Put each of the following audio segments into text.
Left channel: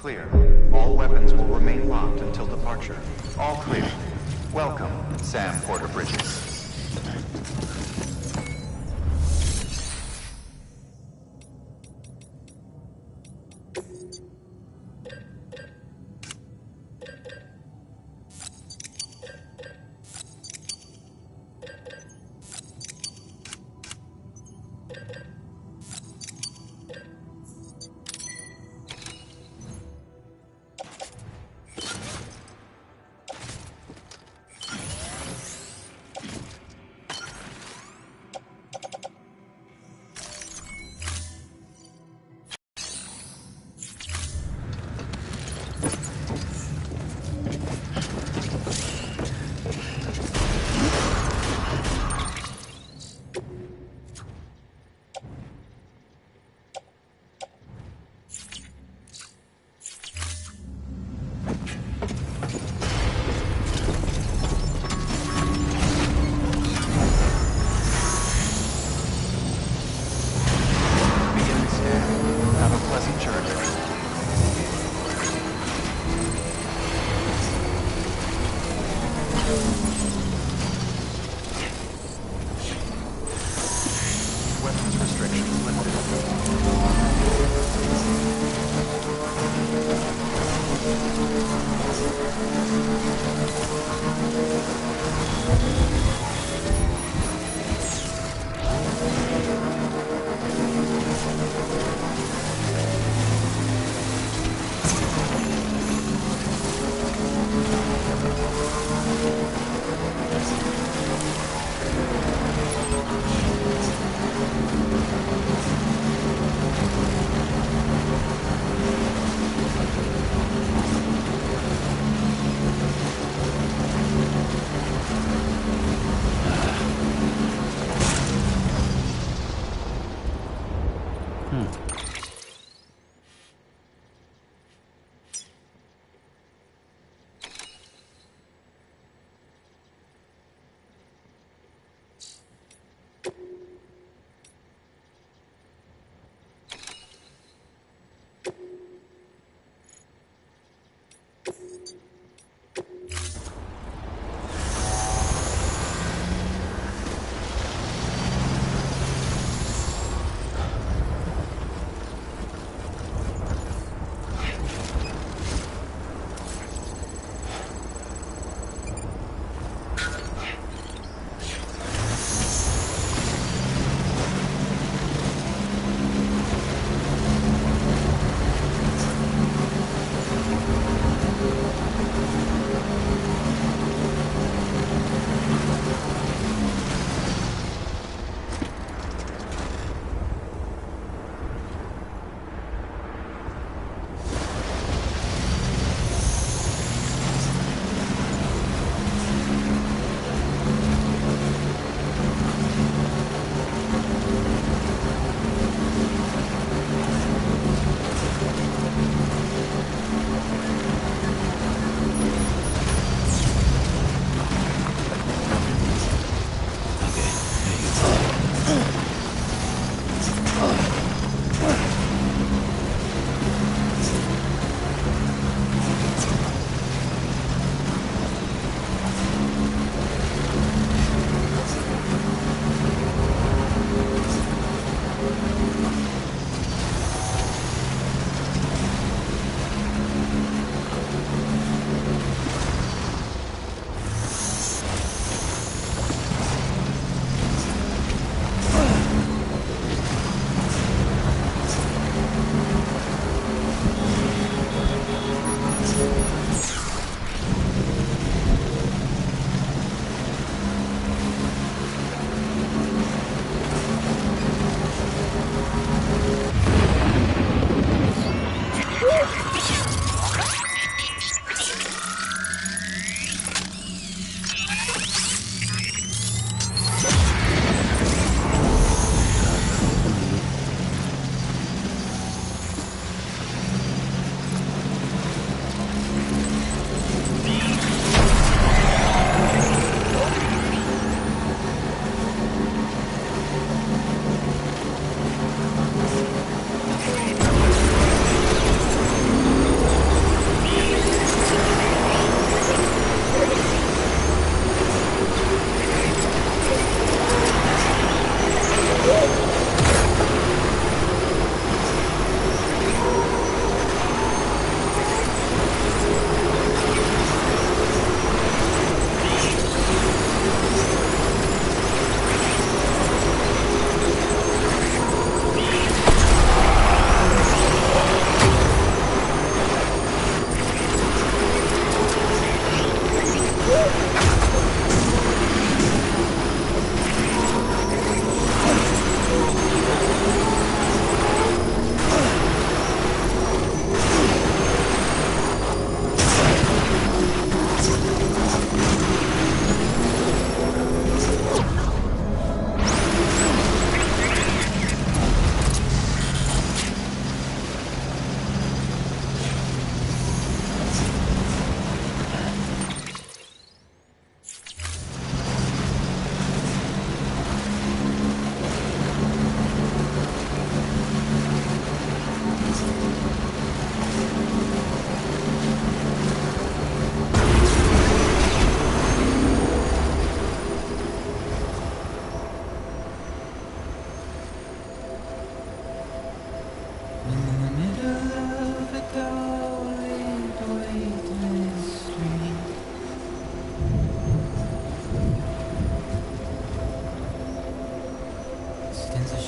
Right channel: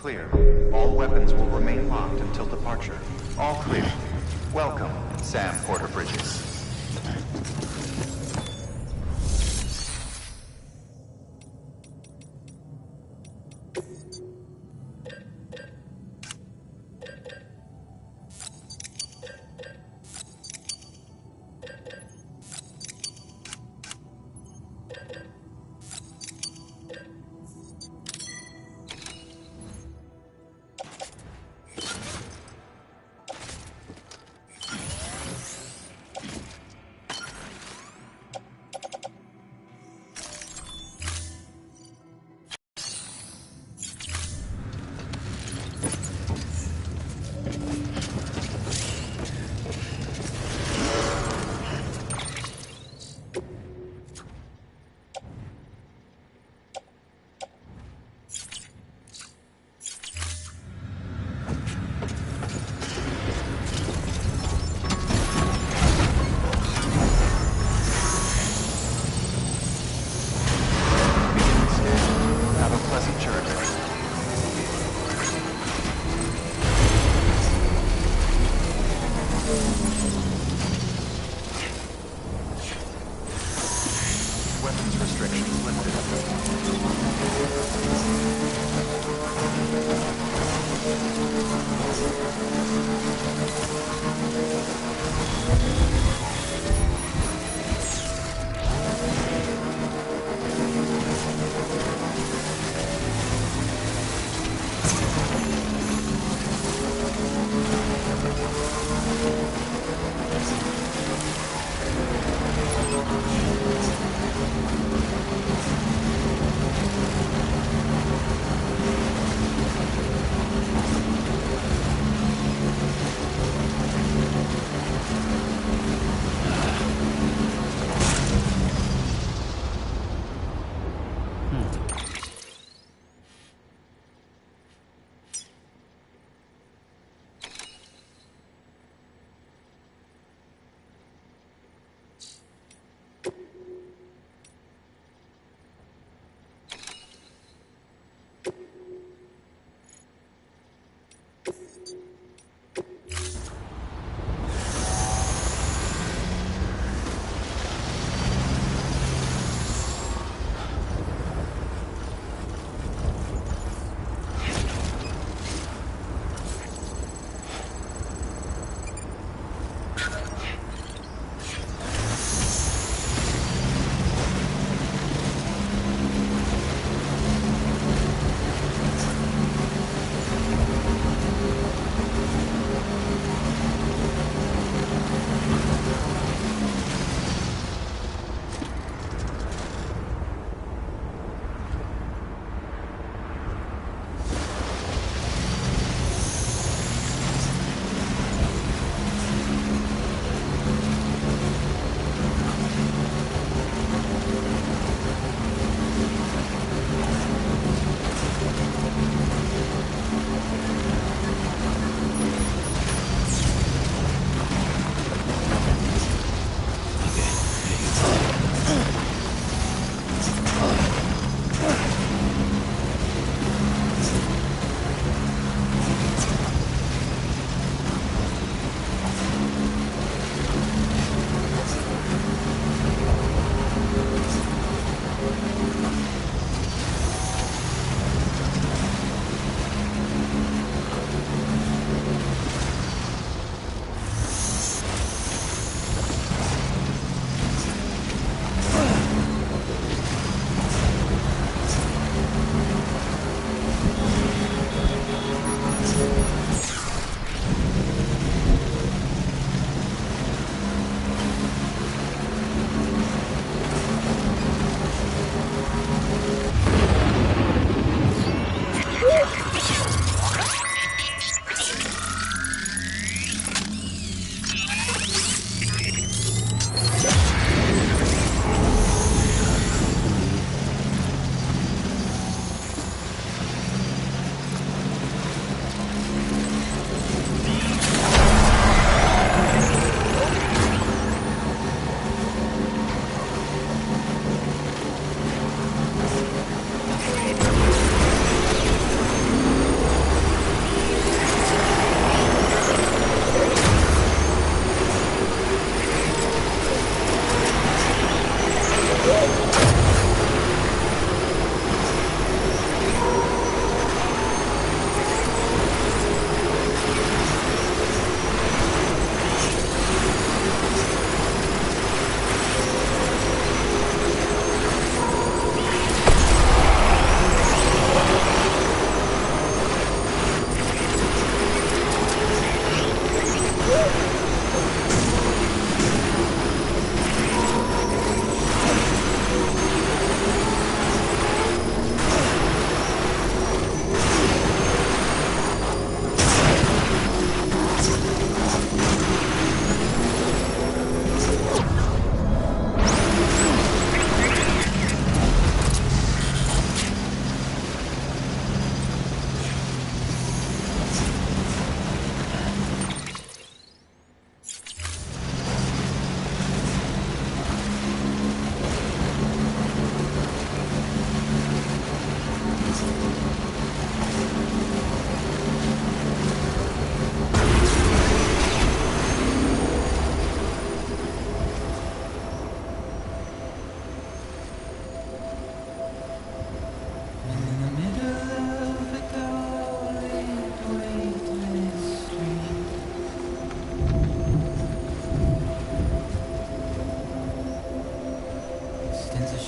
Clear. All weapons will remain locked until departure. All clear. Welcome, Sam Porter Bridges.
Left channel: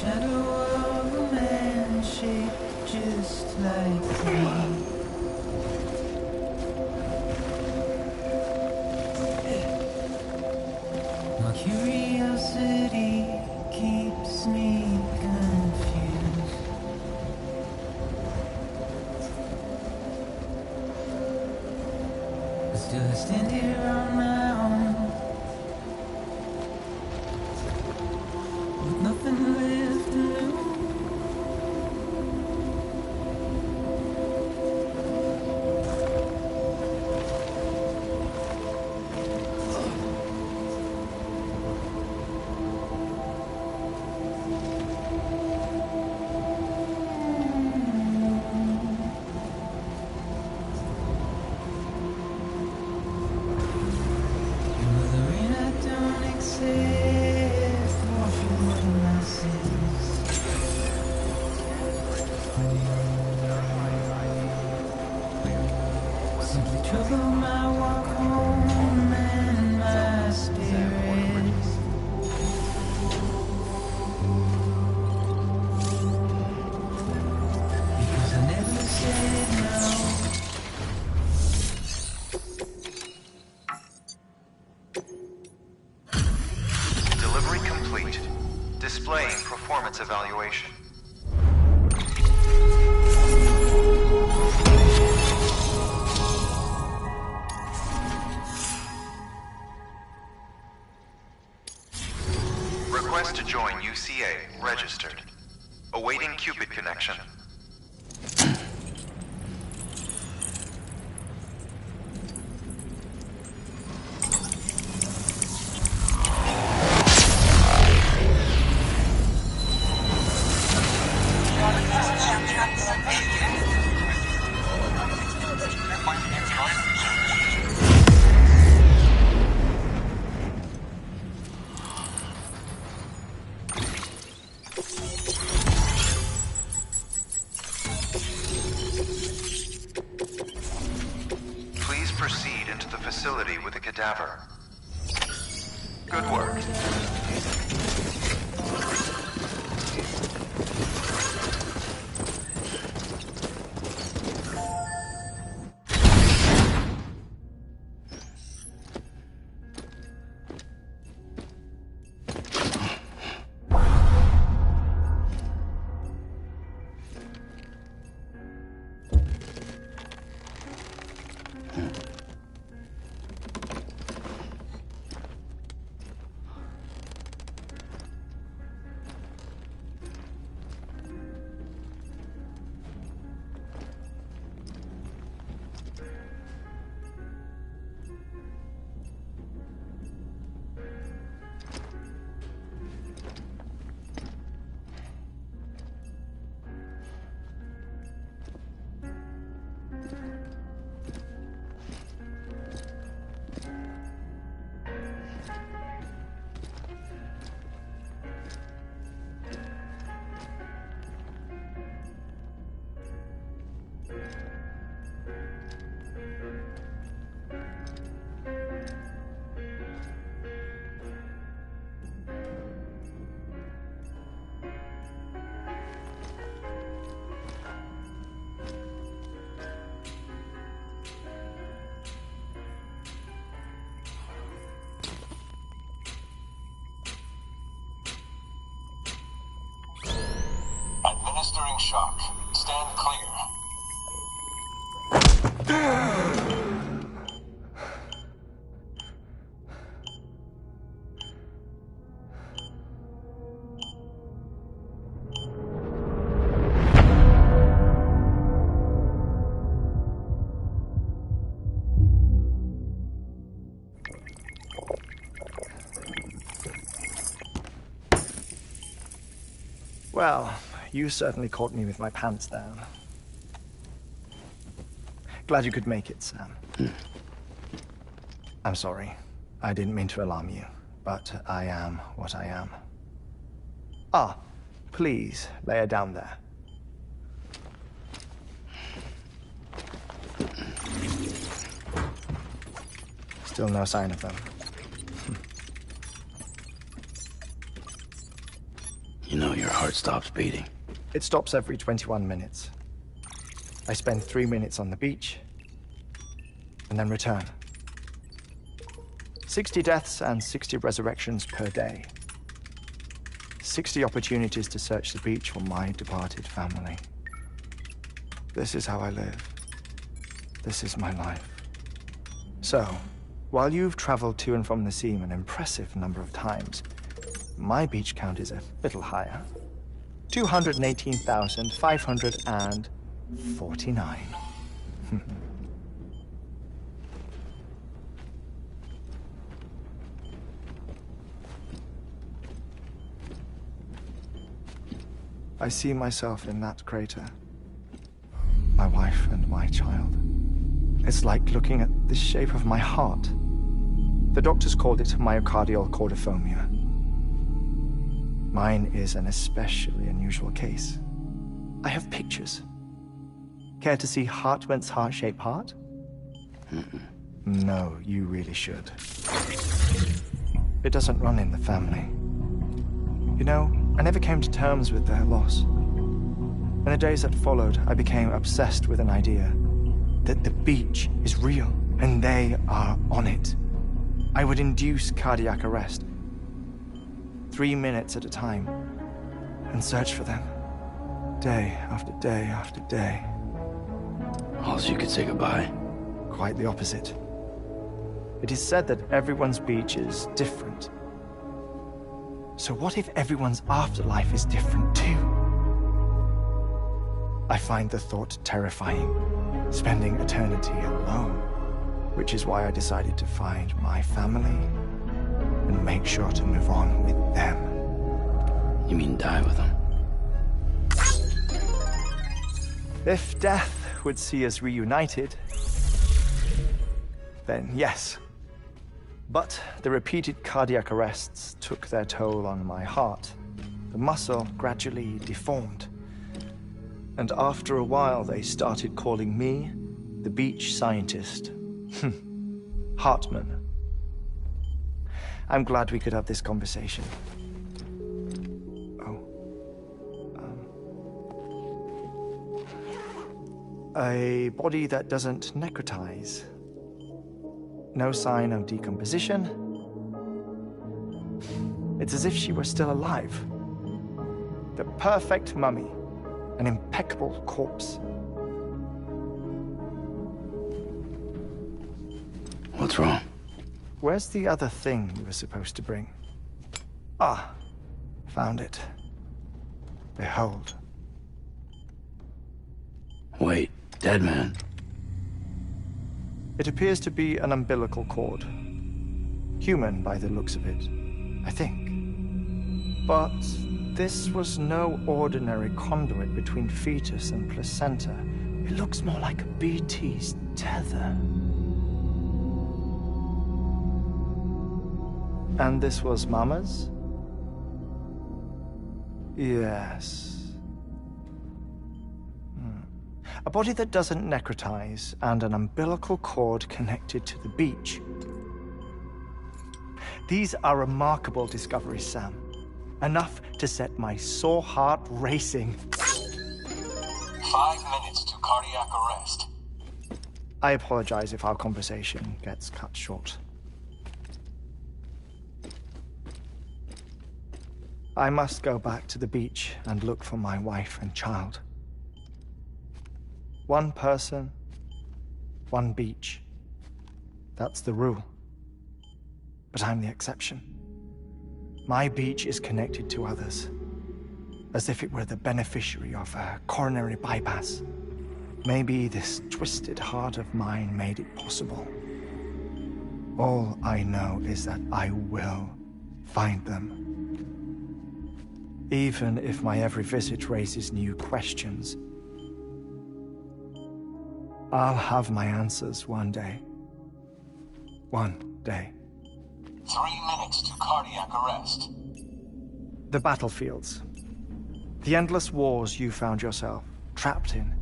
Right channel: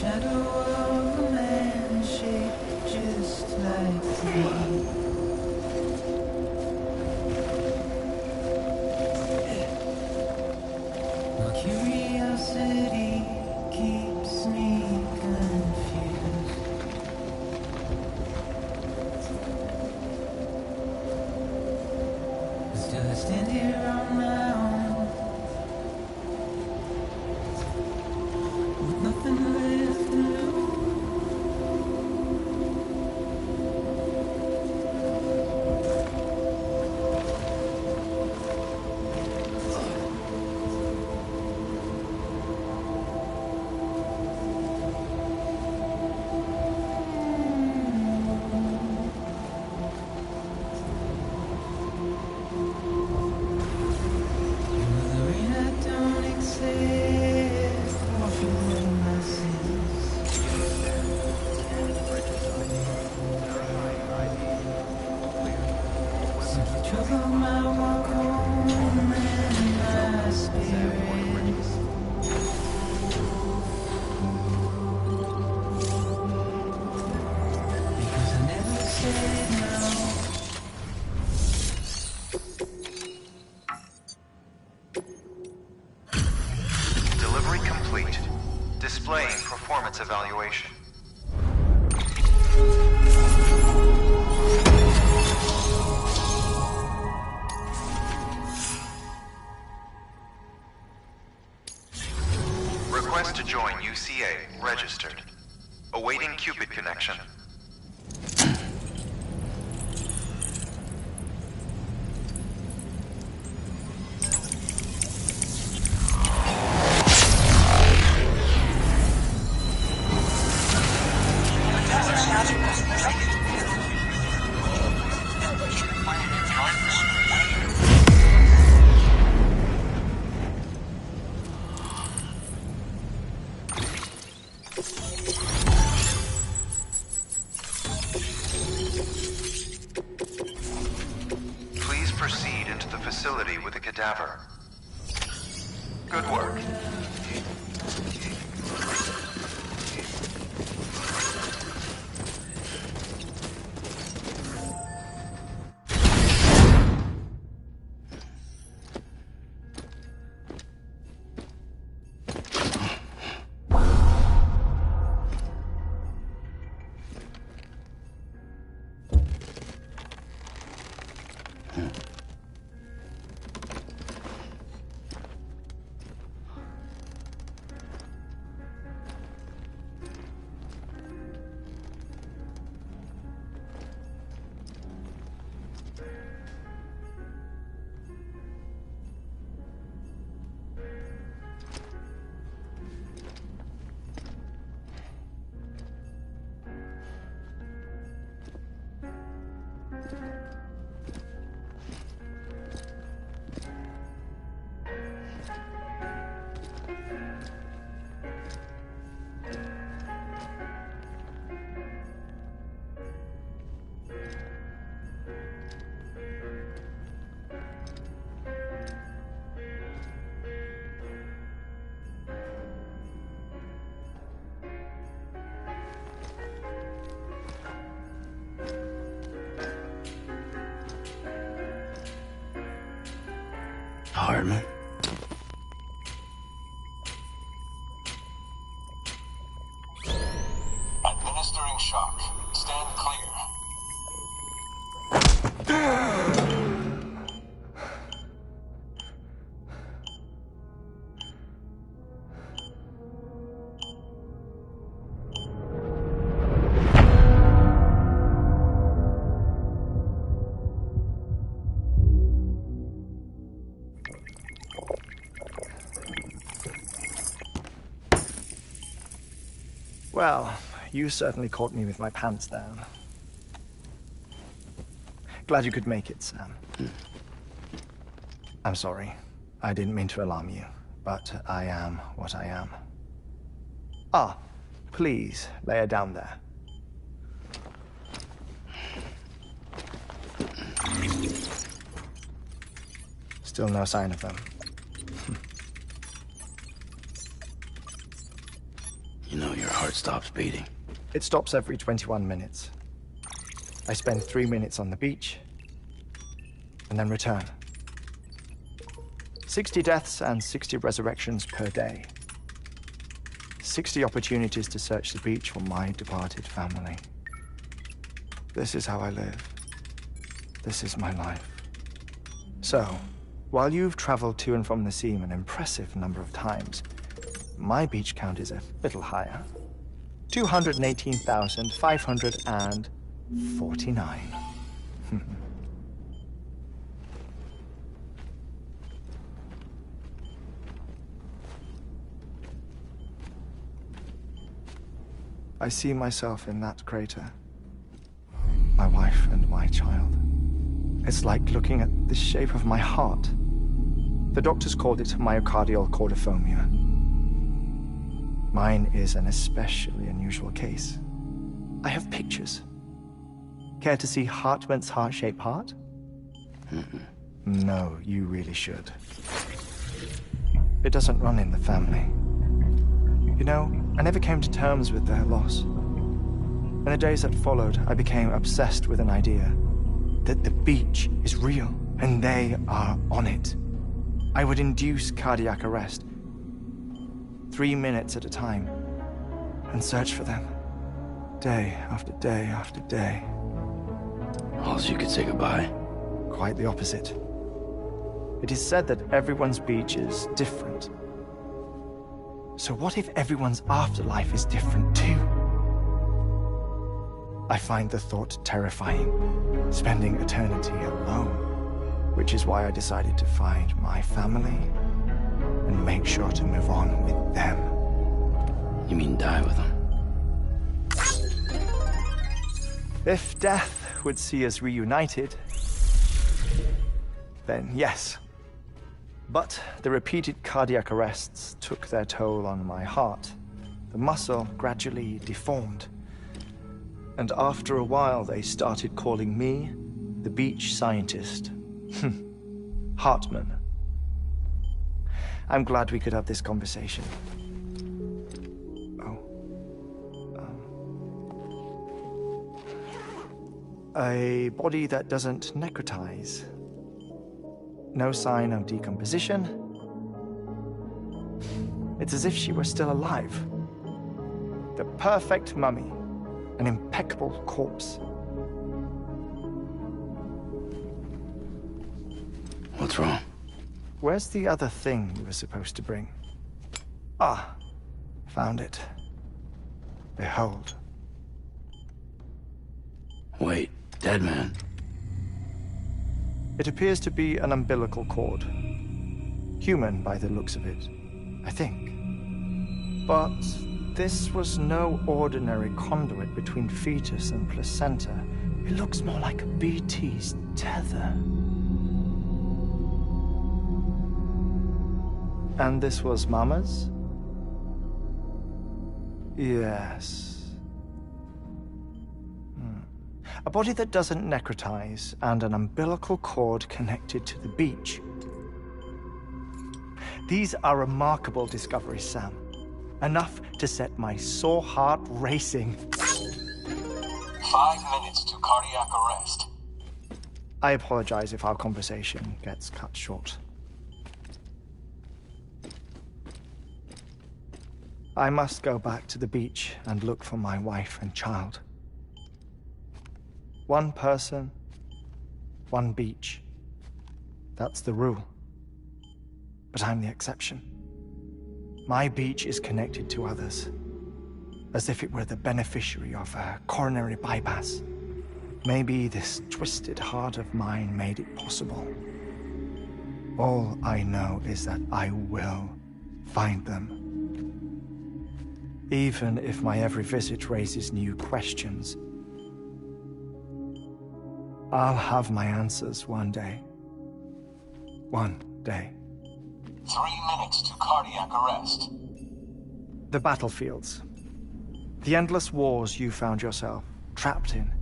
shadow of a man shaped just like me. My curiosity keeps me confused. But still I stand here on my own, with nothing left to lose. Trouble my walk home and my spirit. Because I never said no. Delivery complete. Displaying performance evaluation. Request to join UCA. Registered. Awaiting Cupid connection. Proceed into the facility with a cadaver. Good work. Hartman. Administering shock. Stand clear. Well, you certainly caught me with my pants down. Glad you could make it, Sam. I'm sorry. I didn't mean to alarm you, but I am what I am. Ah, please, lay her down there. Still no sign of them. You know you're heart stops beating. It stops every 21 minutes. I spend 3 minutes on the beach, and then return. 60 deaths and 60 resurrections per day. 60 opportunities to search the beach for my departed family. This is how I live. This is my life. So, while you've traveled to and from the sea an impressive number of times, my beach count is a little higher. 218,549. I see myself in that crater. My wife and my child. It's like looking at the shape of my heart. The doctors called it myocardial cordiformia. Mine is an especially unusual case. I have pictures. Care to see Hartman's heart-shaped heart? No, you really should. It doesn't run in the family. You know, I never came to terms with their loss. In the days that followed, I became obsessed with an idea that the beach is real and they are on it. I would induce cardiac arrest, 3 minutes at a time, and search for them, day after day after day. All you could say goodbye. Quite the opposite. It is said that everyone's beach is different. So what if everyone's afterlife is different too? I find the thought terrifying, spending eternity alone, which is why I decided to find my family and make sure to move on with them. You mean die with them? If death would see us reunited, then yes. But the repeated cardiac arrests took their toll on my heart. The muscle gradually deformed. And after a while, they started calling me the beach scientist. Hartman. I'm glad we could have this conversation. Oh. A body that doesn't necrotize. No sign of decomposition. It's as if she were still alive. The perfect mummy. An impeccable corpse. What's wrong? Where's the other thing you were supposed to bring? Ah, found it. Behold. Wait, dead man. It appears to be an umbilical cord. Human by the looks of it, I think. But this was no ordinary conduit between fetus and placenta. It looks more like a BT's tether. And this was Mama's? Yes. A body that doesn't necrotize and an umbilical cord connected to the beach. These are remarkable discoveries, Sam. Enough to set my sore heart racing. 5 minutes to cardiac arrest. I apologize if our conversation gets cut short. I must go back to the beach and look for my wife and child. One person, one beach. That's the rule. But I'm the exception. My beach is connected to others, as if it were the beneficiary of a coronary bypass. Maybe this twisted heart of mine made it possible. All I know is that I will find them. Even if my every visit raises new questions, I'll have my answers one day. One day. 3 minutes to cardiac arrest. The battlefields. The endless wars you found yourself trapped in.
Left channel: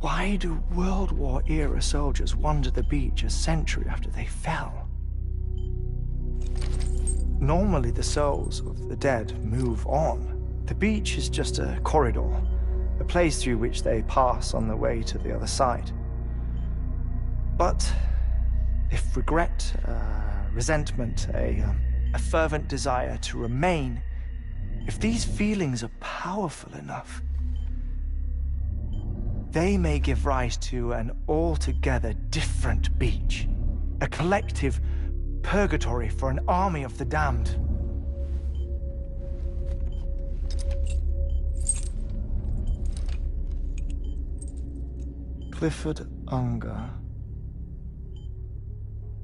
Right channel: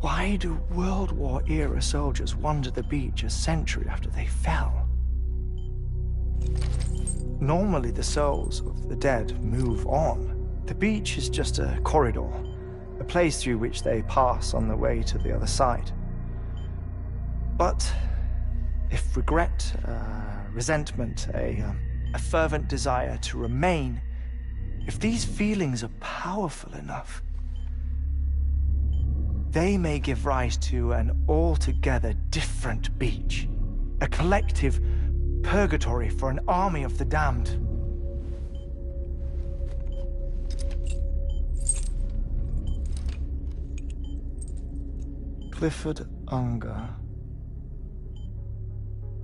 Why do World War-era soldiers wander the beach a century after they fell? Normally the souls of the dead move on. The beach is just a corridor, a place through which they pass on the way to the other side. But if regret, resentment, a fervent desire to remain, if these feelings are powerful enough, they may give rise to an altogether different beach, a collective purgatory for an army of the damned. Clifford Unger.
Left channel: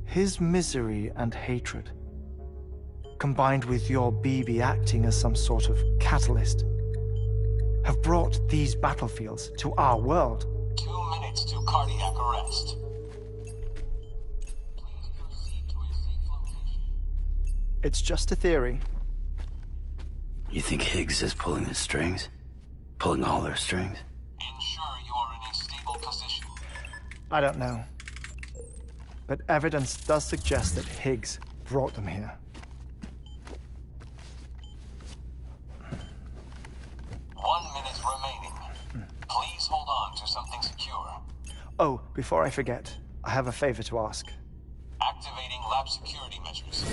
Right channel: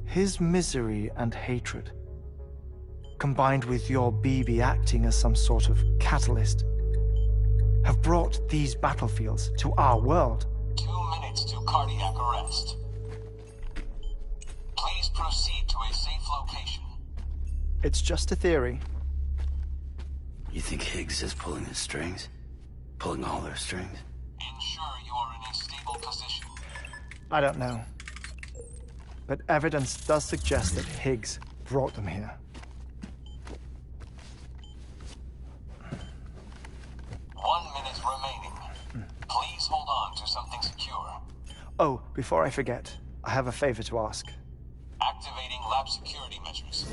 His misery and hatred, combined with your BB acting as some sort of catalyst, have brought these battlefields to our world. 2 minutes to cardiac arrest. Please proceed to a safe location. It's just a theory. You think Higgs is pulling his strings? Pulling all their strings? Ensure you are in a stable position. I don't know. But evidence does suggest that Higgs brought them here. 1 minute remaining. Please hold on to something secure. Oh, before I forget, I have a favor to ask. Activating lab security measures.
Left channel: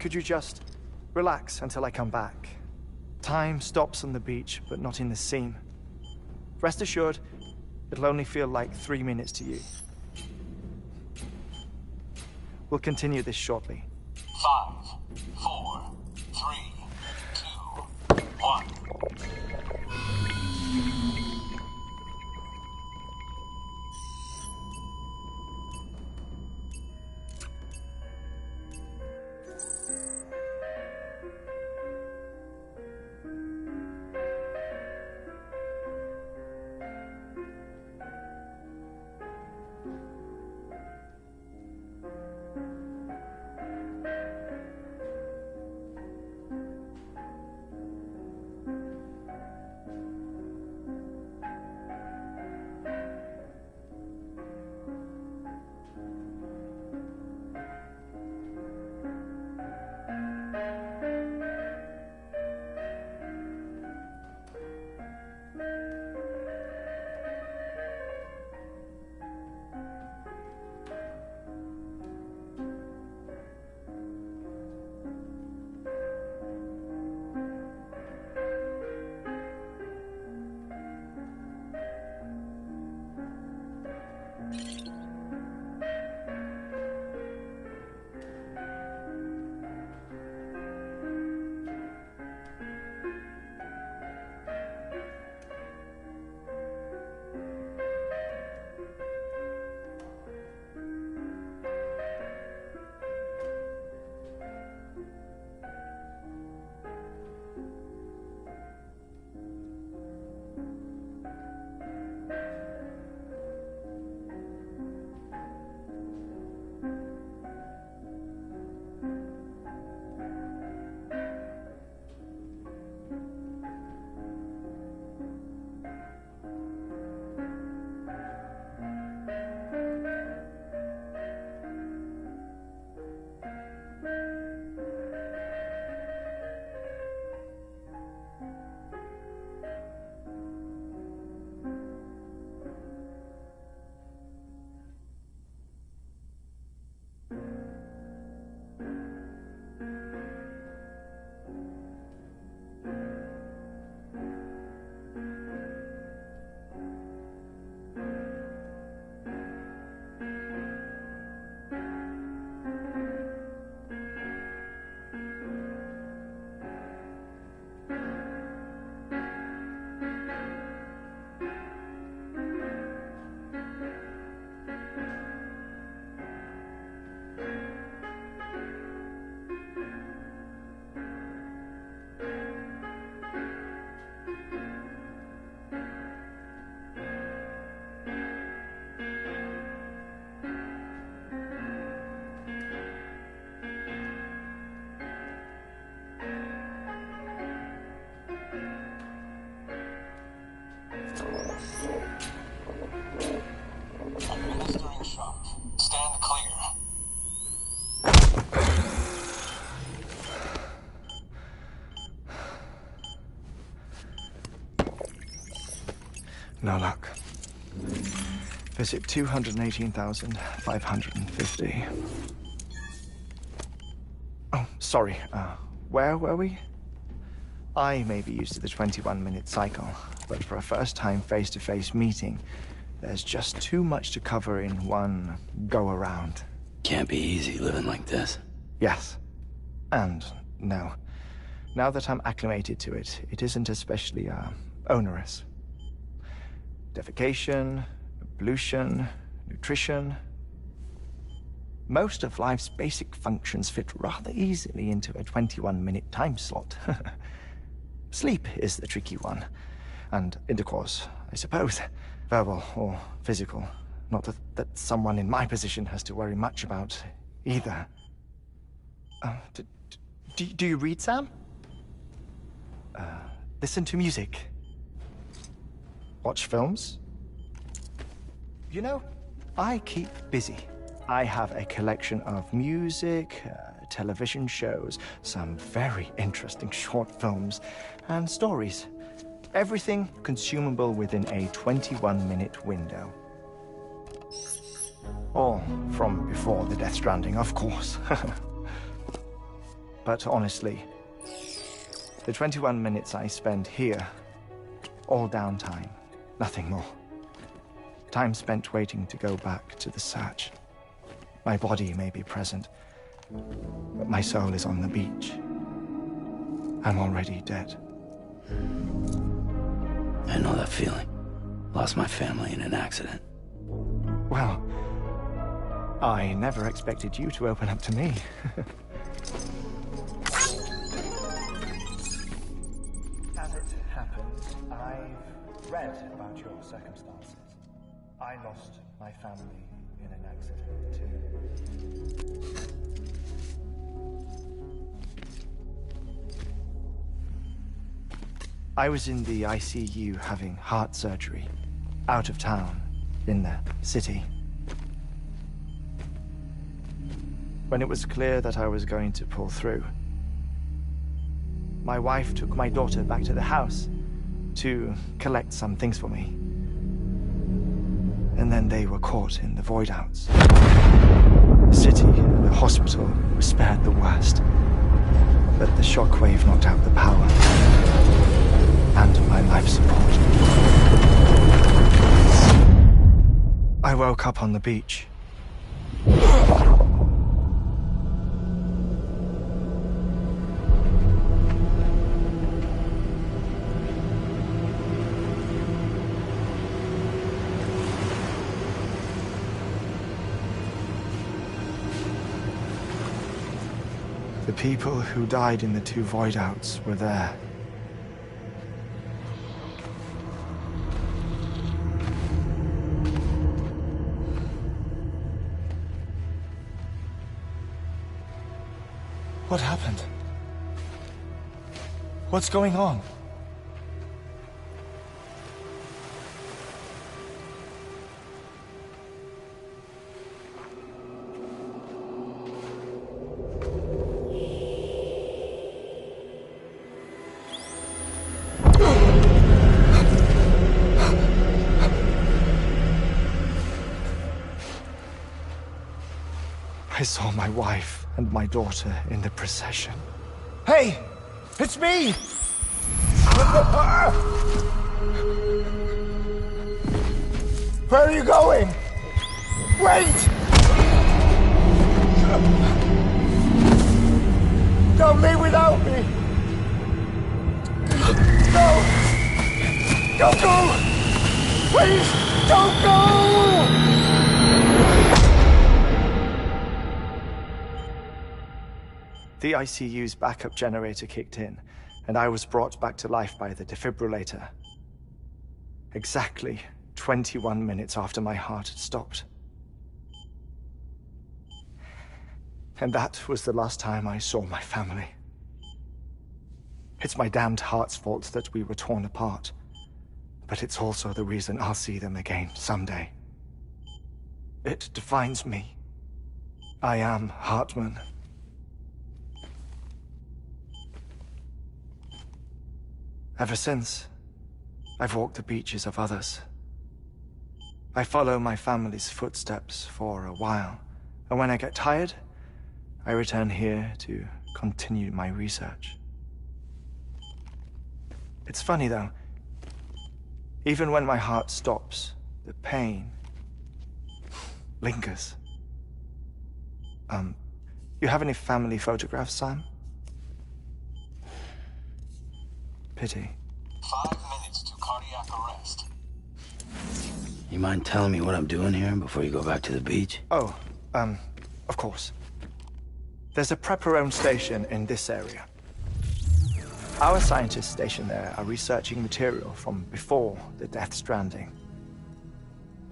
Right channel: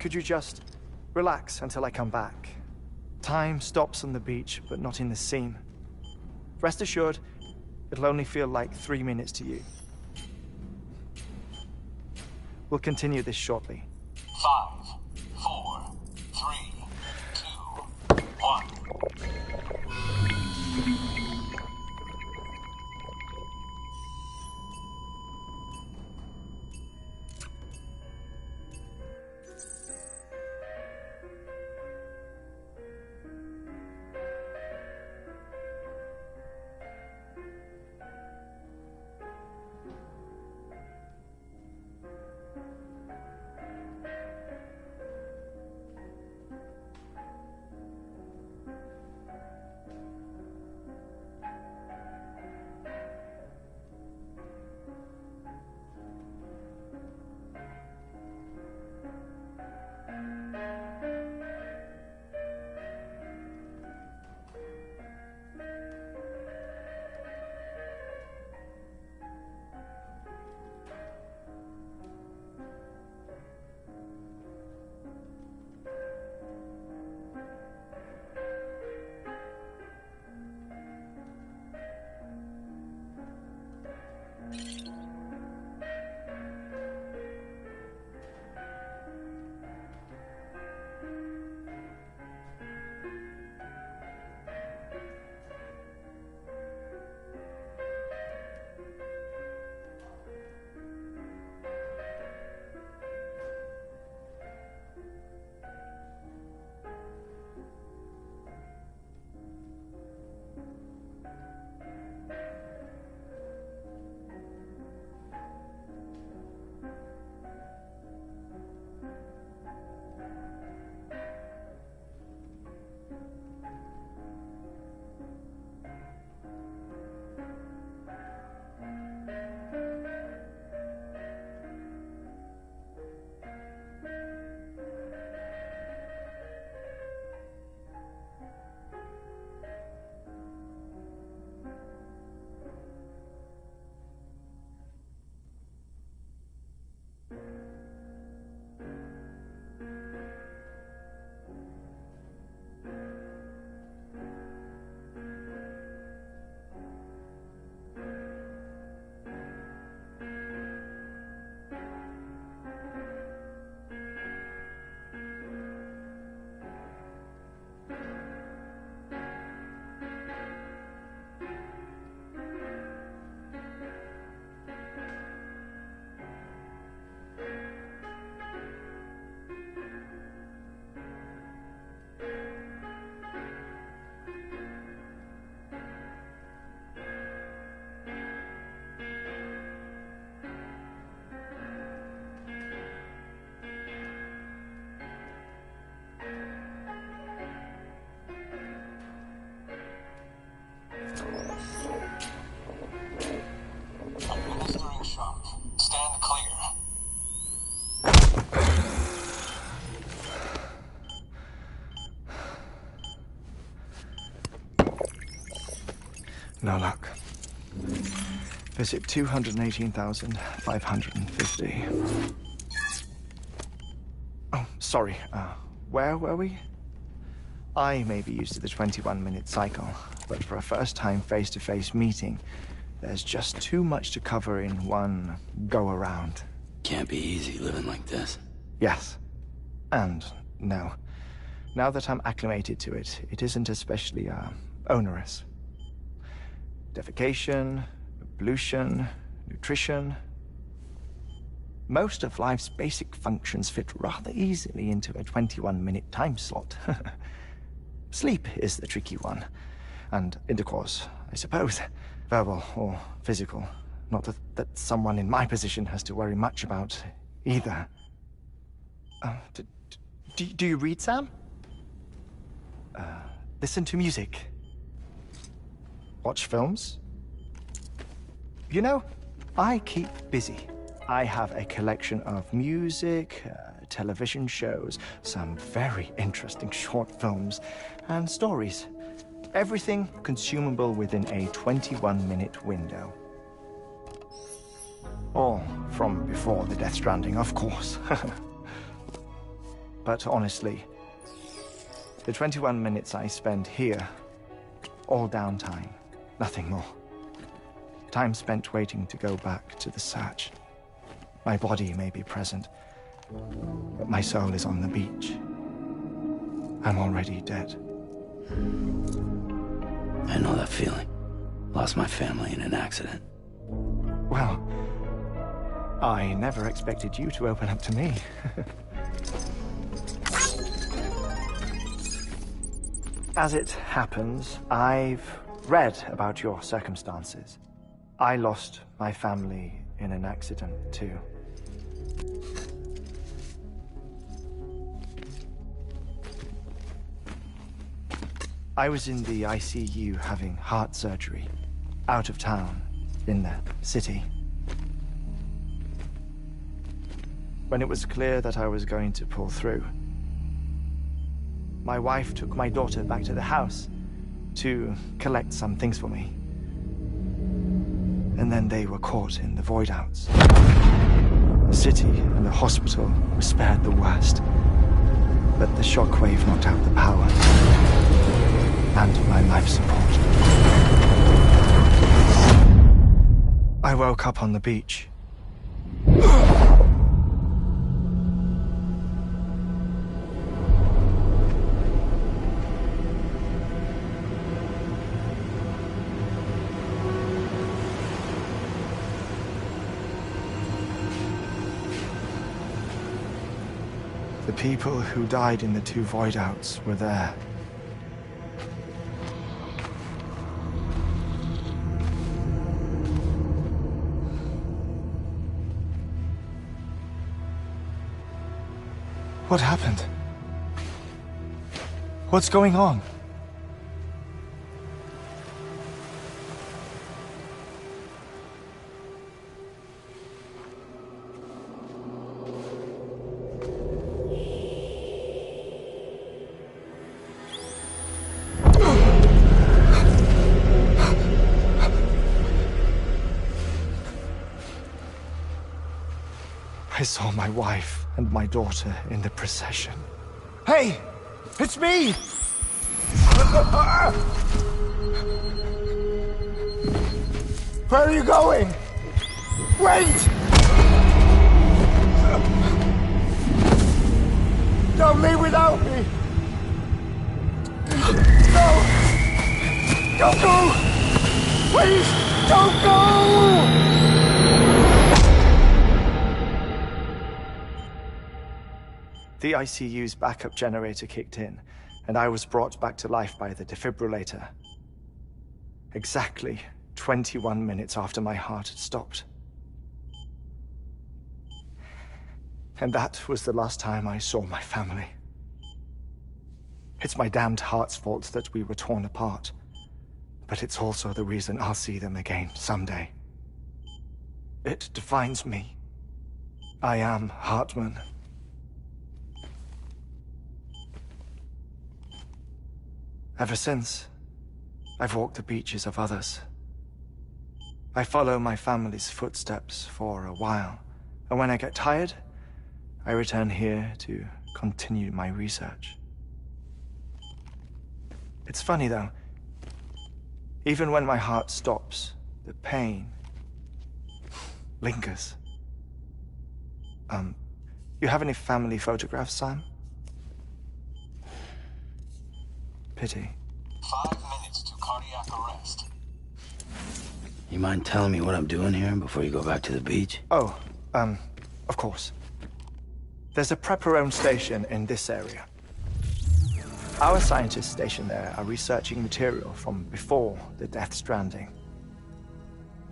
Could you just relax until I come back? Time stops on the beach, but not in the scene. Rest assured, it'll only feel like 3 minutes to you. We'll continue this shortly. 5, 4, 3, 2, 1. Administering shock. Stand clear. No luck. Visit 218,550. Oh, sorry. Where were we? I may be used to the 21-minute cycle, but for a first-time face-to-face meeting, there's just too much to cover in one go-around. Can't be easy living like this. Yes. And no. Now that I'm acclimated to it, it isn't especially, onerous. Defecation, pollution, nutrition. Most of life's basic functions fit rather easily into a 21-minute time slot. Sleep is the tricky one. And intercourse, I suppose. Verbal or physical. Not that someone in my position has to worry much about either. Do you read, Sam? Listen to music. Watch films. You know, I keep busy. I have a collection of music, television shows, some very interesting short films, and stories. Everything consumable within a 21-minute window. All from before the Death Stranding, of course. But honestly, the 21 minutes I spend here, all downtime, nothing more. Time spent waiting to go back to the search. My body may be present, but my soul is on the beach. I'm already dead. I know that feeling. Lost my family in an accident. Well, I never expected you to open up to me. As it happens, I've read about your circumstances. I lost my family in an accident, too. I was in the ICU having heart surgery, out of town, in the city. When it was clear that I was going to pull through, my wife took my daughter back to the house to collect some things for me. And then they were caught in the void-outs. The city and the hospital were spared the worst, but the shockwave knocked out the power and my life support. I woke up on the beach. The people who died in the two void-outs were there. What happened? What's going on? I saw my wife and my daughter in the procession. Hey! It's me! Where are you going? Wait! Don't leave without me! No! Don't go! Please, don't go! The ICU's backup generator kicked in, and I was brought back to life by the defibrillator. Exactly 21 minutes after my heart had stopped. And that was the last time I saw my family. It's my damned heart's fault that we were torn apart, but it's also the reason I'll see them again someday. It defines me. I am Hartman. Ever since, I've walked the beaches of others. I follow my family's footsteps for a while, and when I get tired, I return here to continue my research. It's funny, though. Even when my heart stops, the pain lingers. You have any family photographs, Sam? Pity. 5 minutes to cardiac arrest. You mind telling me what I'm doing here before you go back to the beach? Oh, of course. There's a prepper-owned station in this area. Our scientists stationed there are researching material from before the Death Stranding.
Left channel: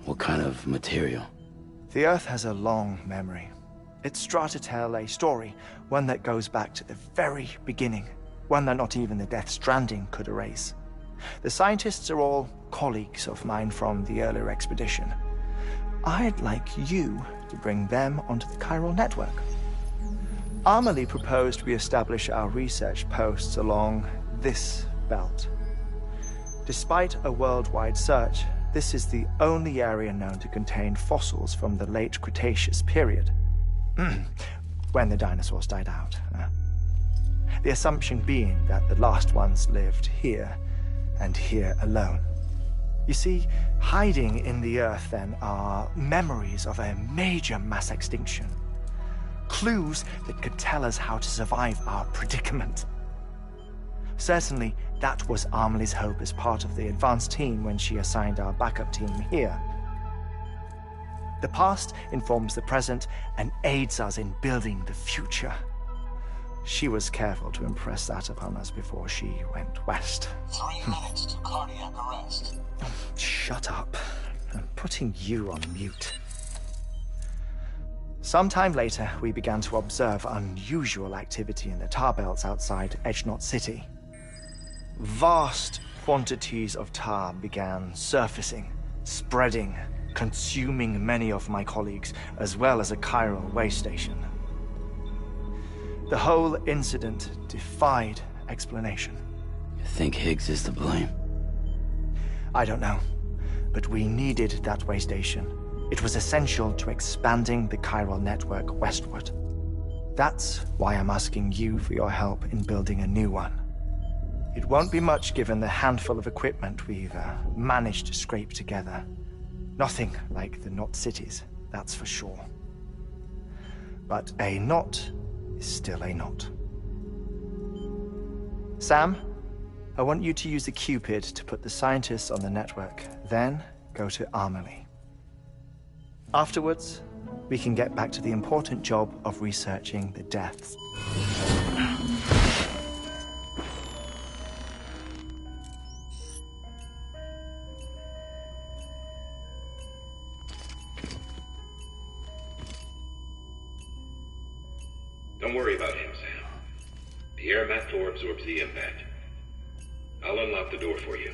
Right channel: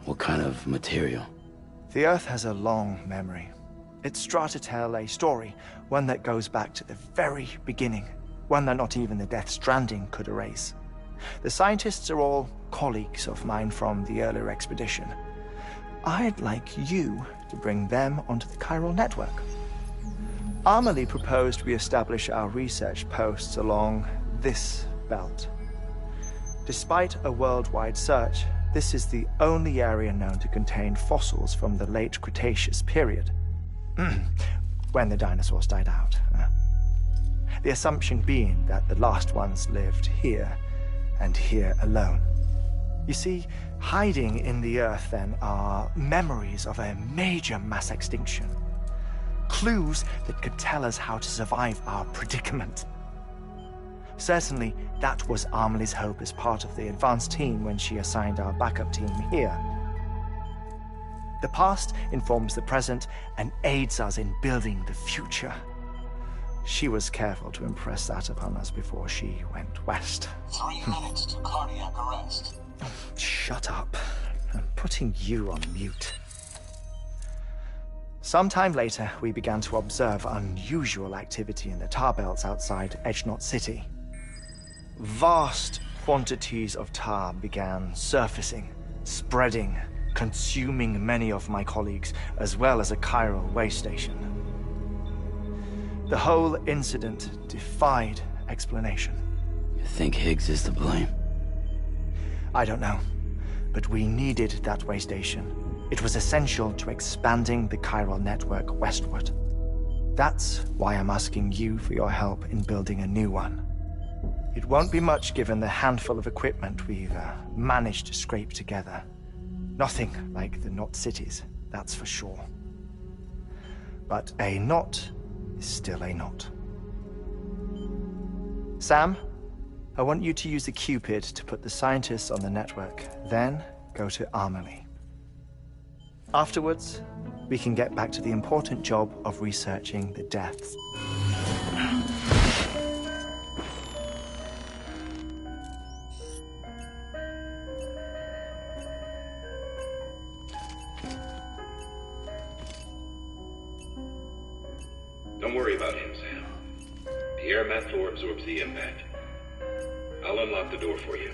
What kind of material? The Earth has a long memory. It's trying to tell a story, one that goes back to the very beginning, one that not even the Death Stranding could erase. The scientists are all colleagues of mine from the earlier expedition. I'd like you to bring them onto the chiral network. Amelie proposed we establish our research posts along this belt. Despite a worldwide search, this is the only area known to contain fossils from the late Cretaceous period. When the dinosaurs died out. The assumption being that the last ones lived here, and here alone. You see, hiding in the Earth, then, are memories of a major mass extinction. Clues that could tell us how to survive our predicament. Certainly, that was Amelie's hope as part of the advanced team when she assigned our backup team here. The past informs the present and aids us in building the future. She was careful to impress that upon us before she went west. 3 minutes to cardiac arrest. Shut up. I'm putting you on mute. Sometime later, we began to observe unusual activity in the tar belts outside Edgenot City. Vast quantities of tar began surfacing, spreading, consuming many of my colleagues, as well as a chiral way station. The whole incident defied explanation. You think Higgs is to blame? I don't know, but we needed that way station. It was essential to expanding the chiral network westward. That's why I'm asking you for your help in building a new one. It won't be much given the handful of equipment we've managed to scrape together. Nothing like the knot cities, that's for sure. But a knot is still a knot. Sam, I want you to use the Cupid to put the scientists on the network, then go to Amelie. Afterwards, we can get back to the important job of researching the deaths. Don't worry about him, Sam. The air mat floor absorbs the impact. I'll unlock the door for you.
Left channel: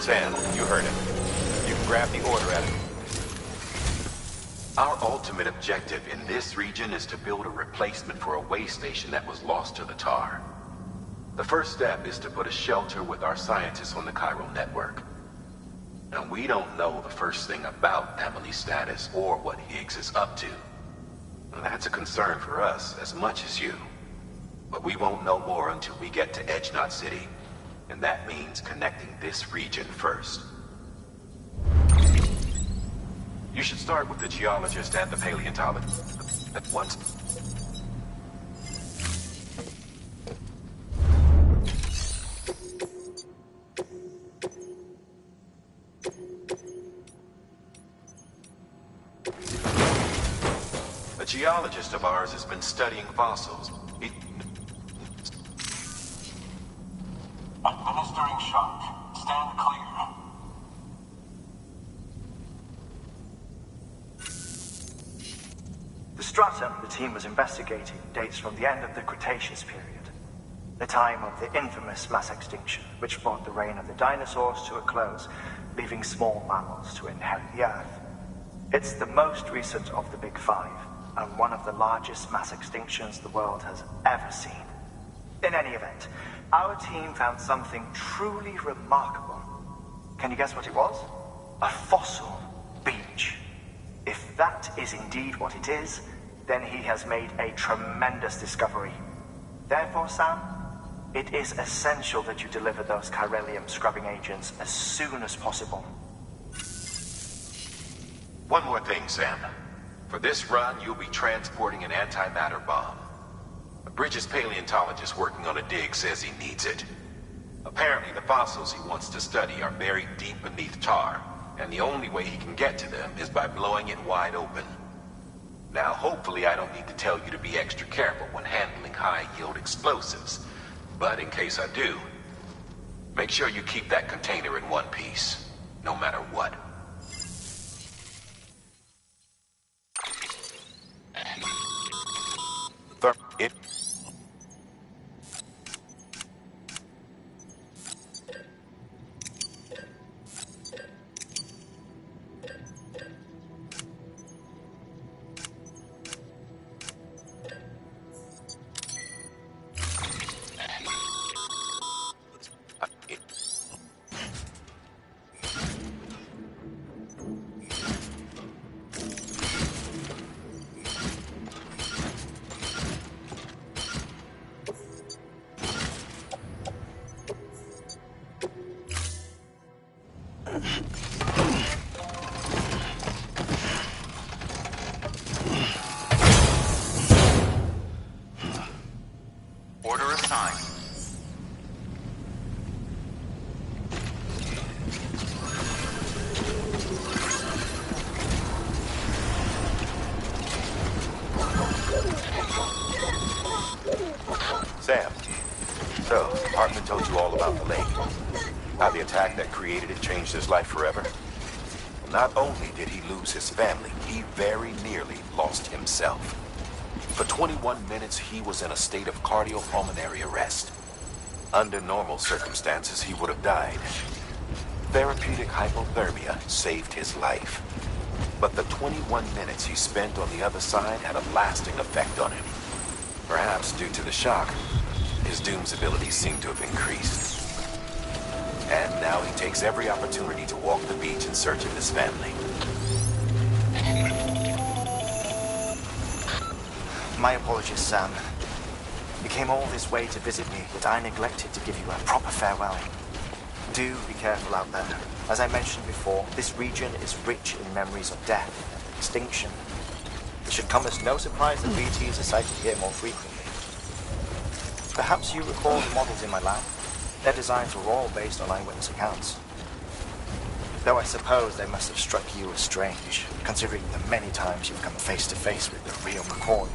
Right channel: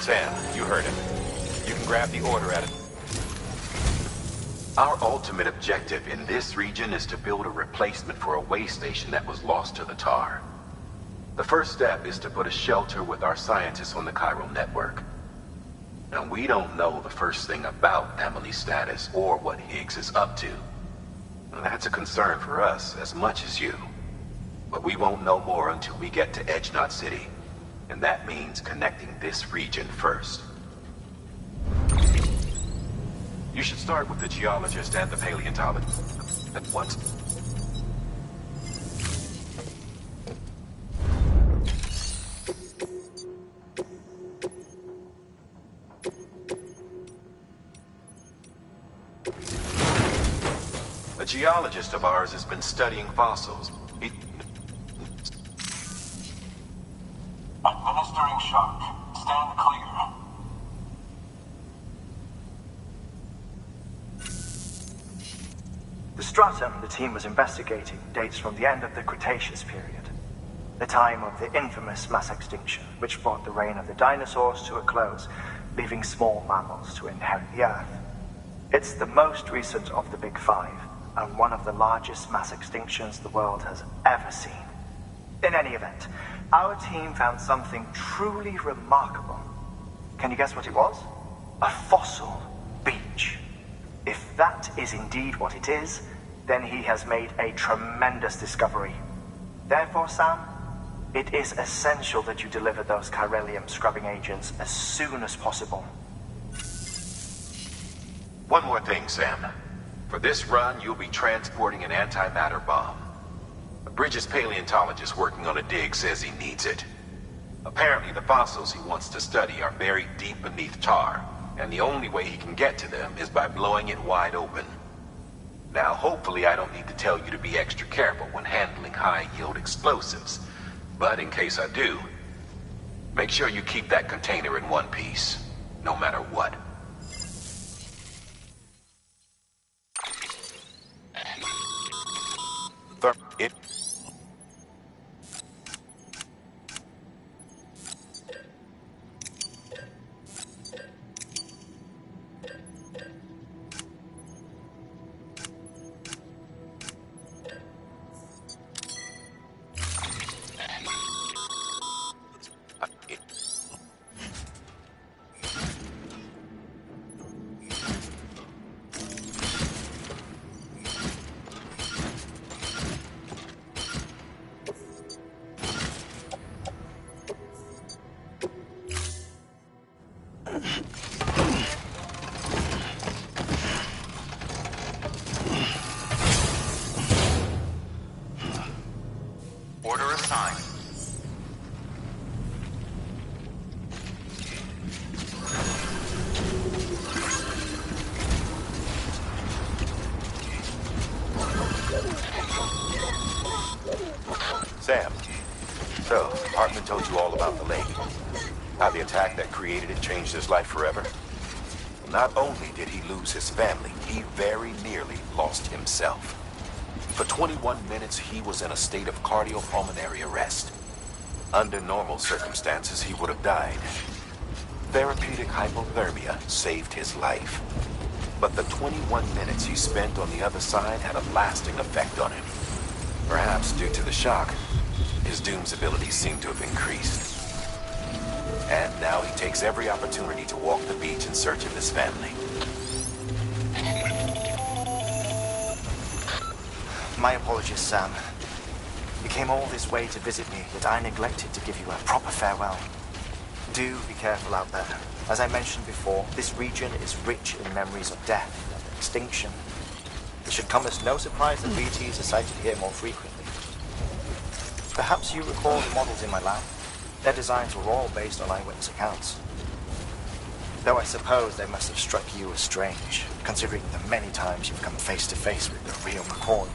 Sam, you heard him. You can grab the order at him. Our ultimate objective in this region is to build a replacement for a way station that was lost to the tar. The first step is to put a shelter with our scientists on the chiral network. Now, we don't know the first thing about Amelie's status or what Higgs is up to. And that's a concern for us as much as you. But we won't know more until we get to Edgenot City. And that means connecting this region first. You should start with the geologist and the paleontologist at once. geologist of ours has been studying fossils. Administering shock. Stand clear. The stratum the team was investigating dates from the end of the Cretaceous period, the time of the infamous mass extinction, which brought the reign of the dinosaurs to a close, leaving small mammals to inherit the Earth. It's the most recent of the Big Five, and one of the largest mass extinctions the world has ever seen. In any event, our team found something truly remarkable. Can you guess what it was? A fossil beach. If that is indeed what it is, then he has made a tremendous discovery. Therefore, Sam, it is essential that you deliver those chiralium scrubbing agents as soon as possible. One more thing, Sam. For this run, you'll be transporting an antimatter bomb. A Bridges paleontologist working on a dig says he needs it. Apparently, the fossils he wants to study are buried deep beneath tar, and the only way he can get to them is by blowing it wide open. Now, hopefully I don't need to tell you to be extra careful when handling high-yield explosives. But in case I do, make sure you keep that container in one piece, no matter what. It. Order assigned. Sam, so, Hartman told you all about the lake. How the attack that created it changed his life forever? Well, not only did he lose his family, he very nearly lost himself. For 21 minutes, he was in a state of cardiopulmonary arrest. Under normal circumstances, he would have died. Therapeutic hypothermia saved his life. But the 21 minutes he spent on the other side had a lasting effect on him. Perhaps due to the shock, his Doom's abilities seem to have increased. And now he takes every opportunity to walk the beach in search of his family. My apologies, Sam. You came all this way to visit me, yet I neglected to give you a proper farewell. Do be careful out there. As I mentioned before, this region is rich in memories of death and extinction. It should come as no surprise that BTs are sighted here more frequently. Perhaps you recall the models in my lab? Their designs were all based on eyewitness accounts. Though I suppose they must have struck you as strange, considering the many times you've come face to face with the real McCoy.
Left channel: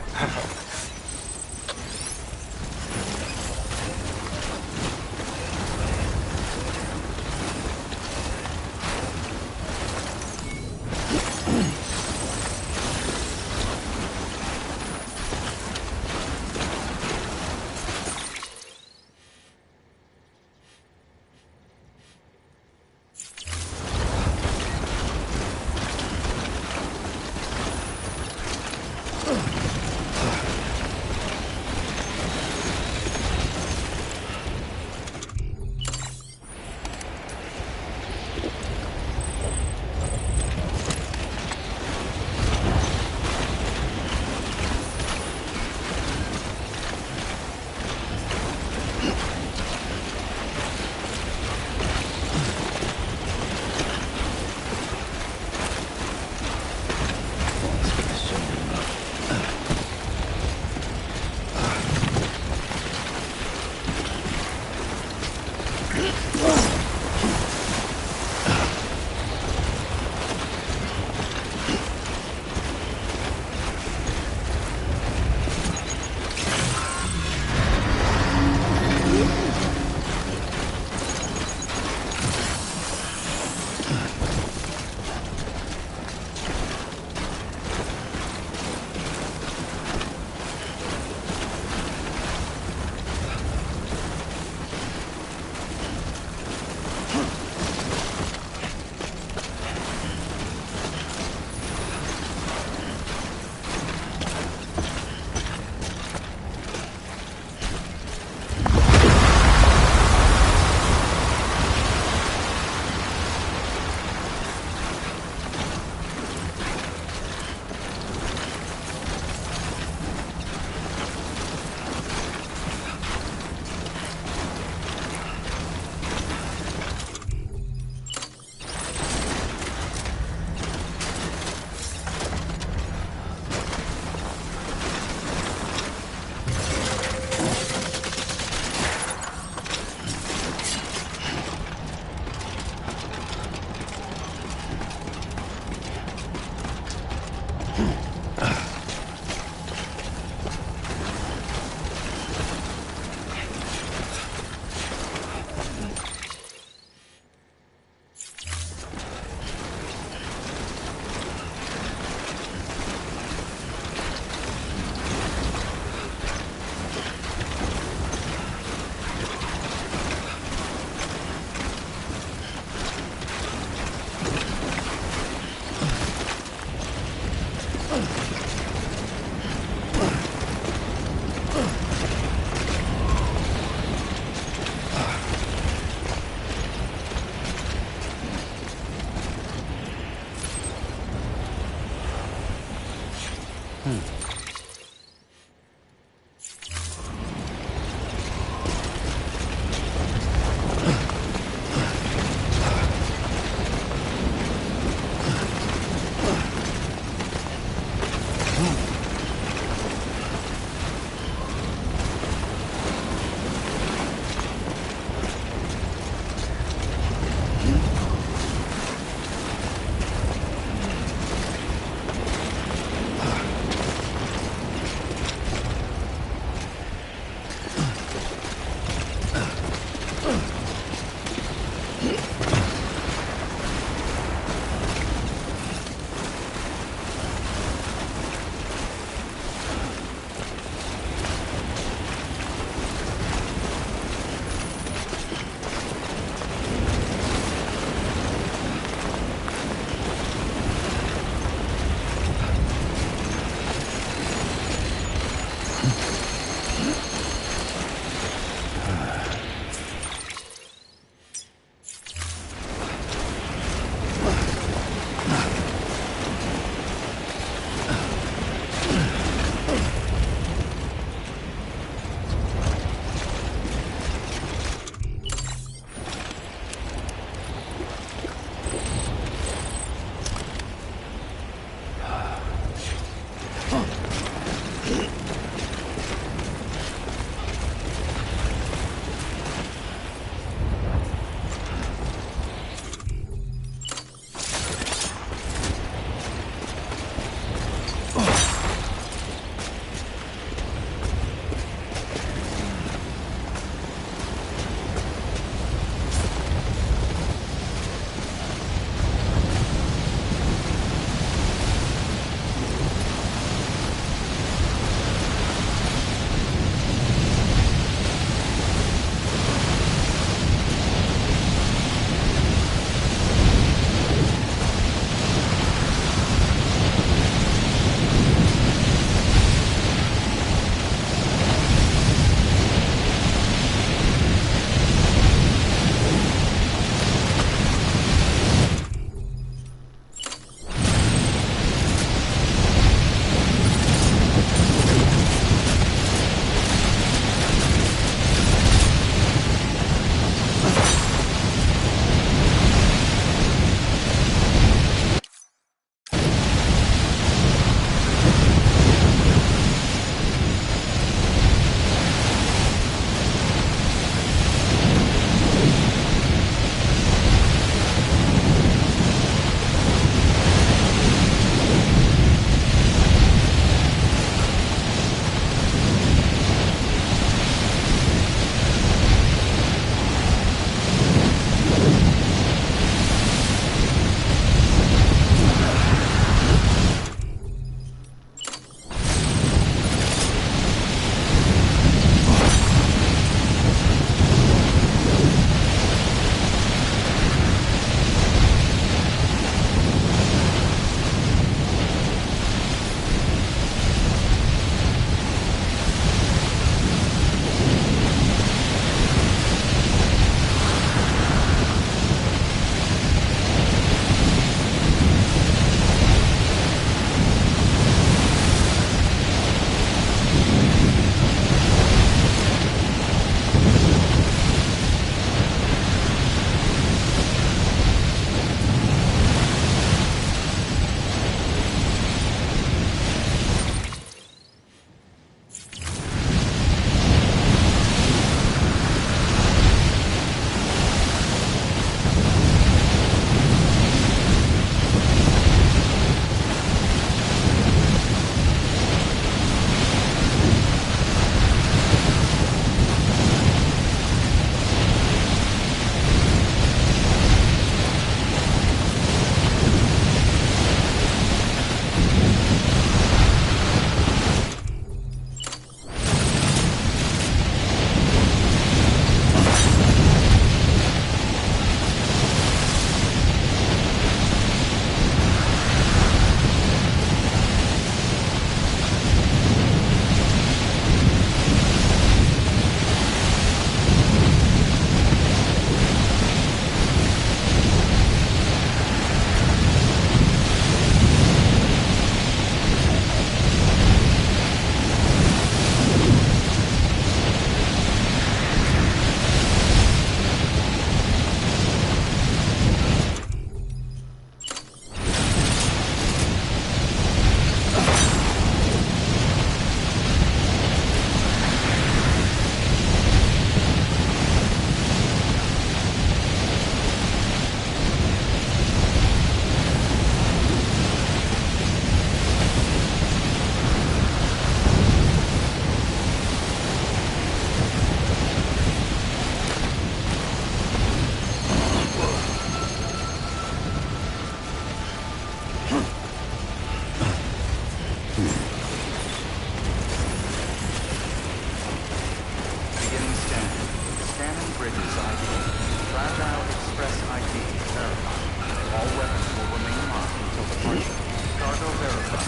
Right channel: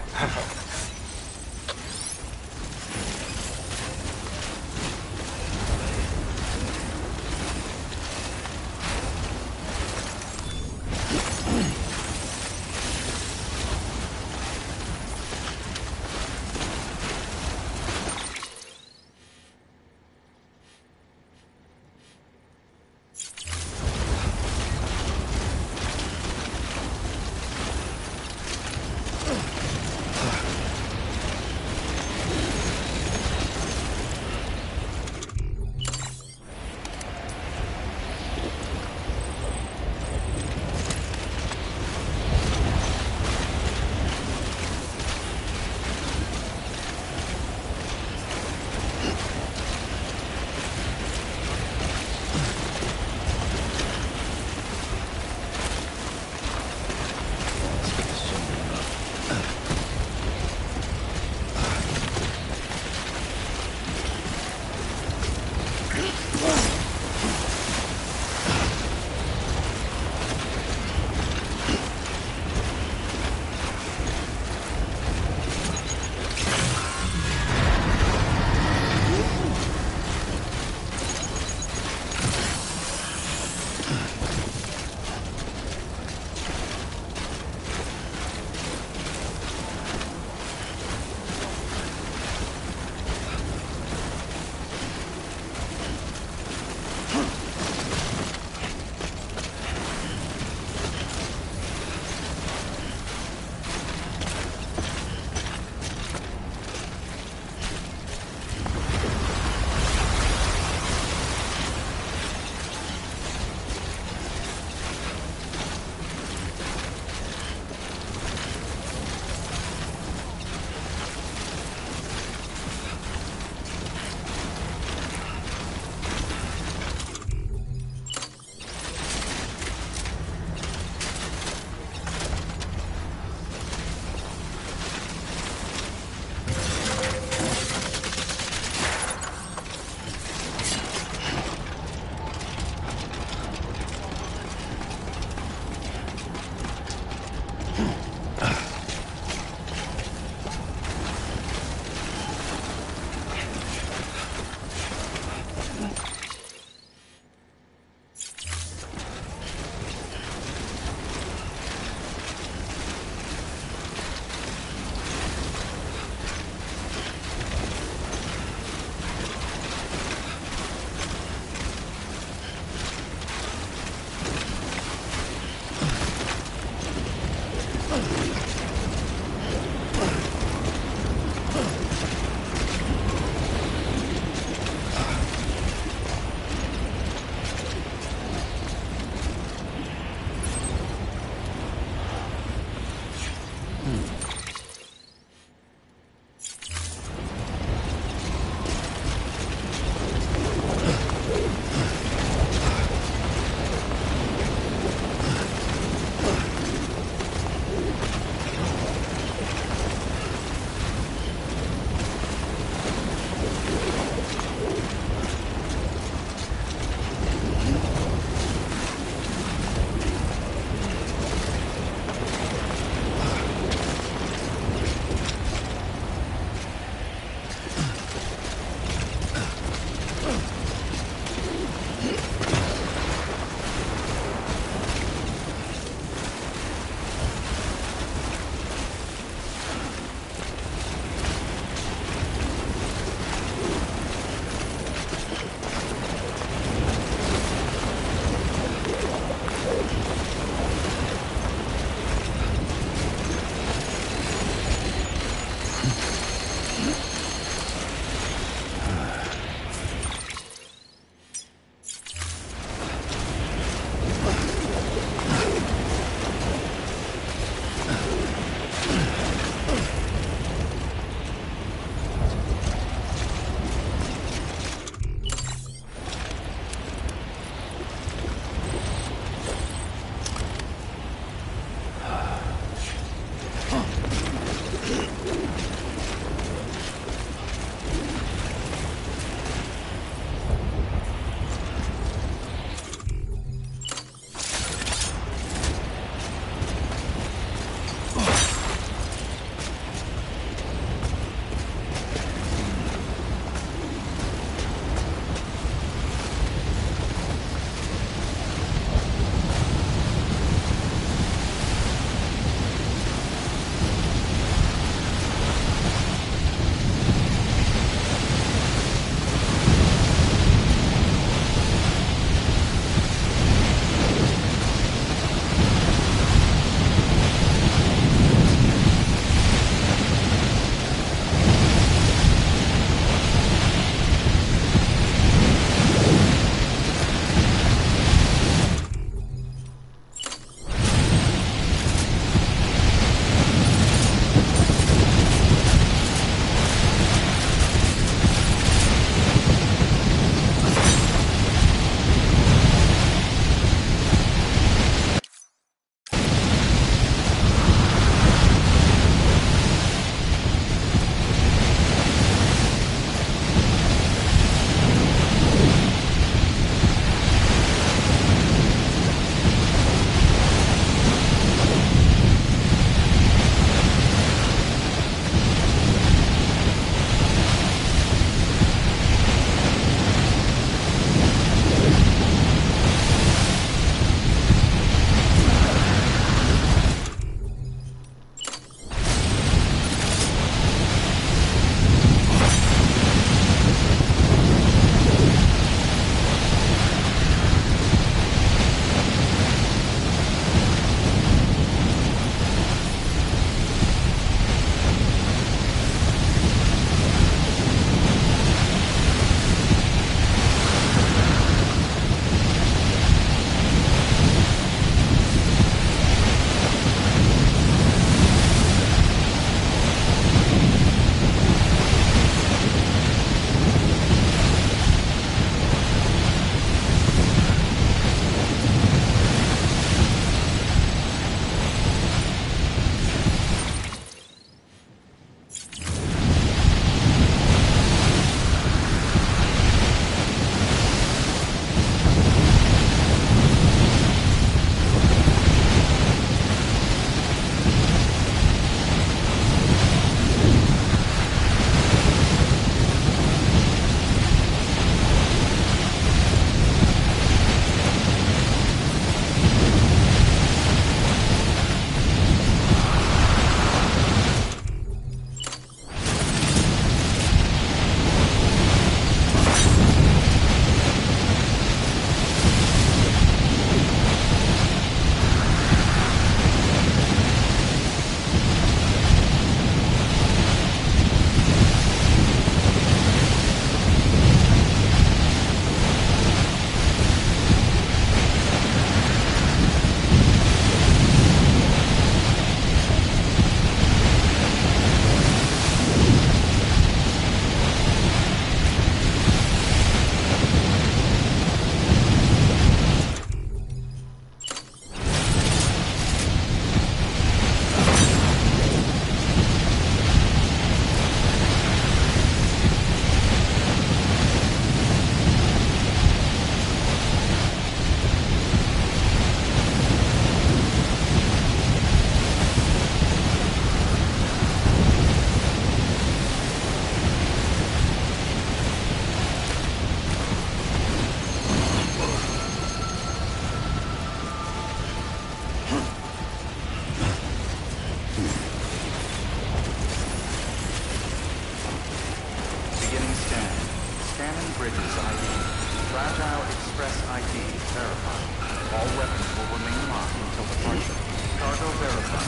departure. Cargo verified.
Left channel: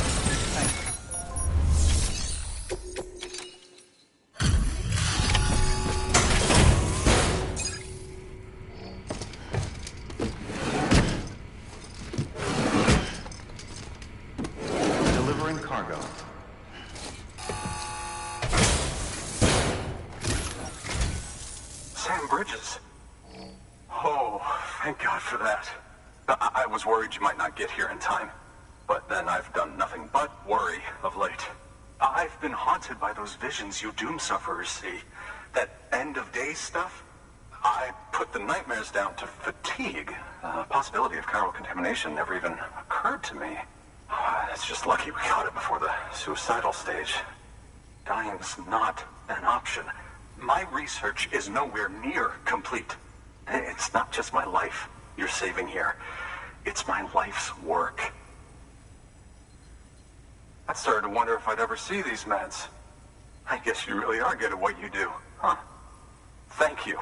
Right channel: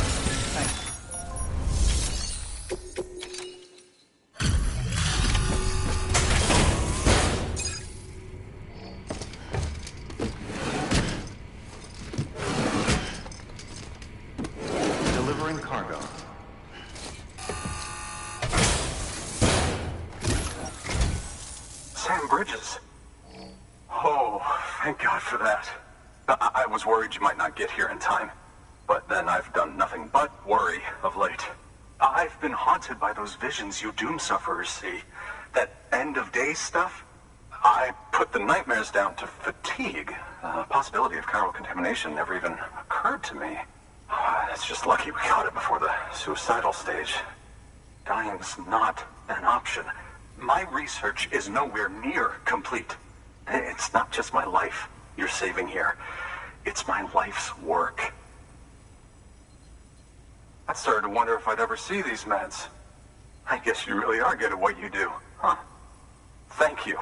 Thank you. Delivering cargo. Sam Bridges. Oh, thank God for that. I was worried you might not get here in time. But then I've done nothing but worry of late. I've been haunted by those visions you doom sufferers see. That end of days stuff. I put the nightmares down to fatigue. The possibility of chiral contamination never even occurred to me. It's just lucky we got it before the suicidal stage. Dying's not an option. My research is nowhere near complete. It's not just my life you're saving here. It's my life's work. I started to wonder if I'd ever see these meds. I guess you really are good at what you do, huh? Thank you.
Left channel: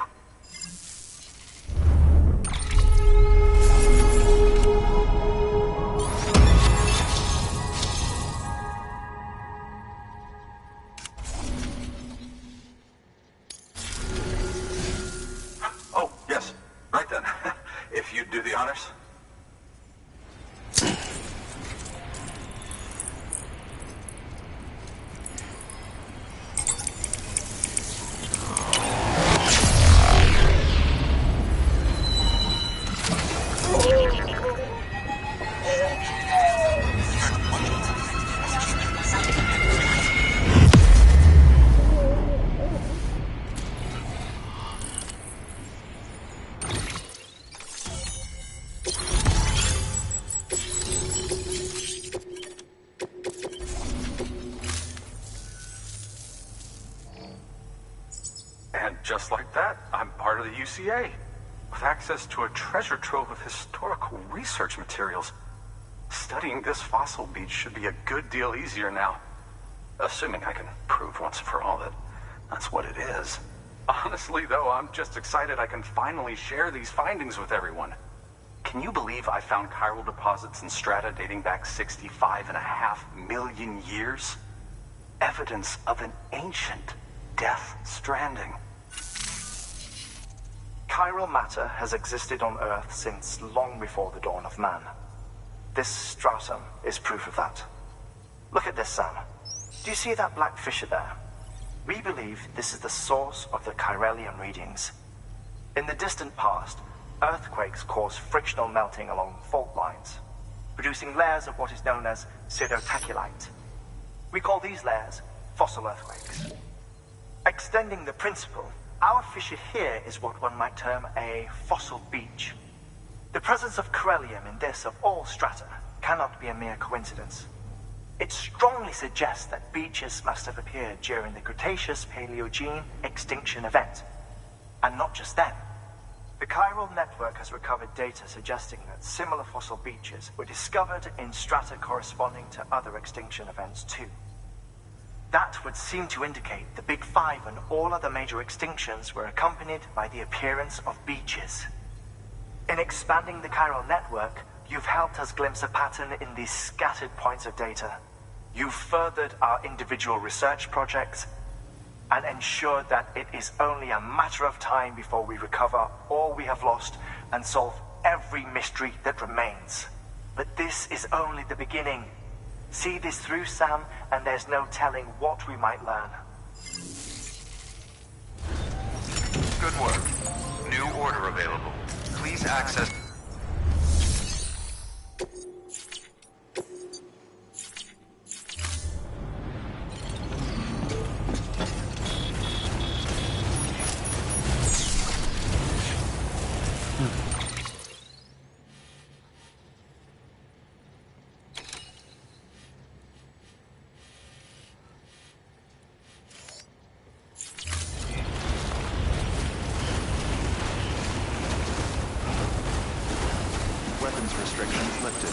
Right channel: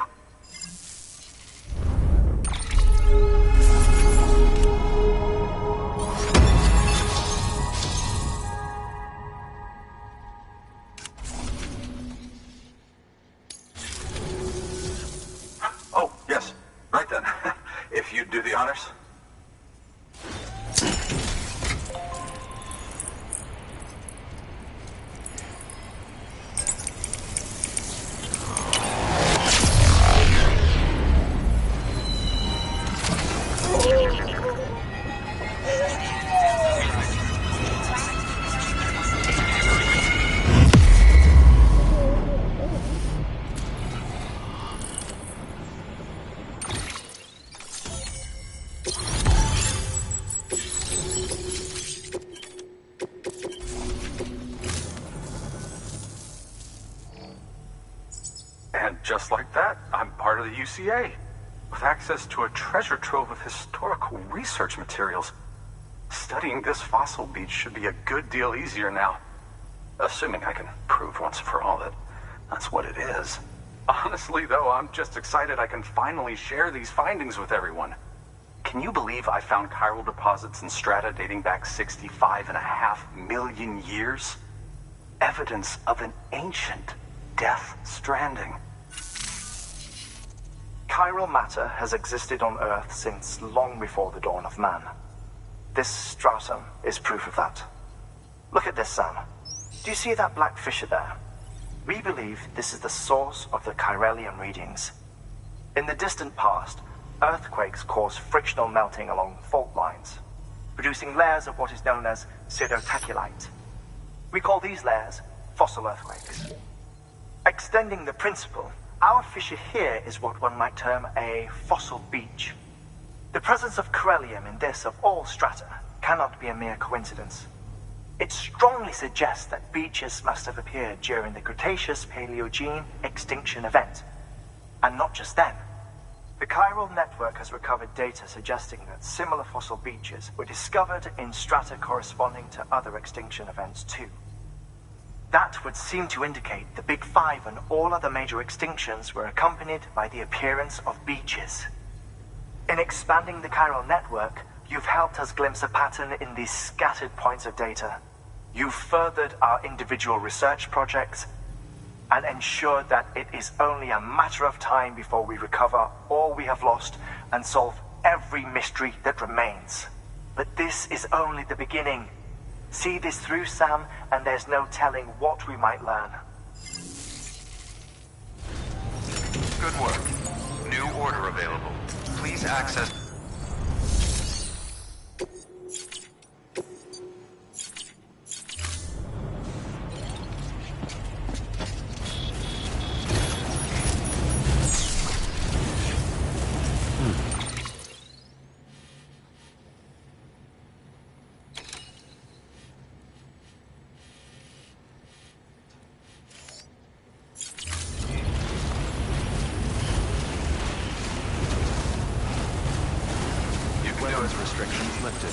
Oh, yes. Right then. If you'd do the honors. And just like that, I'm part of the UCA, with access to a treasure trove of historical research materials. Studying this fossil beach should be a good deal easier now. Assuming I can prove once and for all that that's what it is. Honestly, though, I'm just excited I can finally share these findings with everyone. Can you believe I found chiral deposits in strata dating back 65.5 million years? Evidence of an ancient death stranding. Chiral matter has existed on Earth since long before the dawn of man. This stratum is proof of that. Look at this, Sam. Do you see that black fissure there? We believe this is the source of the chiralium readings. In the distant past, earthquakes caused frictional melting along fault lines, producing layers of what is known as pseudotachylite. We call these layers fossil earthquakes. Extending the principle, our fissure here is what one might term a fossil beach. The presence of chiralium in this of all strata cannot be a mere coincidence. It strongly suggests that beaches must have appeared during the Cretaceous-Paleogene extinction event. And not just then. The chiral network has recovered data suggesting that similar fossil beaches were discovered in strata corresponding to other extinction events too. That would seem to indicate the Big Five and all other major extinctions were accompanied by the appearance of beaches. In expanding the chiral network, you've helped us glimpse a pattern in these scattered points of data. You've furthered our individual research projects and ensured that it is only a matter of time before we recover all we have lost and solve every mystery that remains. But this is only the beginning. See this through, Sam, and there's no telling what we might learn. Good work. New order available. Please access... Weapons restrictions lifted.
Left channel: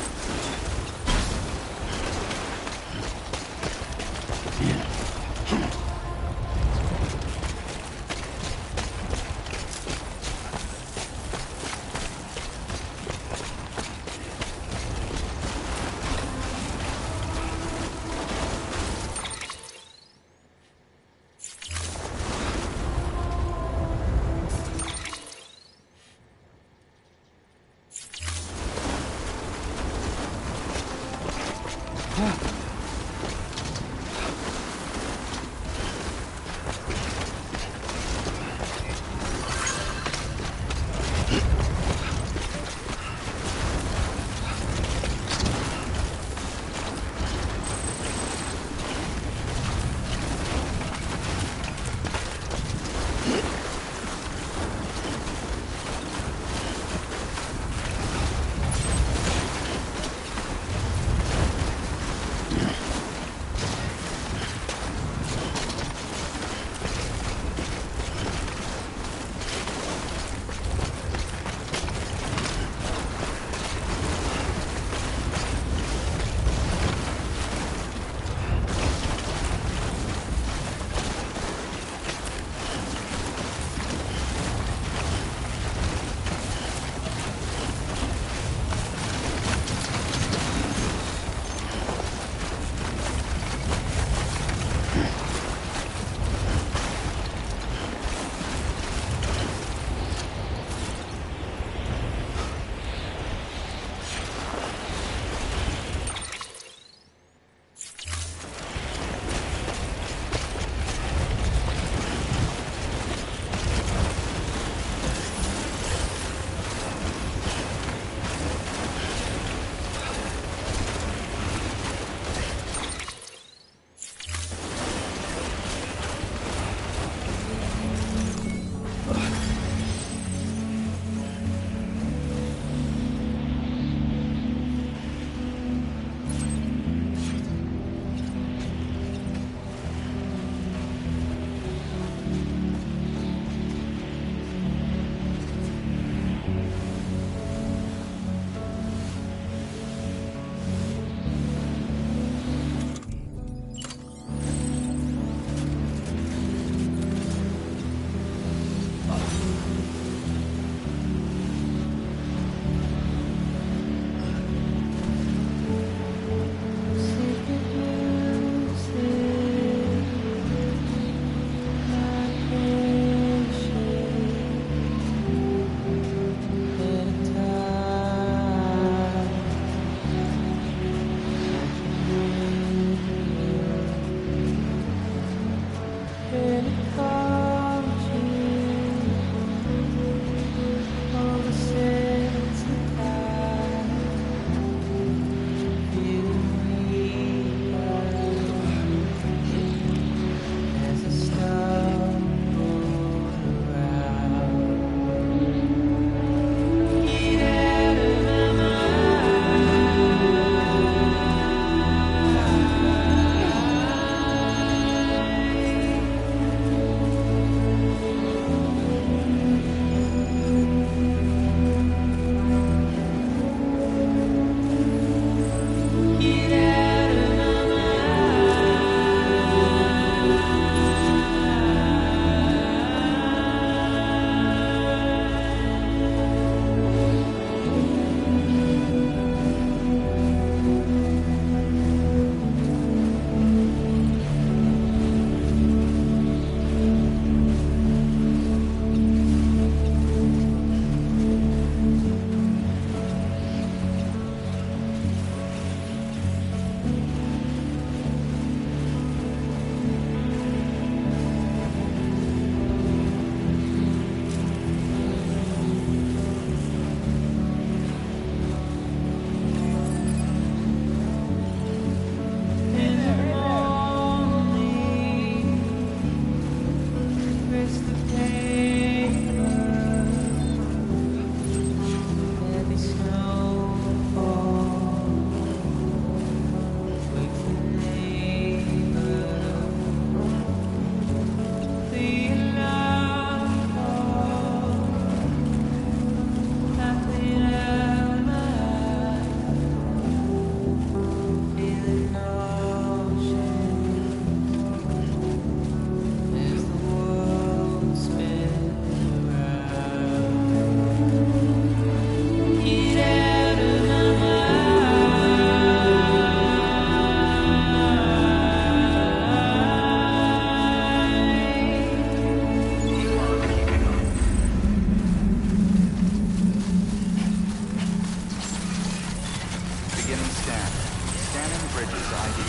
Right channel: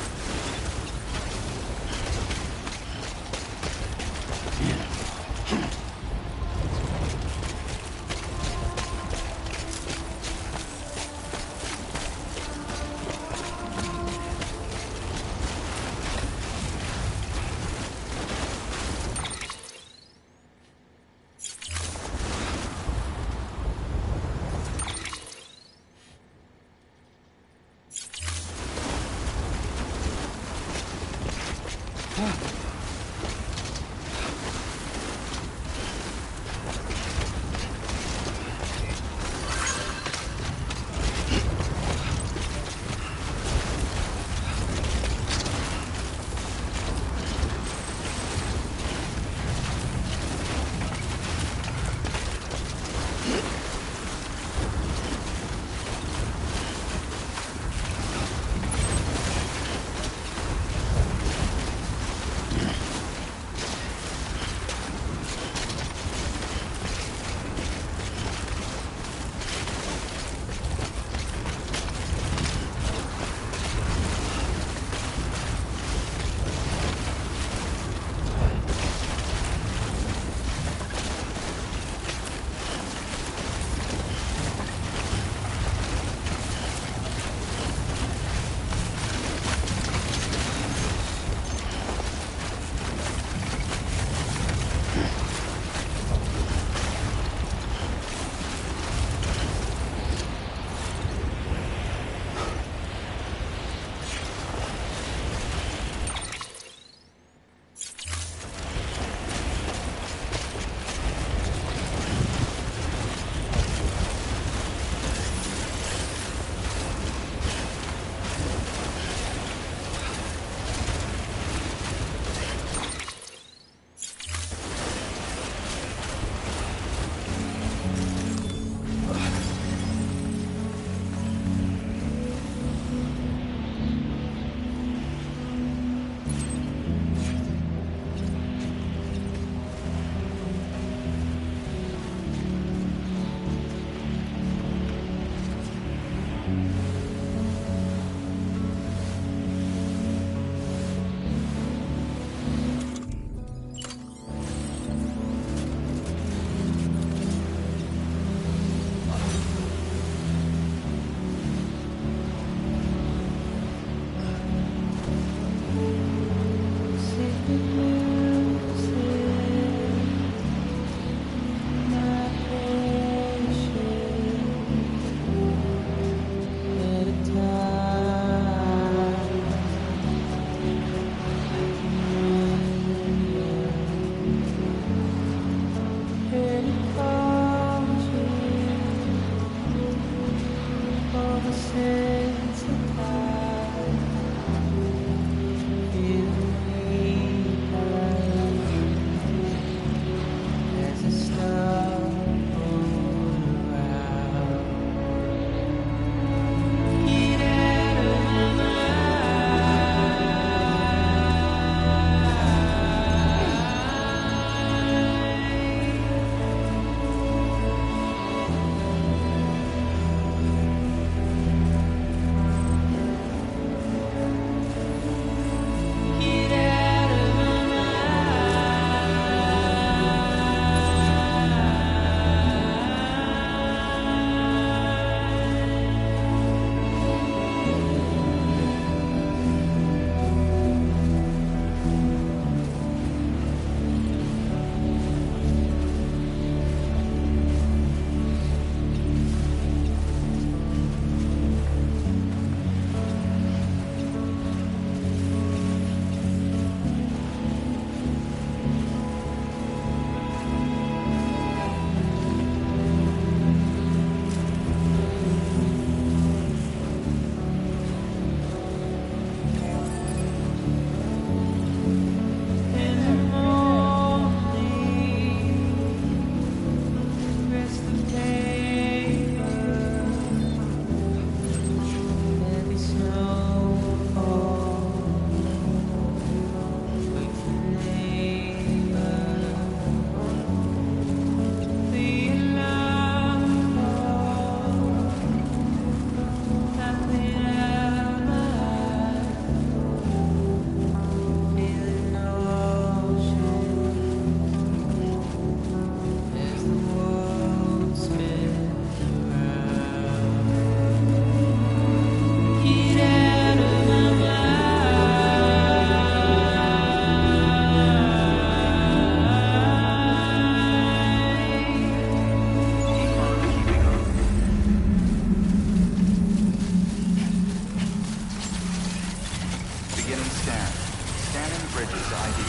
Beginning scan. Scanning Bridges ID.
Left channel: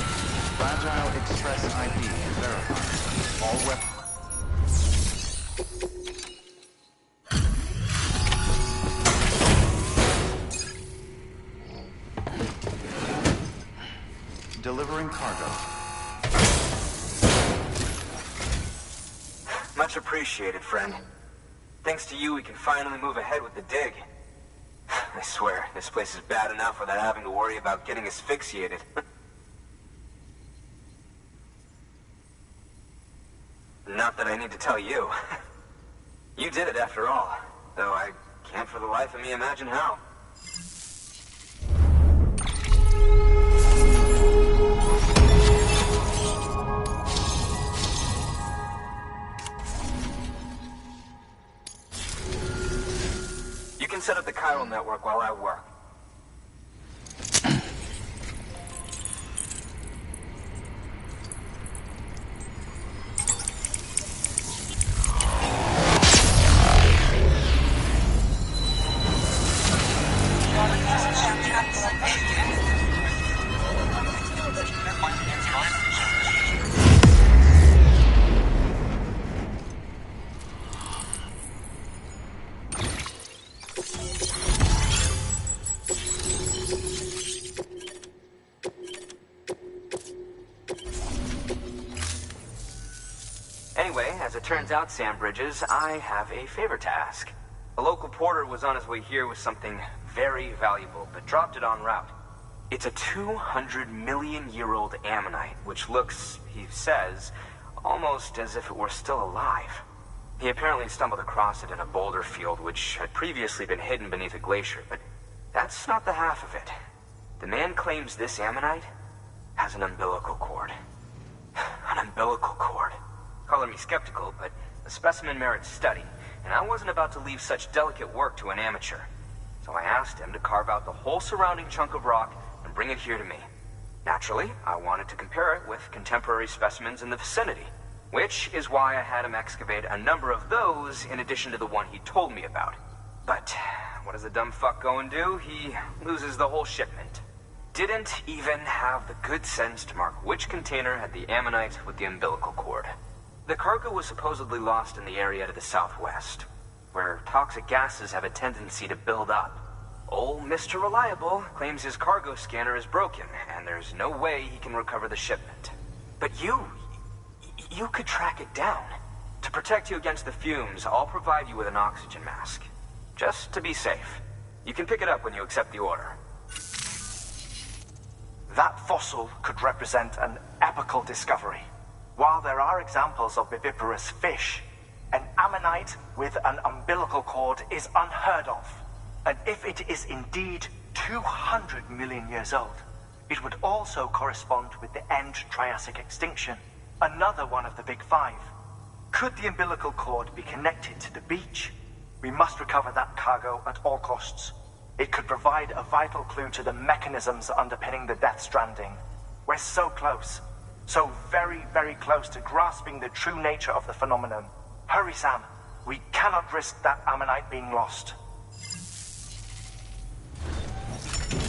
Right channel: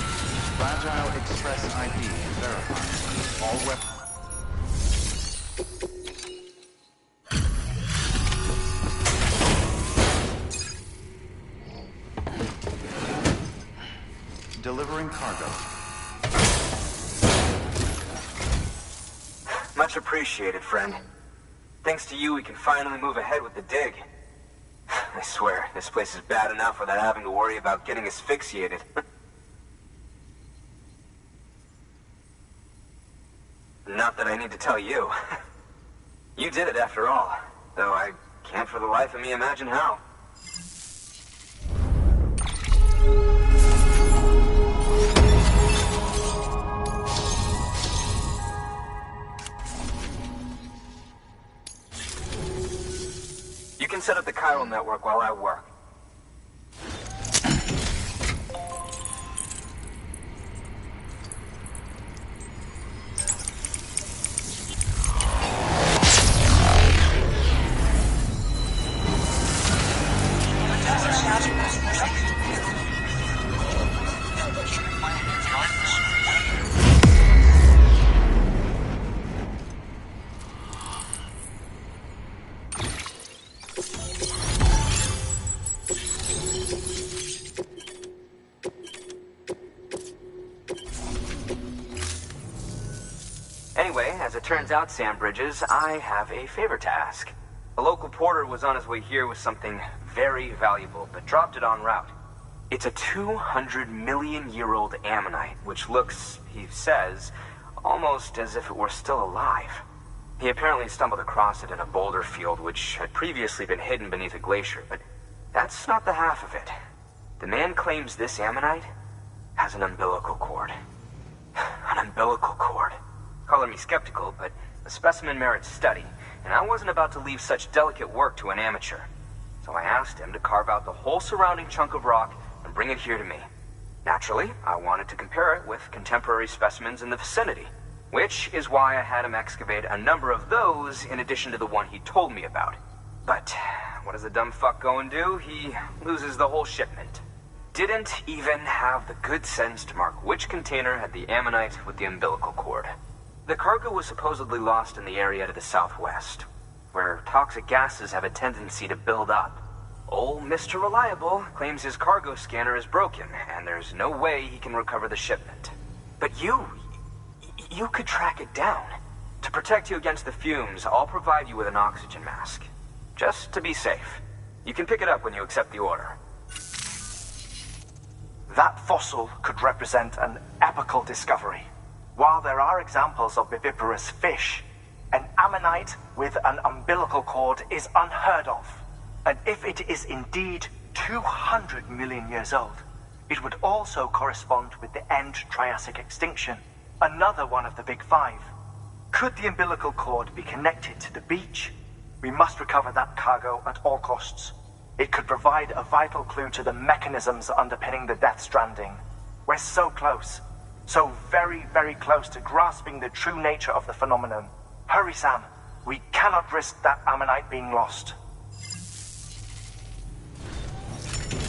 Fragile Express ID verified. All weapons. Delivering cargo. Much appreciated, friend. Thanks to you, we can finally move ahead with the dig. I swear, this place is bad enough without having to worry about getting asphyxiated. Not that I need to tell you. You did it after all, though I can't for the life of me imagine how. You can set up the chiral network while I work. Anyway, as it turns out, Sam Bridges, I have a favor to ask. A local porter was on his way here with something very valuable, but dropped it en route. It's a 200-million-year-old ammonite, which looks, he says, almost as if it were still alive. He apparently stumbled across it in a boulder field, which had previously been hidden beneath a glacier, but that's not the half of it. The man claims this ammonite has an umbilical cord. An umbilical cord. Color me skeptical, but the specimen merits study, and I wasn't about to leave such delicate work to an amateur. So I asked him to carve out the whole surrounding chunk of rock and bring it here to me. Naturally, I wanted to compare it with contemporary specimens in the vicinity, which is why I had him excavate a number of those in addition to the one he told me about. But what does the dumb fuck go and do? He loses the whole shipment. Didn't even have the good sense to mark which container had the ammonite with the umbilical cord. The cargo was supposedly lost in the area to the southwest, where toxic gases have a tendency to build up. Old Mr. Reliable claims his cargo scanner is broken, and there's no way he can recover the shipment. But you could track it down. To protect you against the fumes, I'll provide you with an oxygen mask. Just to be safe. You can pick it up when you accept the order. That fossil could represent an epical discovery. While there are examples of viviparous fish, an ammonite with an umbilical cord is unheard of. And if it is indeed 200 million years old, it would also correspond with the end Triassic extinction, another one of the big five. Could the umbilical cord be connected to the beach? We must recover that cargo at all costs. It could provide a vital clue to the mechanisms underpinning the Death Stranding. We're so close. So very, very close to grasping the true nature of the phenomenon. Hurry, Sam. We cannot risk that ammonite being lost.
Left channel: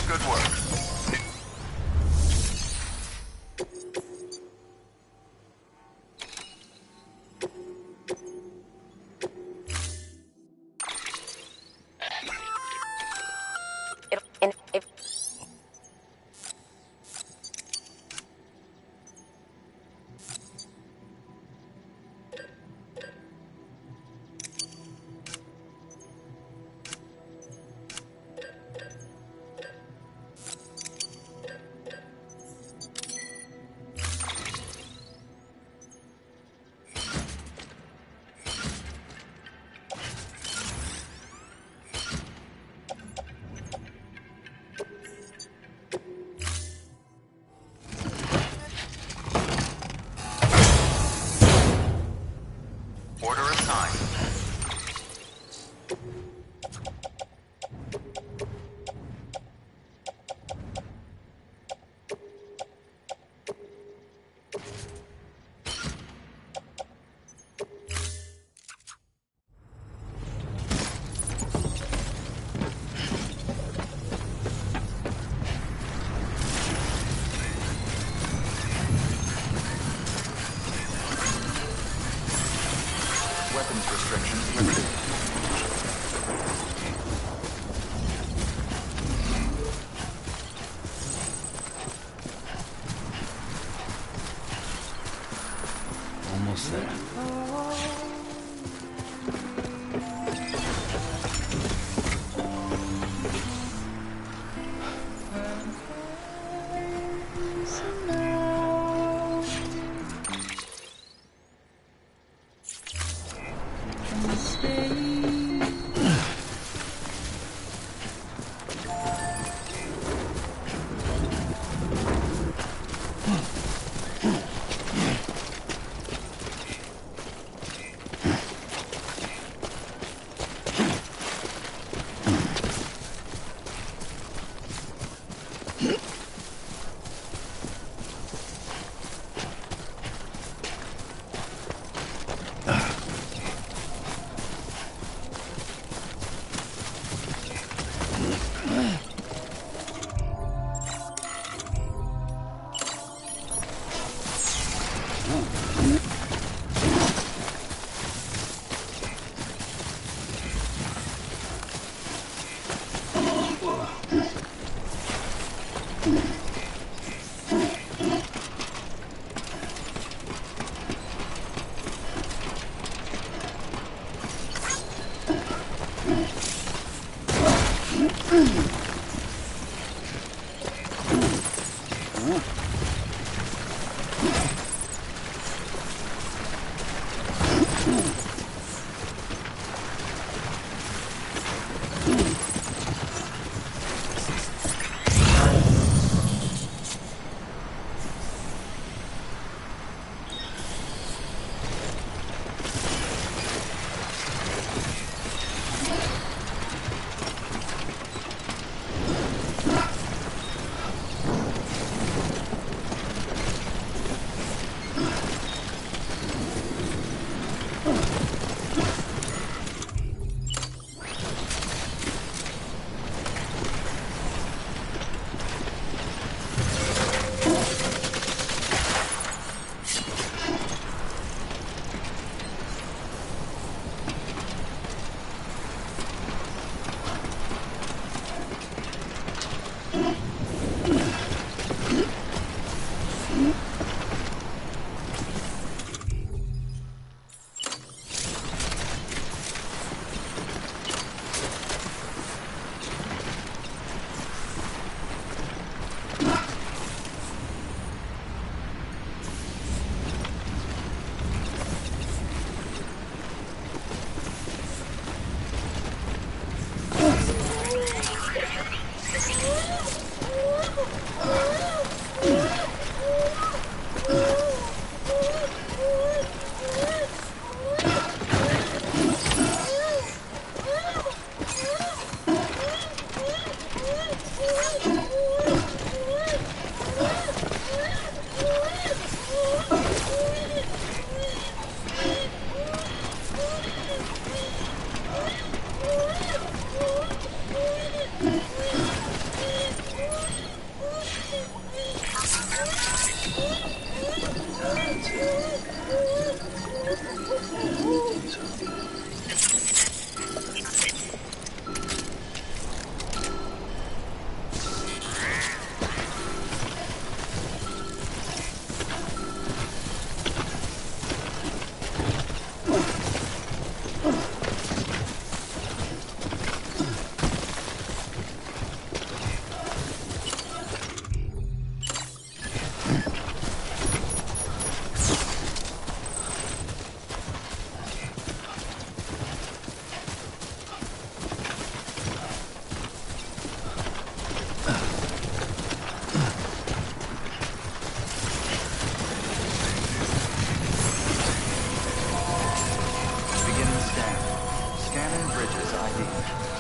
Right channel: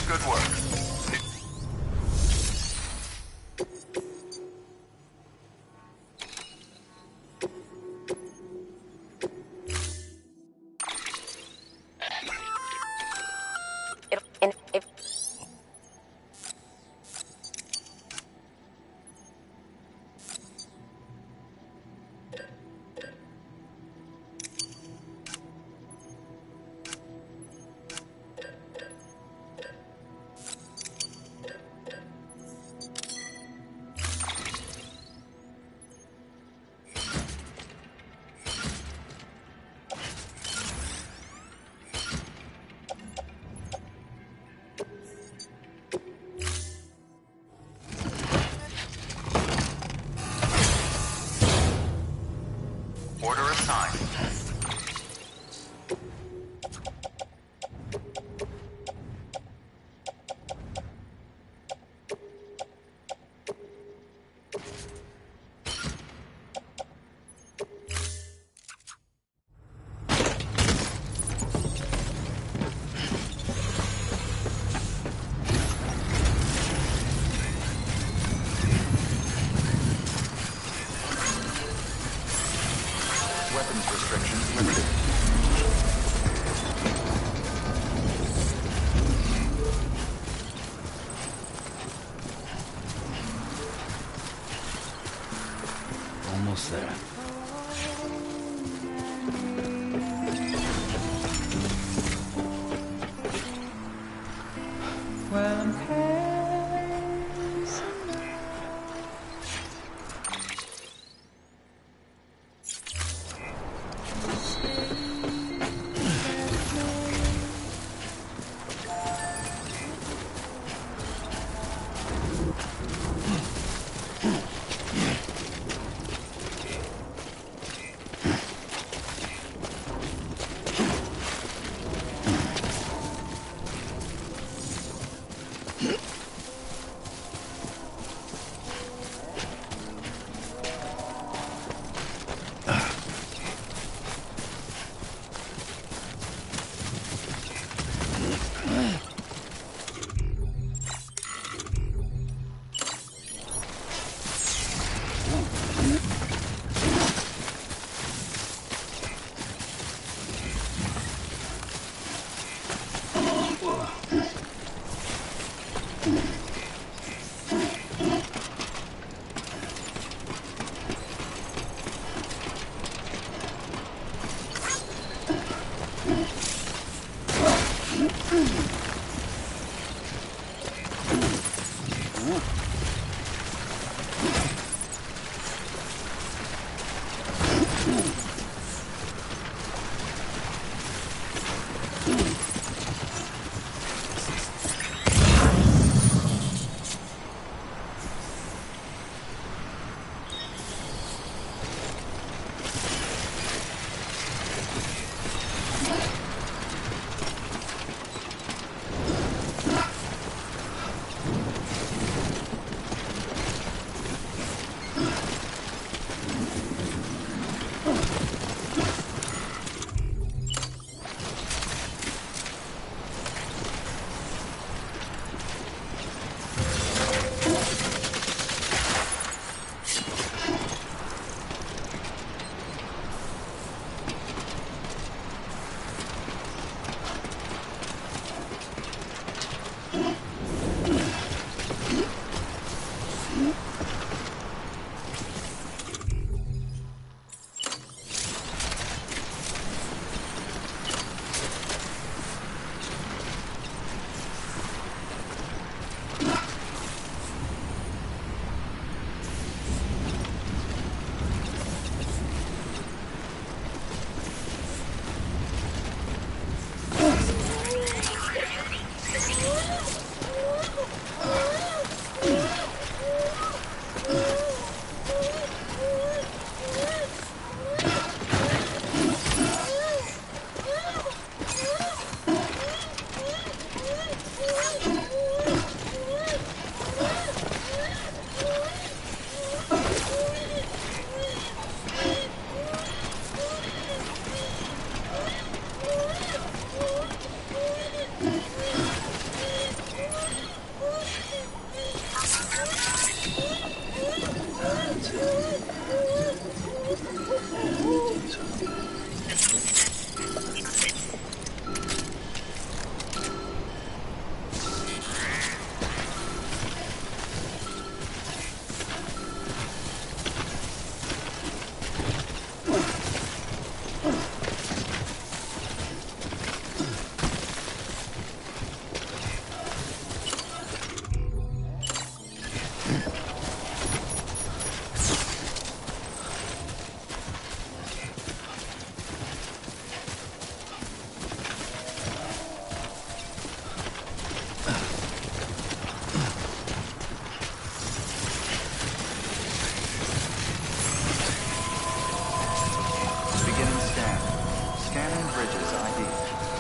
Good work. almost there. Well, I'm pacing now. And stay.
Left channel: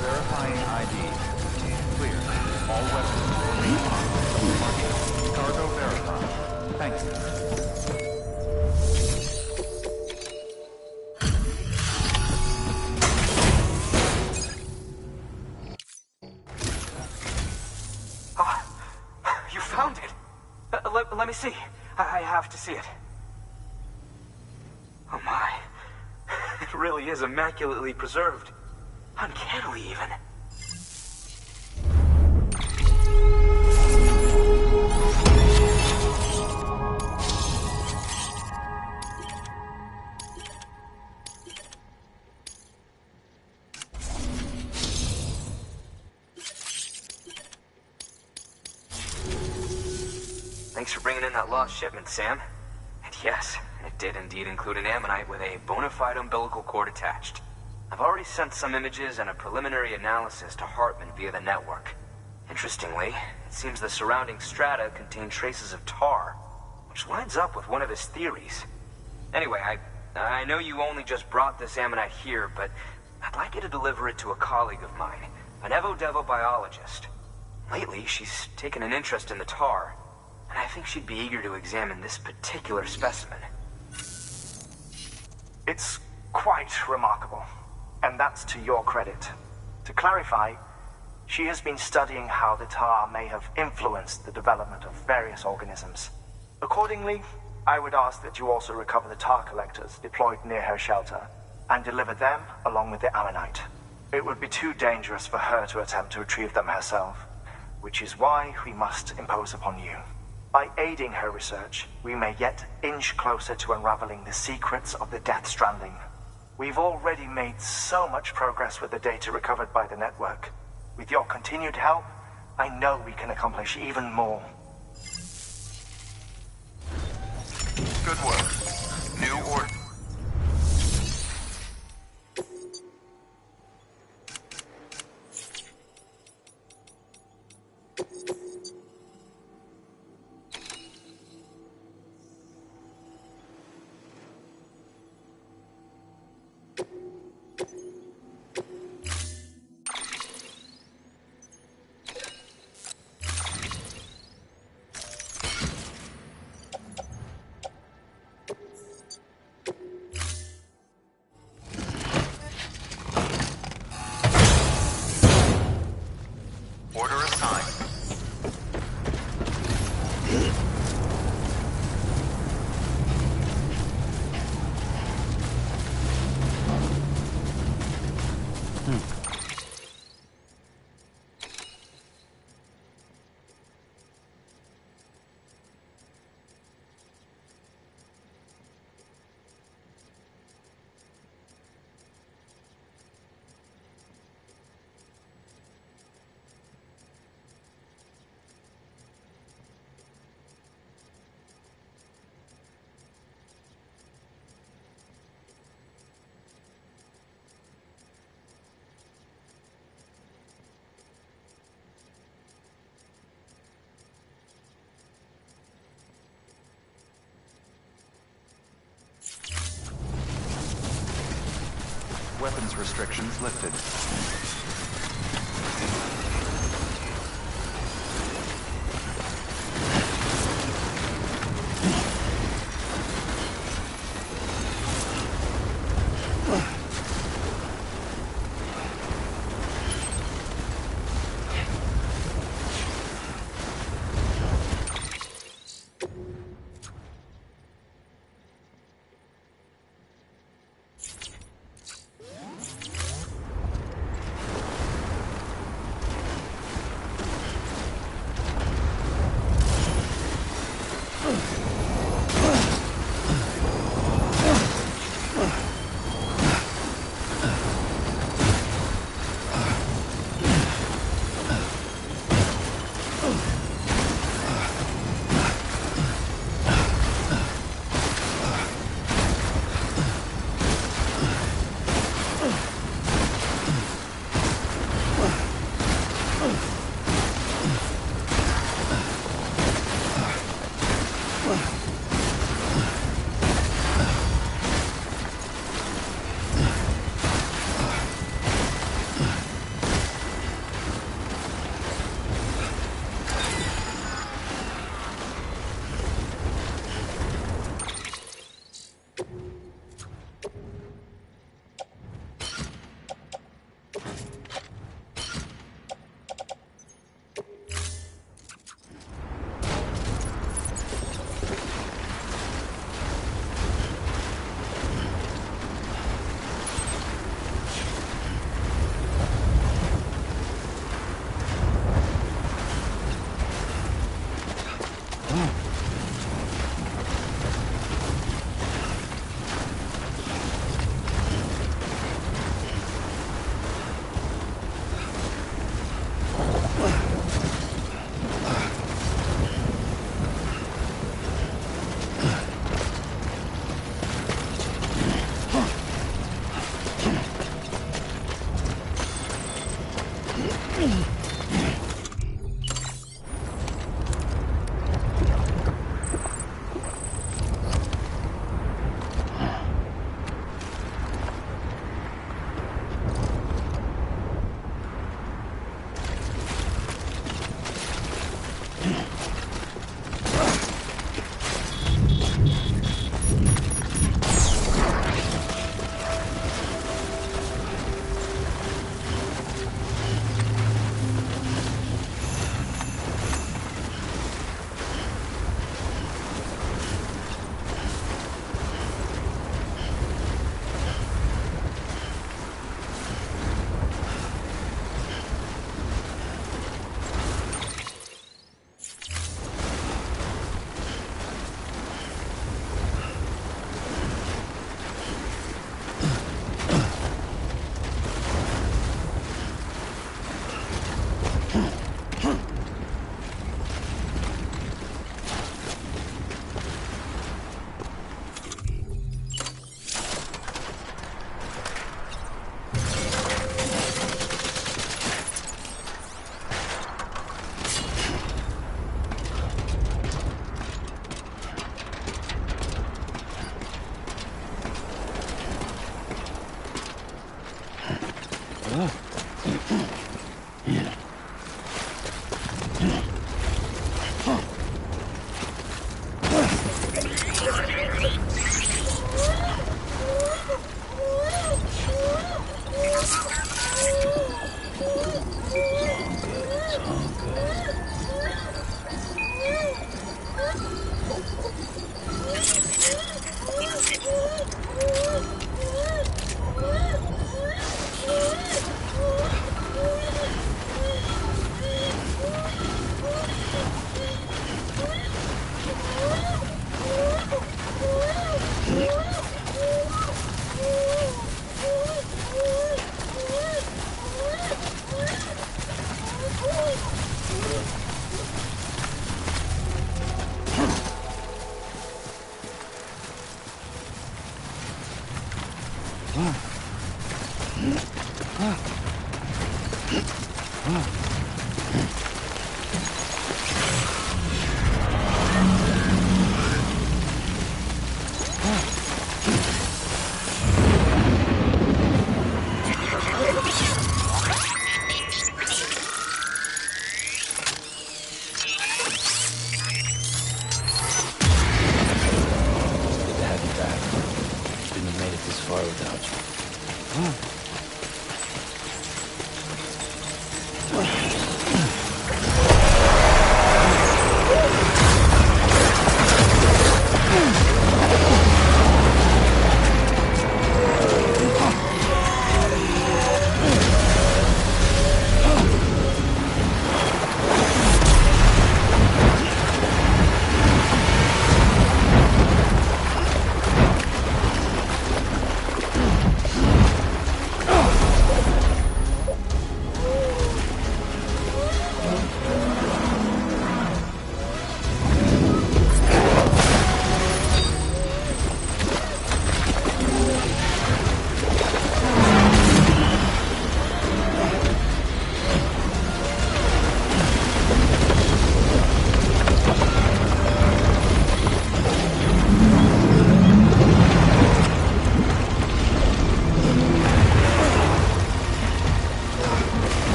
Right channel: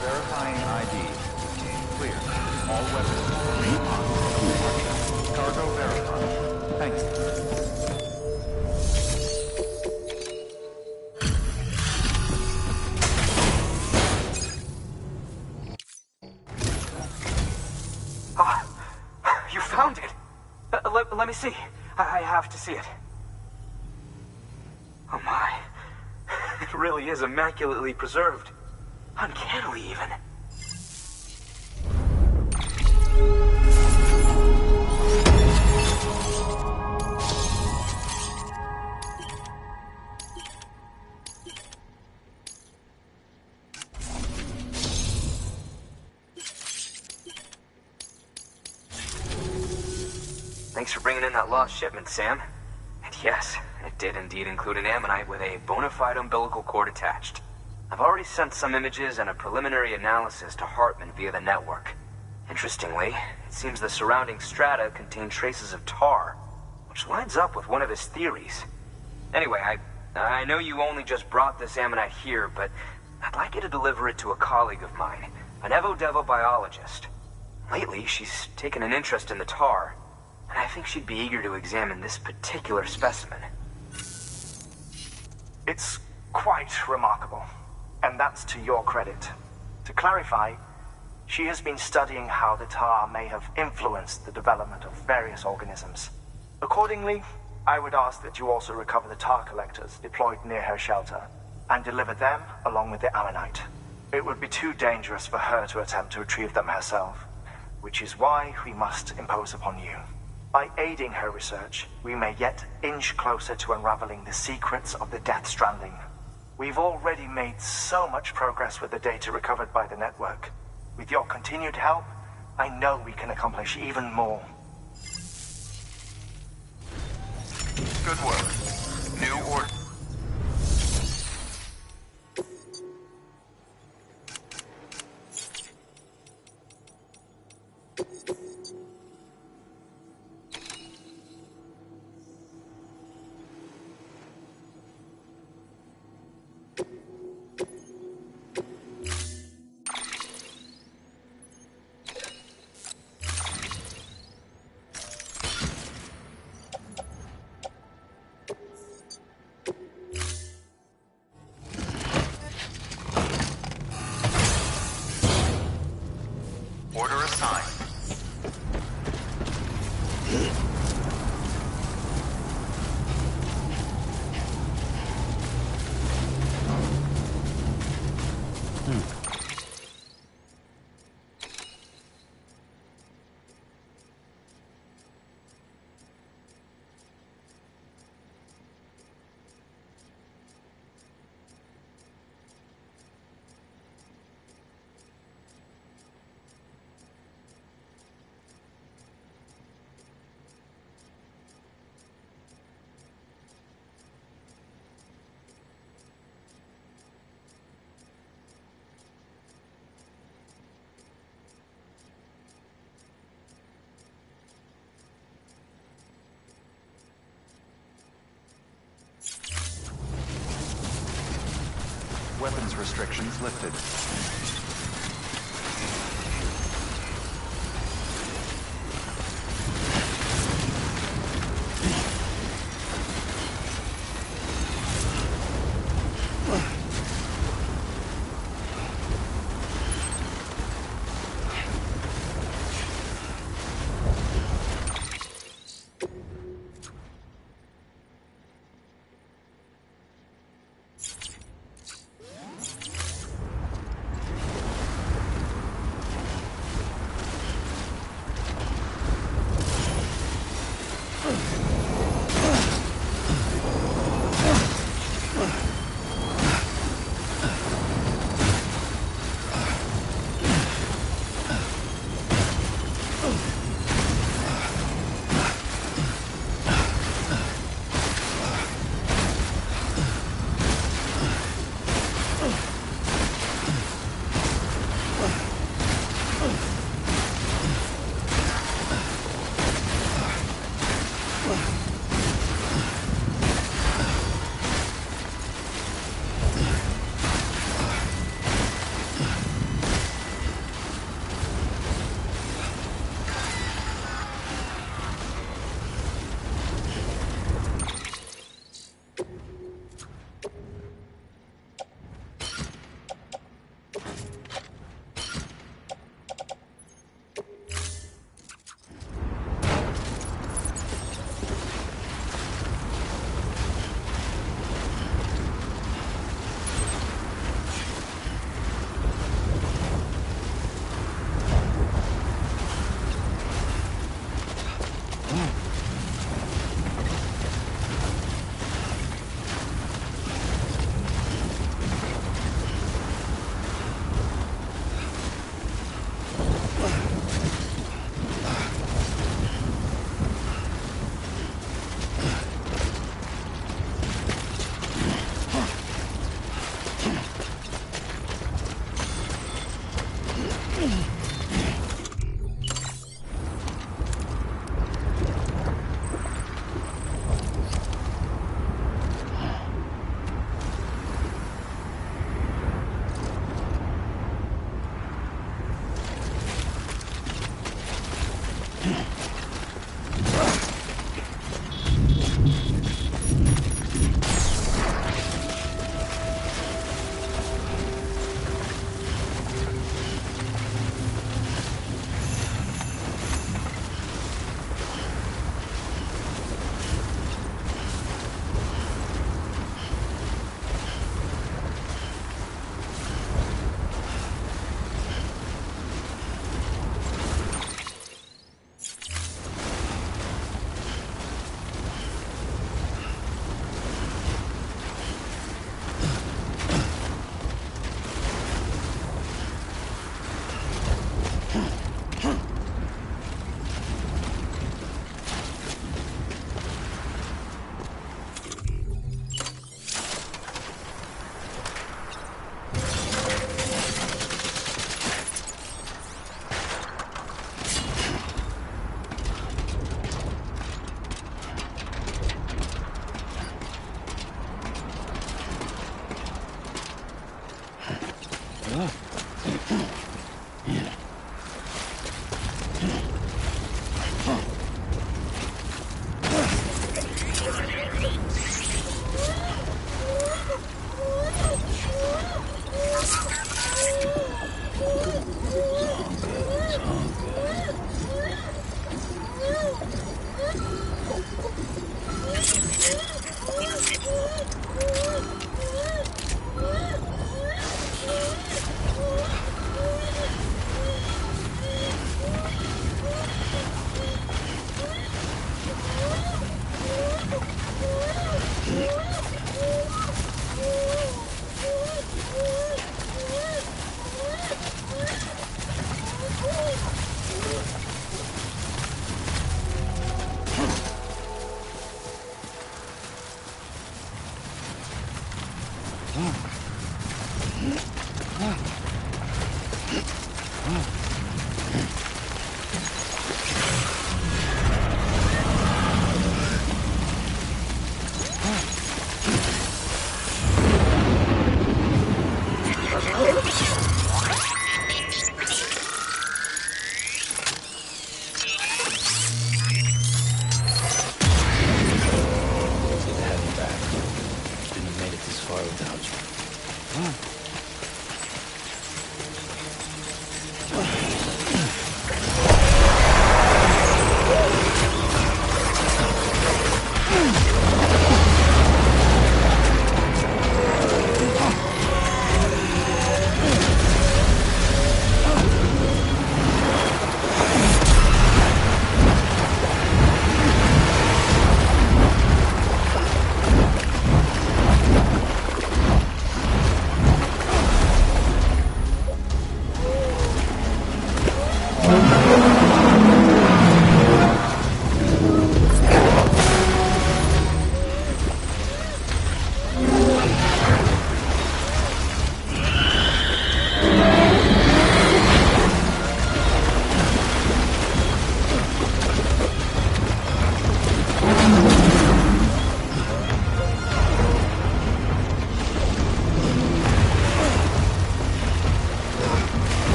Verifying ID. Clear. All weapons will remain locked until departure. Cargo verified. Thank you. You found it! Let me see. I have to see it. Oh my. It really is immaculately preserved. Uncannily, even. Thanks for bringing in that lost shipment, Sam. And yes, it did indeed include an ammonite with a bona fide umbilical cord attached. I've already sent some images and a preliminary analysis to Hartman via the network. Interestingly, it seems the surrounding strata contain traces of tar, which lines up with one of his theories. Anyway, I know you only just brought this ammonite here, but I'd like you to deliver it to a colleague of mine, an Evo-Devo biologist. Lately, she's taken an interest in the tar, and I think she'd be eager to examine this particular specimen. It's quite remarkable, and that's to your credit. To clarify, she has been studying how the tar may have influenced the development of various organisms. Accordingly, I would ask that you also recover the tar collectors deployed near her shelter, and deliver them along with the ammonite. It would be too dangerous for her to attempt to retrieve them herself, which is why we must impose upon you. By aiding her research, we may yet inch closer to unraveling the secrets of the Death Stranding. We've already made so much progress with the data recovered by the network. With your continued help, I know we can accomplish even more. Good work. New order. Order assigned. Weapons restrictions lifted.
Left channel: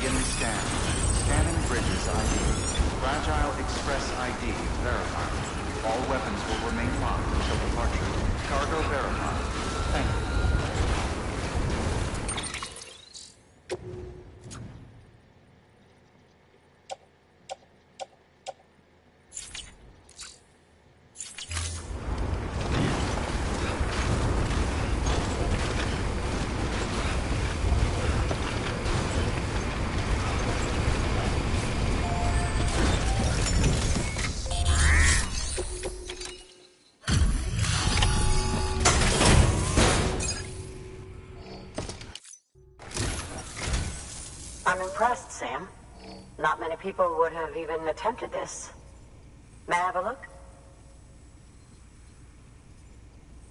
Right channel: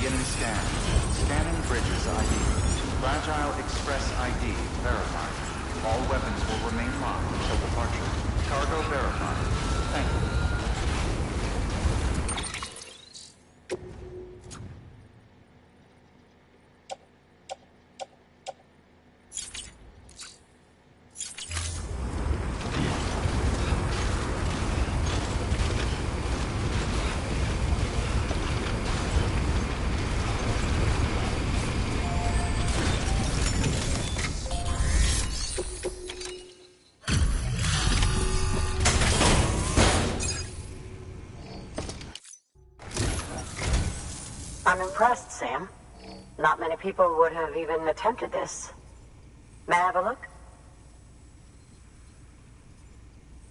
Beginning scan. Scanning bridges ID. Fragile Express ID verified. All weapons will remain locked until departure. Cargo verified. Thank you. I'm impressed, Sam. Not many people would have even attempted this. May I have a look?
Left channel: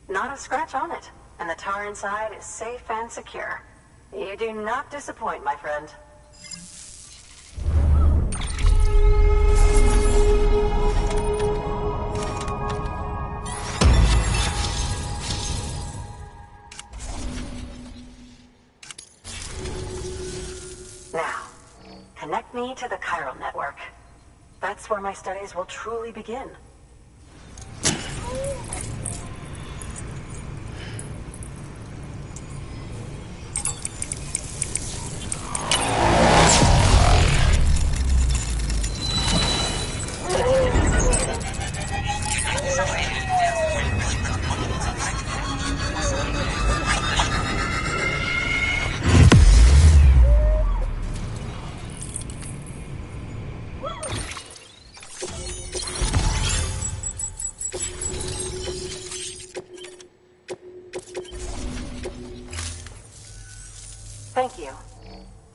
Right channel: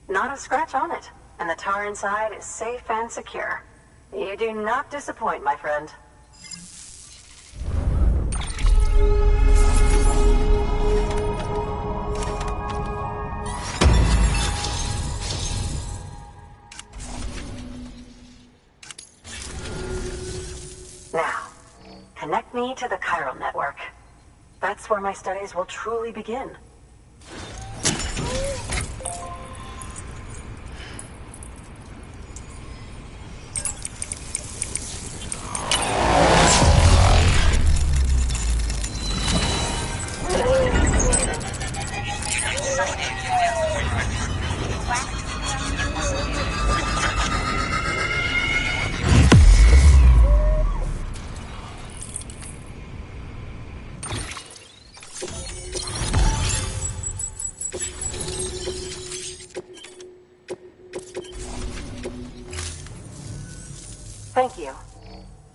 Not a scratch on it, and the tar inside is safe and secure. You do not disappoint, my friend. Now, connect me to the chiral network. That's where my studies will truly begin. Thank you.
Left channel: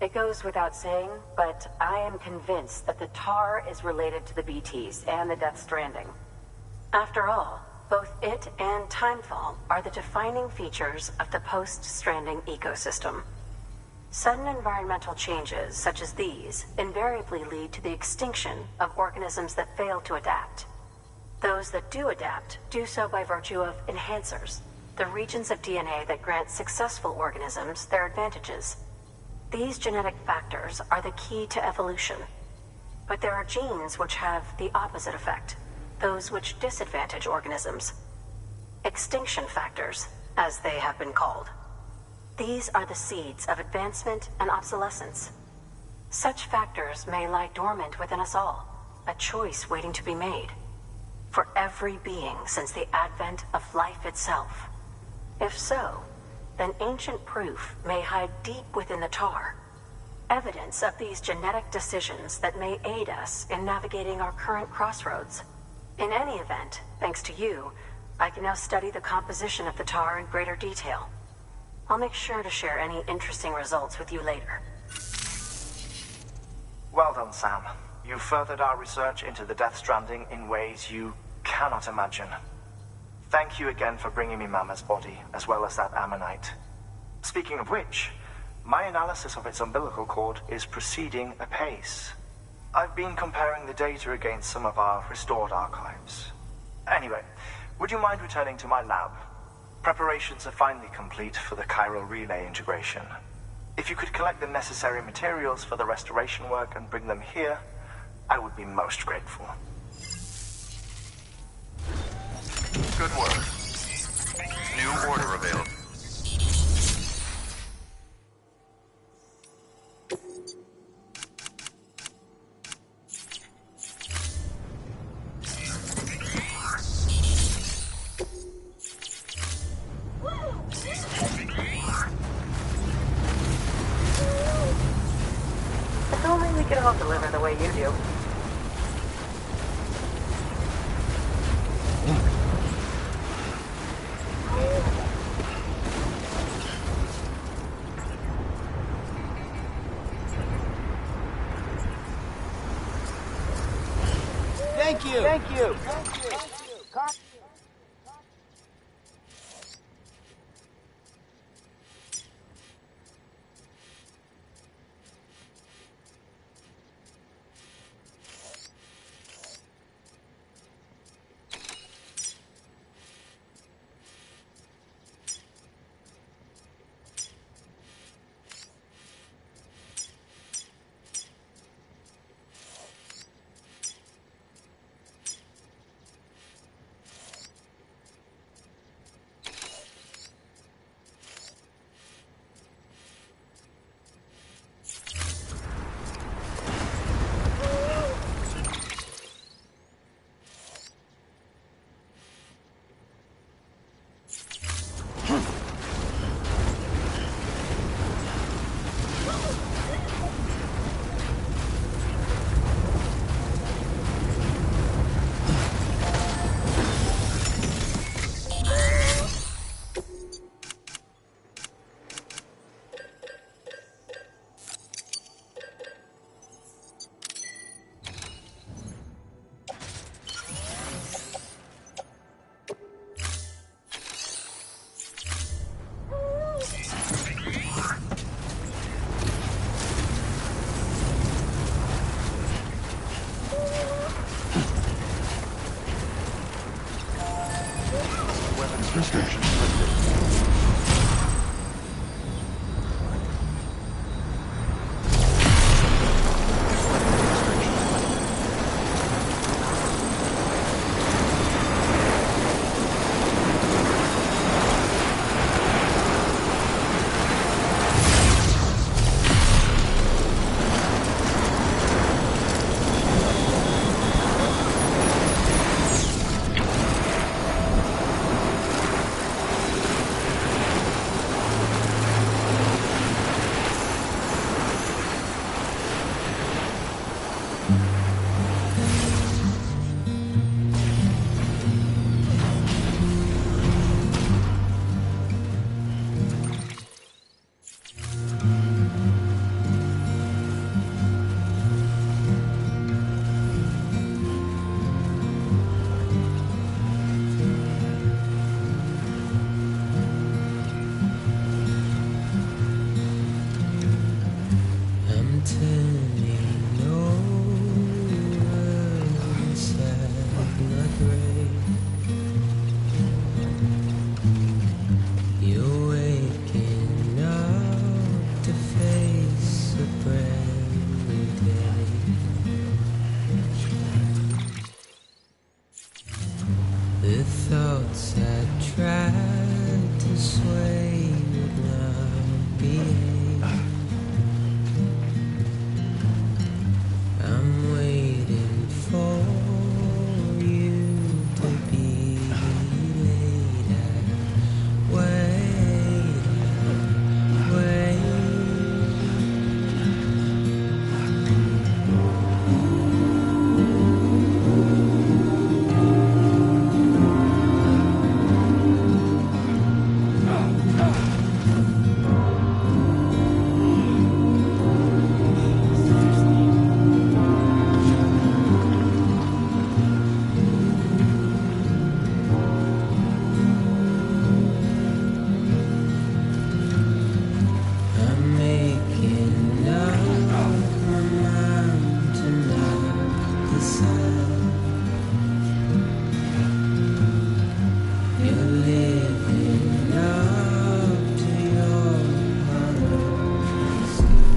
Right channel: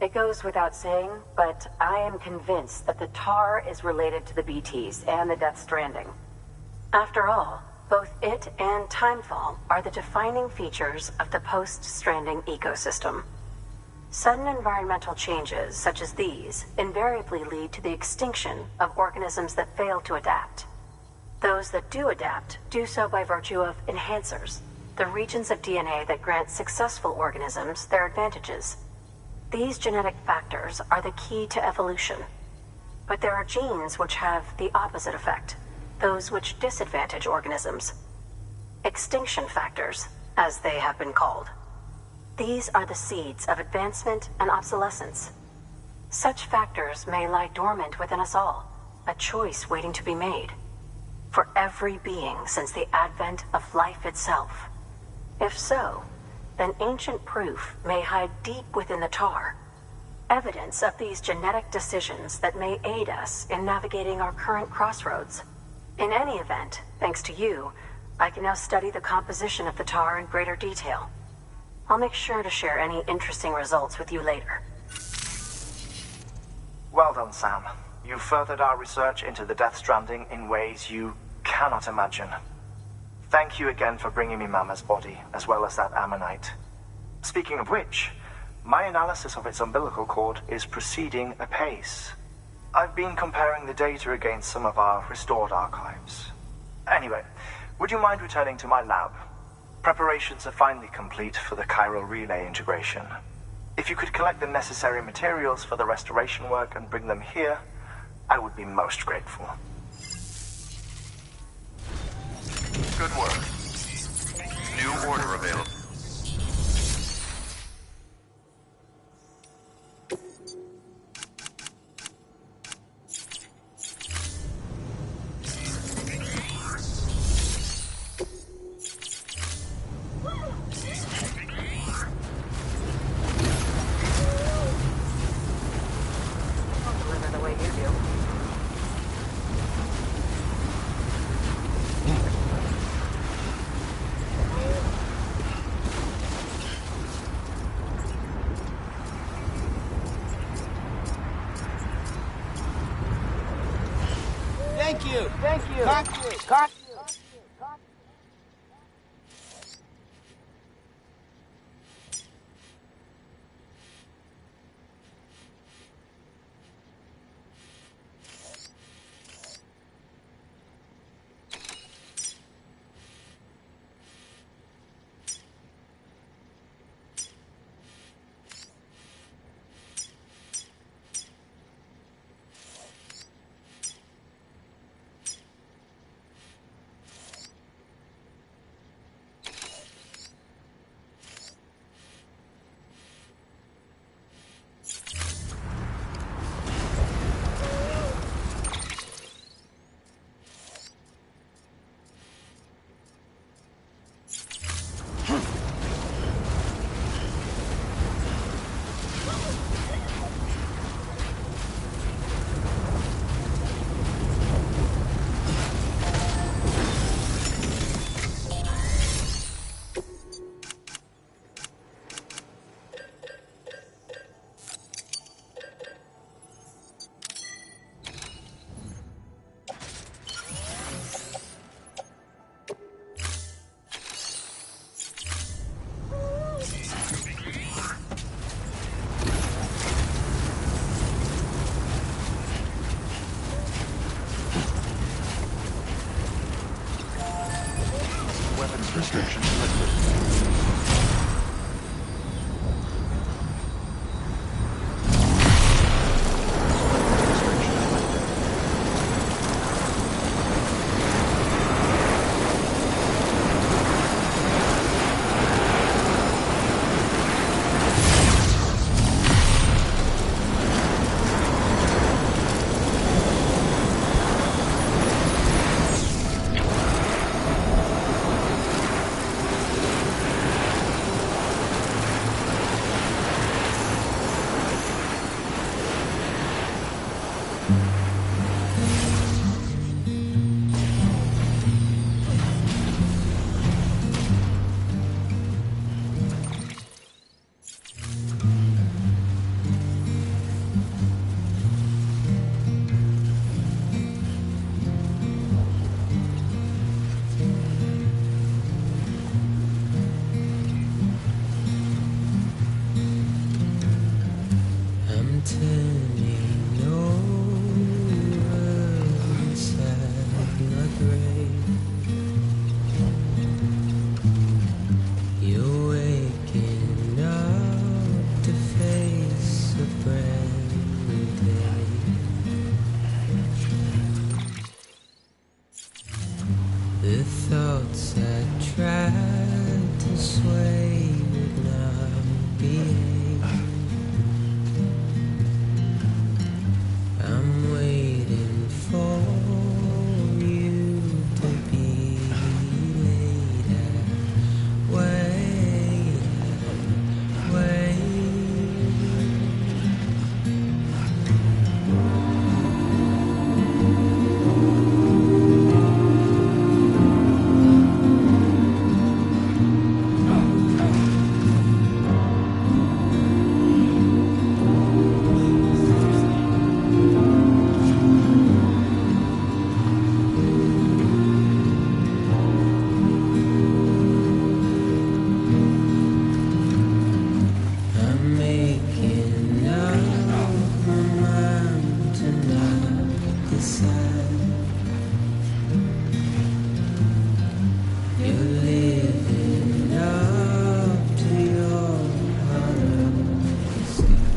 It goes without saying, but I am convinced that the tar is related to the BTs and the Death Stranding. After all, both it and Timefall are the defining features of the post-Stranding ecosystem. Sudden environmental changes such as these invariably lead to the extinction of organisms that fail to adapt. Those that do adapt do so by virtue of enhancers, the regions of DNA that grant successful organisms their advantages. These genetic factors are the key to evolution. But there are genes which have the opposite effect, those which disadvantage organisms. Extinction factors, as they have been called. These are the seeds of advancement and obsolescence. Such factors may lie dormant within us all, a choice waiting to be made. For every being since the advent of life itself. If so, then ancient proof may hide deep within the tar. Evidence of these genetic decisions that may aid us in navigating our current crossroads. In any event, thanks to you, I can now study the composition of the tar in greater detail. I'll make sure to share any interesting results with you later. Well done, Sam. You furthered our research into the Death Stranding in ways you cannot imagine. Thank you again for bringing me Mama's body, as well as that ammonite. Speaking of which, my analysis of its umbilical cord is proceeding apace. I've been comparing the data against some of our restored archives. Anyway, would you mind returning to my lab? Preparations are finally complete for the chiral relay integration. If you could collect the necessary materials for the restoration work and bring them here, I would be most grateful. Good work. New order available. If only we could all deliver the way you do. Thank you. turning over inside my brain. You're waking up to face a brand new day. The thoughts I tried to sway would not behave. I'm waiting for you to be later. Wait. I'm making up my mind to not decide. You're living up to your hollow escape.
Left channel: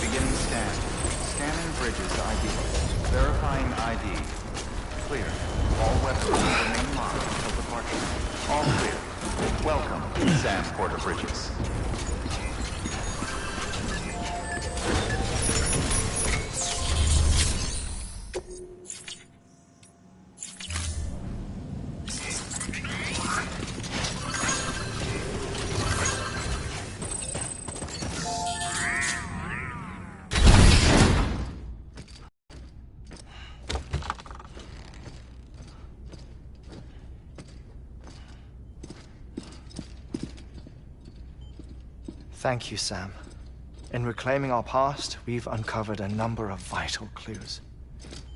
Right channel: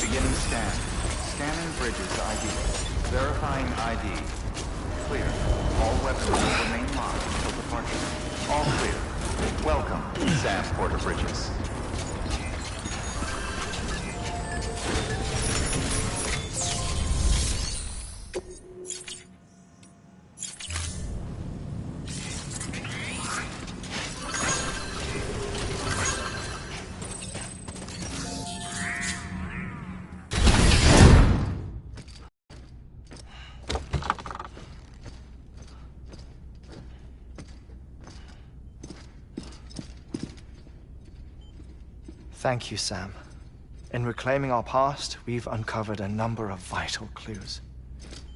Beginning scan. Scanning bridges ID. Verifying ID. Clear. All weapons will remain locked until departure. All clear. Welcome, Sam Porter Bridges. Thank you, Sam. In reclaiming our past, we've uncovered a number of vital clues.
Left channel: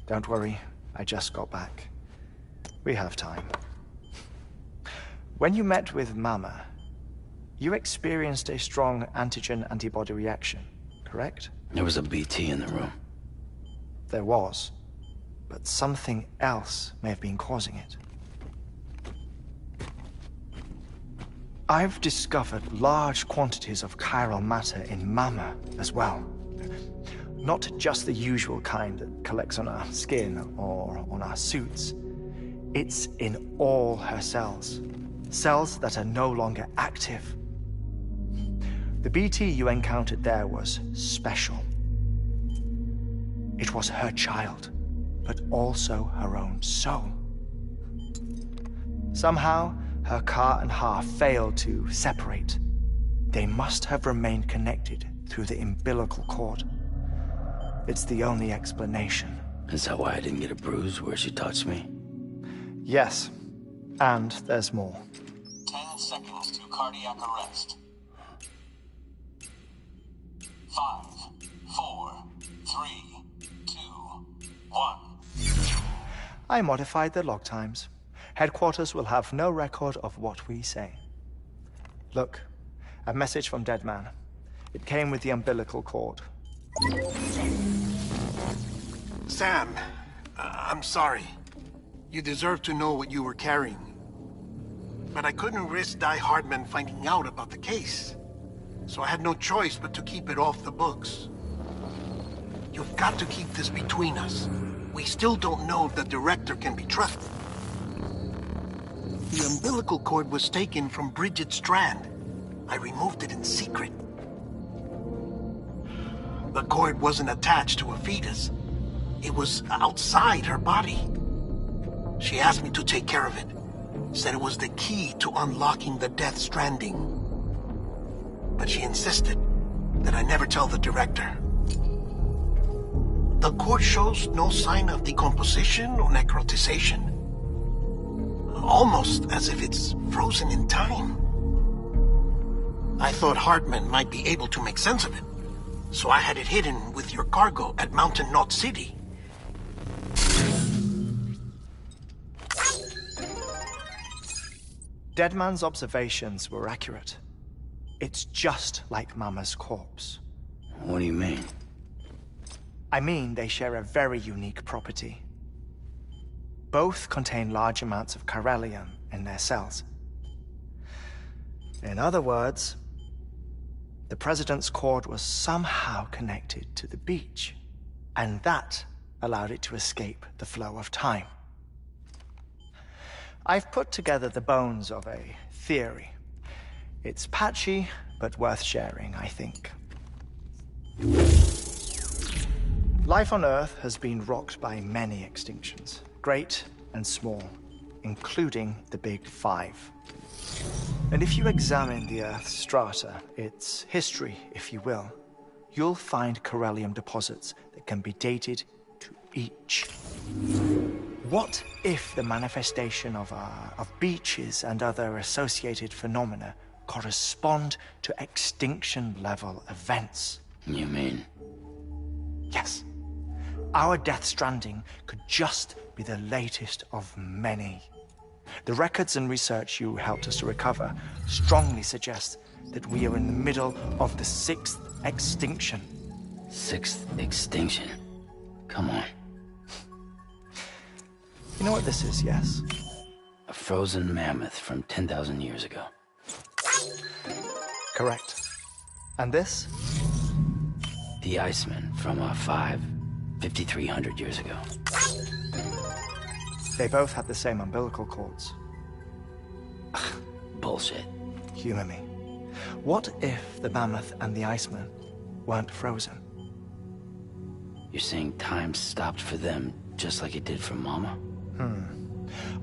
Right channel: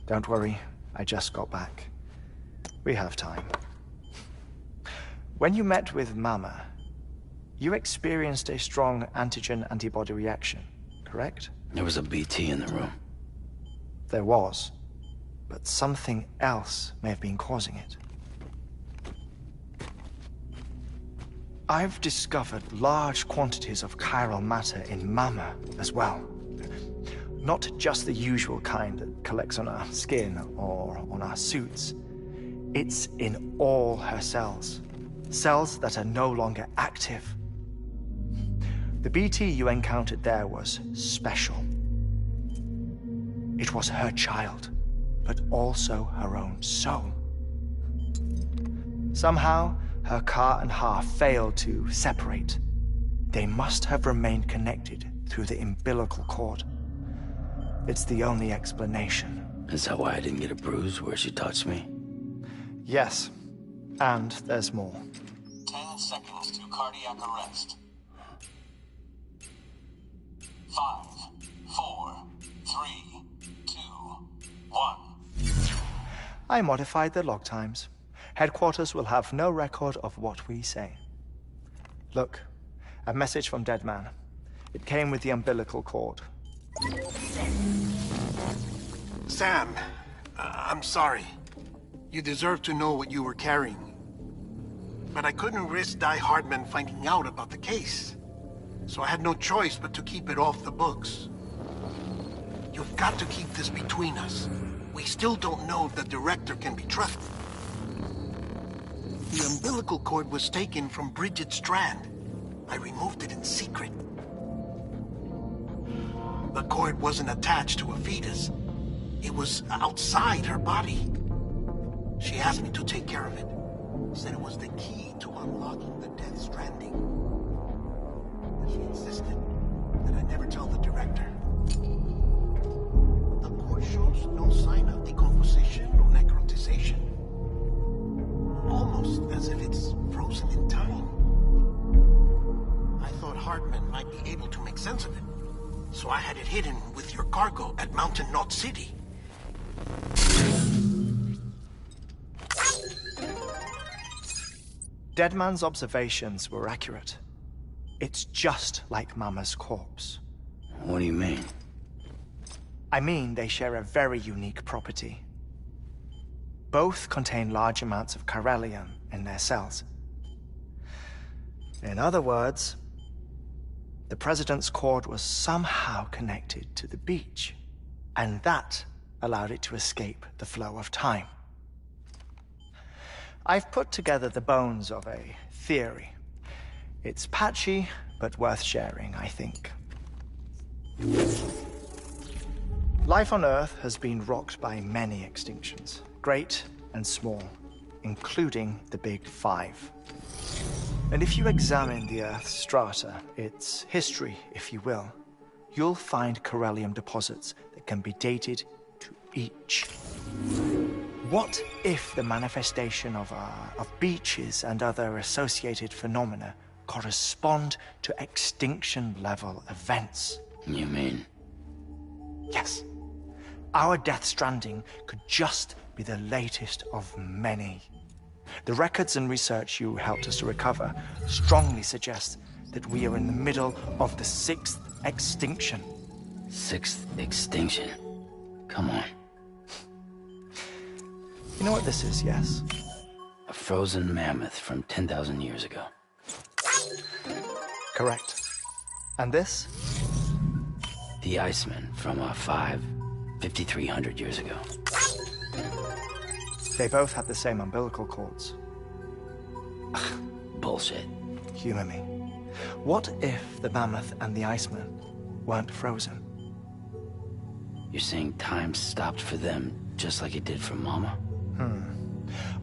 Don't worry, I just got back. We have time. When you met with Mama, you experienced a strong antigen-antibody reaction, correct? There was a BT in the room. There was, but something else may have been causing it. I've discovered large quantities of chiral matter in Mama as well. Not just the usual kind that collects on our skin or on our suits. It's in all her cells. Cells that are no longer active. The BT you encountered there was special. It was her child, but also her own soul. Somehow, her car and half failed to separate. They must have remained connected through the umbilical cord. It's the only explanation. Is that why I didn't get a bruise where she touched me? Yes, and there's more. 10 seconds to cardiac arrest. 5, 4, 3, 2, 1. I modified the log times. Headquarters will have no record of what we say. Look, a message from Deadman. It came with the umbilical cord. Sam, I'm sorry. You deserve to know what you were carrying. But I couldn't risk Die Hardman finding out about the case. So I had no choice but to keep it off the books. You've got to keep this between us. We still don't know if the director can be trusted. The umbilical cord was taken from Bridget Strand. I removed it in secret. The cord wasn't attached to a fetus. It was outside her body. She asked me to take care of it. Said it was the key to unlocking the Death Stranding. But she insisted that I never tell the director. The cord shows no sign of decomposition or necrotization. Almost as if it's frozen in time. I thought Hartman might be able to make sense of it. So I had it hidden with your cargo at Mountain Knot City. Deadman's observations were accurate. It's just like Mama's corpse. What do you mean? I mean, they share a very unique property. Both contain large amounts of chiralium in their cells. In other words, the President's cord was somehow connected to the beach, and that allowed it to escape the flow of time. I've put together the bones of a theory. It's patchy, but worth sharing, I think. Life on Earth has been rocked by many extinctions, great and small, including the Big Five. And if you examine the Earth's strata, its history, if you will, you'll find chiralium deposits that can be dated to each. What if the manifestation of beaches and other associated phenomena correspond to extinction-level events? You mean? Yes. Our Death Stranding could just be the latest of many. The records and research you helped us to recover strongly suggest that we are in the middle of the 6th extinction. 6th extinction? Come on. You know what this is, yes? A frozen mammoth from 10,000 years ago. Correct. And this? The Iceman from 5,300 years ago. They both had the same umbilical cords. Bullshit. Humor me. What if the mammoth and the Iceman weren't frozen? You're saying time stopped for them just like it did for Mama?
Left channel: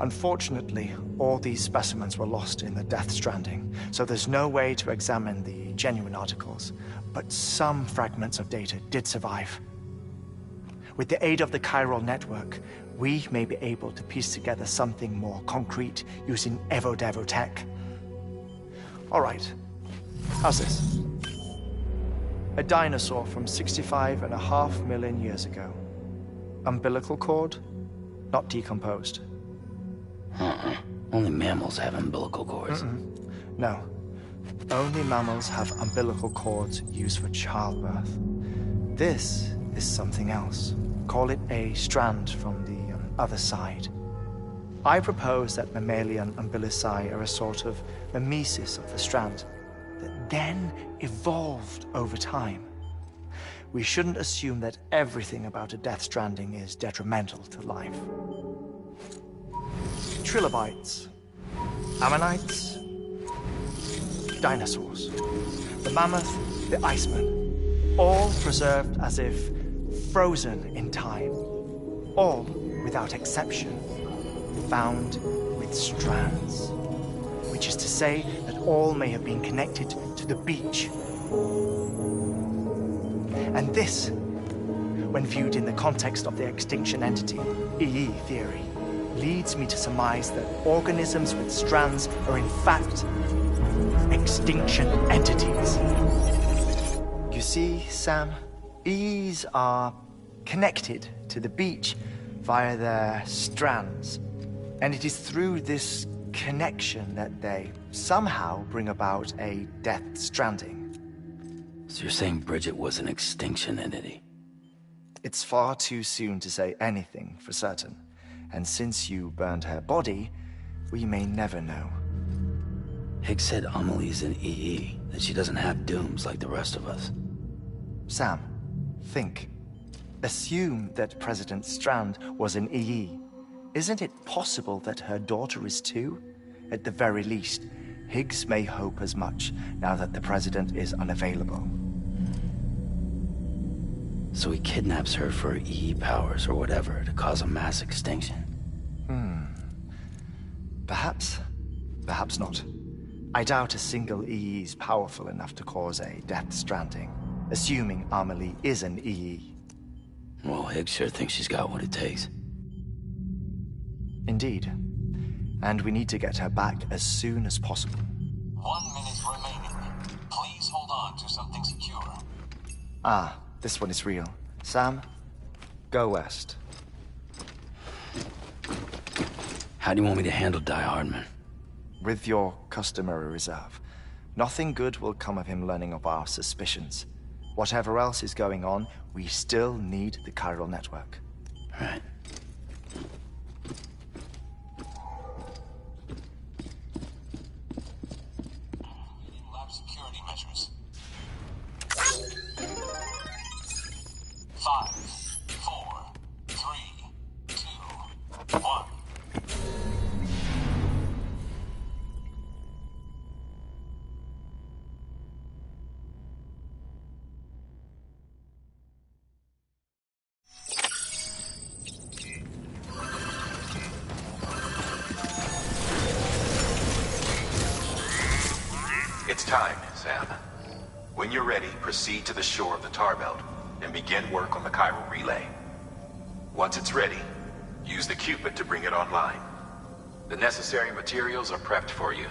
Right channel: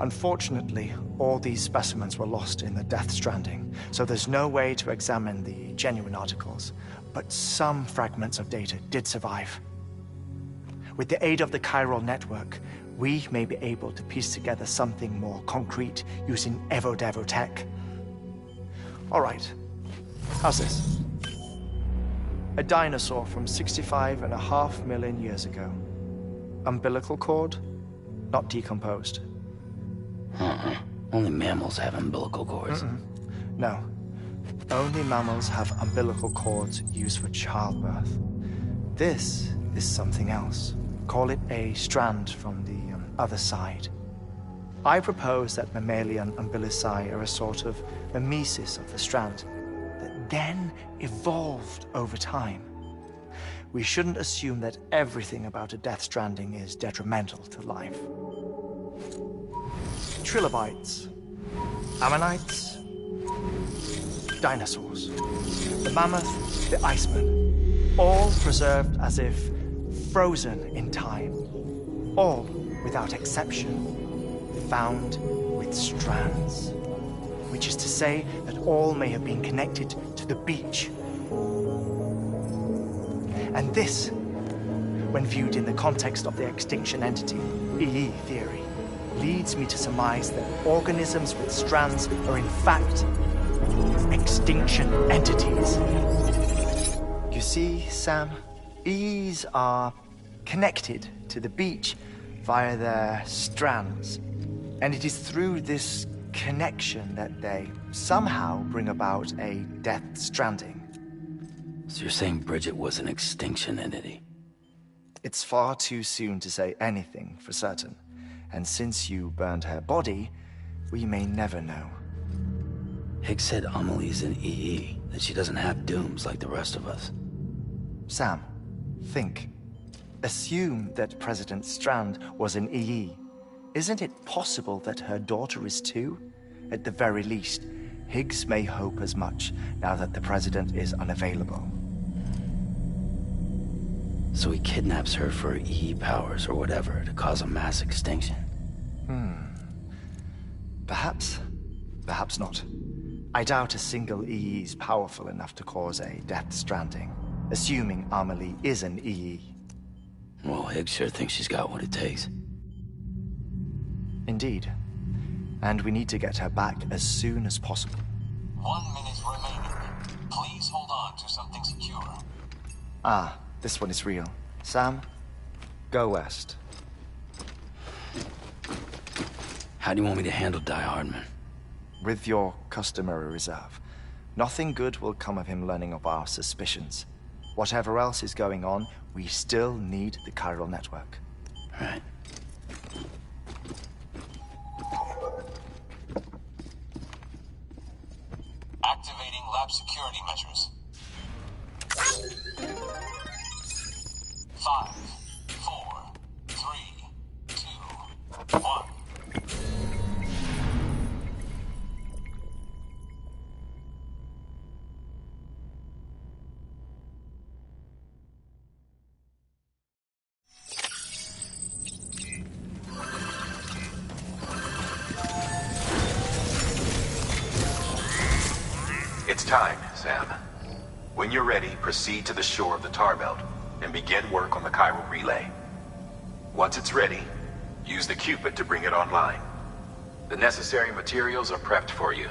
Unfortunately, all these specimens were lost in the Death Stranding, so there's no way to examine the genuine articles, but some fragments of data did survive. With the aid of the chiral network, we may be able to piece together something more concrete using Evo-Devo tech. All right, how's this? A dinosaur from 65.5 million years ago. Umbilical cord, not decomposed. Only mammals have umbilical cords. No. Only mammals have umbilical cords used for childbirth. This is something else. Call it a strand from the other side. I propose that mammalian umbilici are a sort of mimesis of the strand that then evolved over time. We shouldn't assume that everything about a Death Stranding is detrimental to life. Trilobites, ammonites, dinosaurs, the mammoth, the Iceman, all preserved as if frozen in time, all without exception, found with strands, which is to say that all may have been connected to the beach. And this, when viewed in the context of the extinction entity, EE theory, leads me to surmise that organisms with strands are in fact extinction entities. You see, Sam, EEs are connected to the beach via their strands, and it is through this connection that they somehow bring about a Death Stranding. So you're saying Bridget was an extinction entity? It's far too soon to say anything for certain. And since you burned her body, we may never know. Higgs said Amelie's an EE, that she doesn't have dooms like the rest of us. Sam, think. Assume that President Strand was an EE. Isn't it possible that her daughter is too? At the very least, Higgs may hope as much now that the President is unavailable. So he kidnaps her for EE powers or whatever to cause a mass extinction. Perhaps. Perhaps not. I doubt a single EE is powerful enough to cause a Death Stranding, assuming Amelie is an EE. Well, Higgs sure thinks she's got what it takes. Indeed. And we need to get her back as soon as possible. 1 minute remaining. Ah, this one is real. Sam, go west. How do you want me to handle Die Hardman? With your customary reserve. Nothing good will come of him learning of our suspicions. Whatever else is going on, we still need the chiral network. Right. Activating lab security measures. 5, 4, 3, 2, 1. It's time, Sam. When you're ready, proceed to the shore of the tar belt and begin work on the chiral relay. Once it's ready, use the Cupid to bring it online. The necessary materials are prepped for you.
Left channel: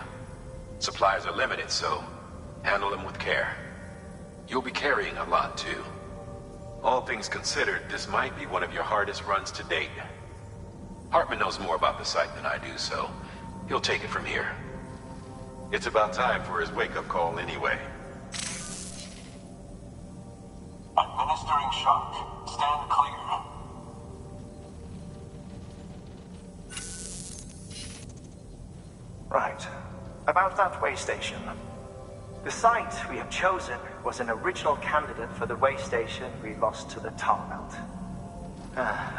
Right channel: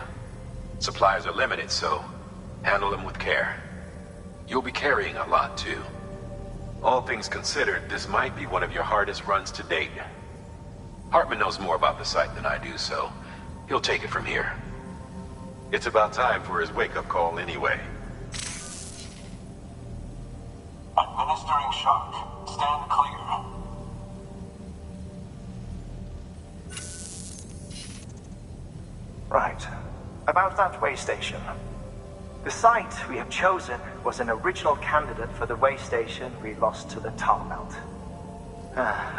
Supplies are limited, so handle them with care. You'll be carrying a lot, too. All things considered, this might be one of your hardest runs to date. Hartman knows more about the site than I do, so he'll take it from here. It's about time for his wake-up call anyway. Administering shock. Stand clear. Right. About that way station. The site we have chosen was an original candidate for the way station we lost to the tar belt.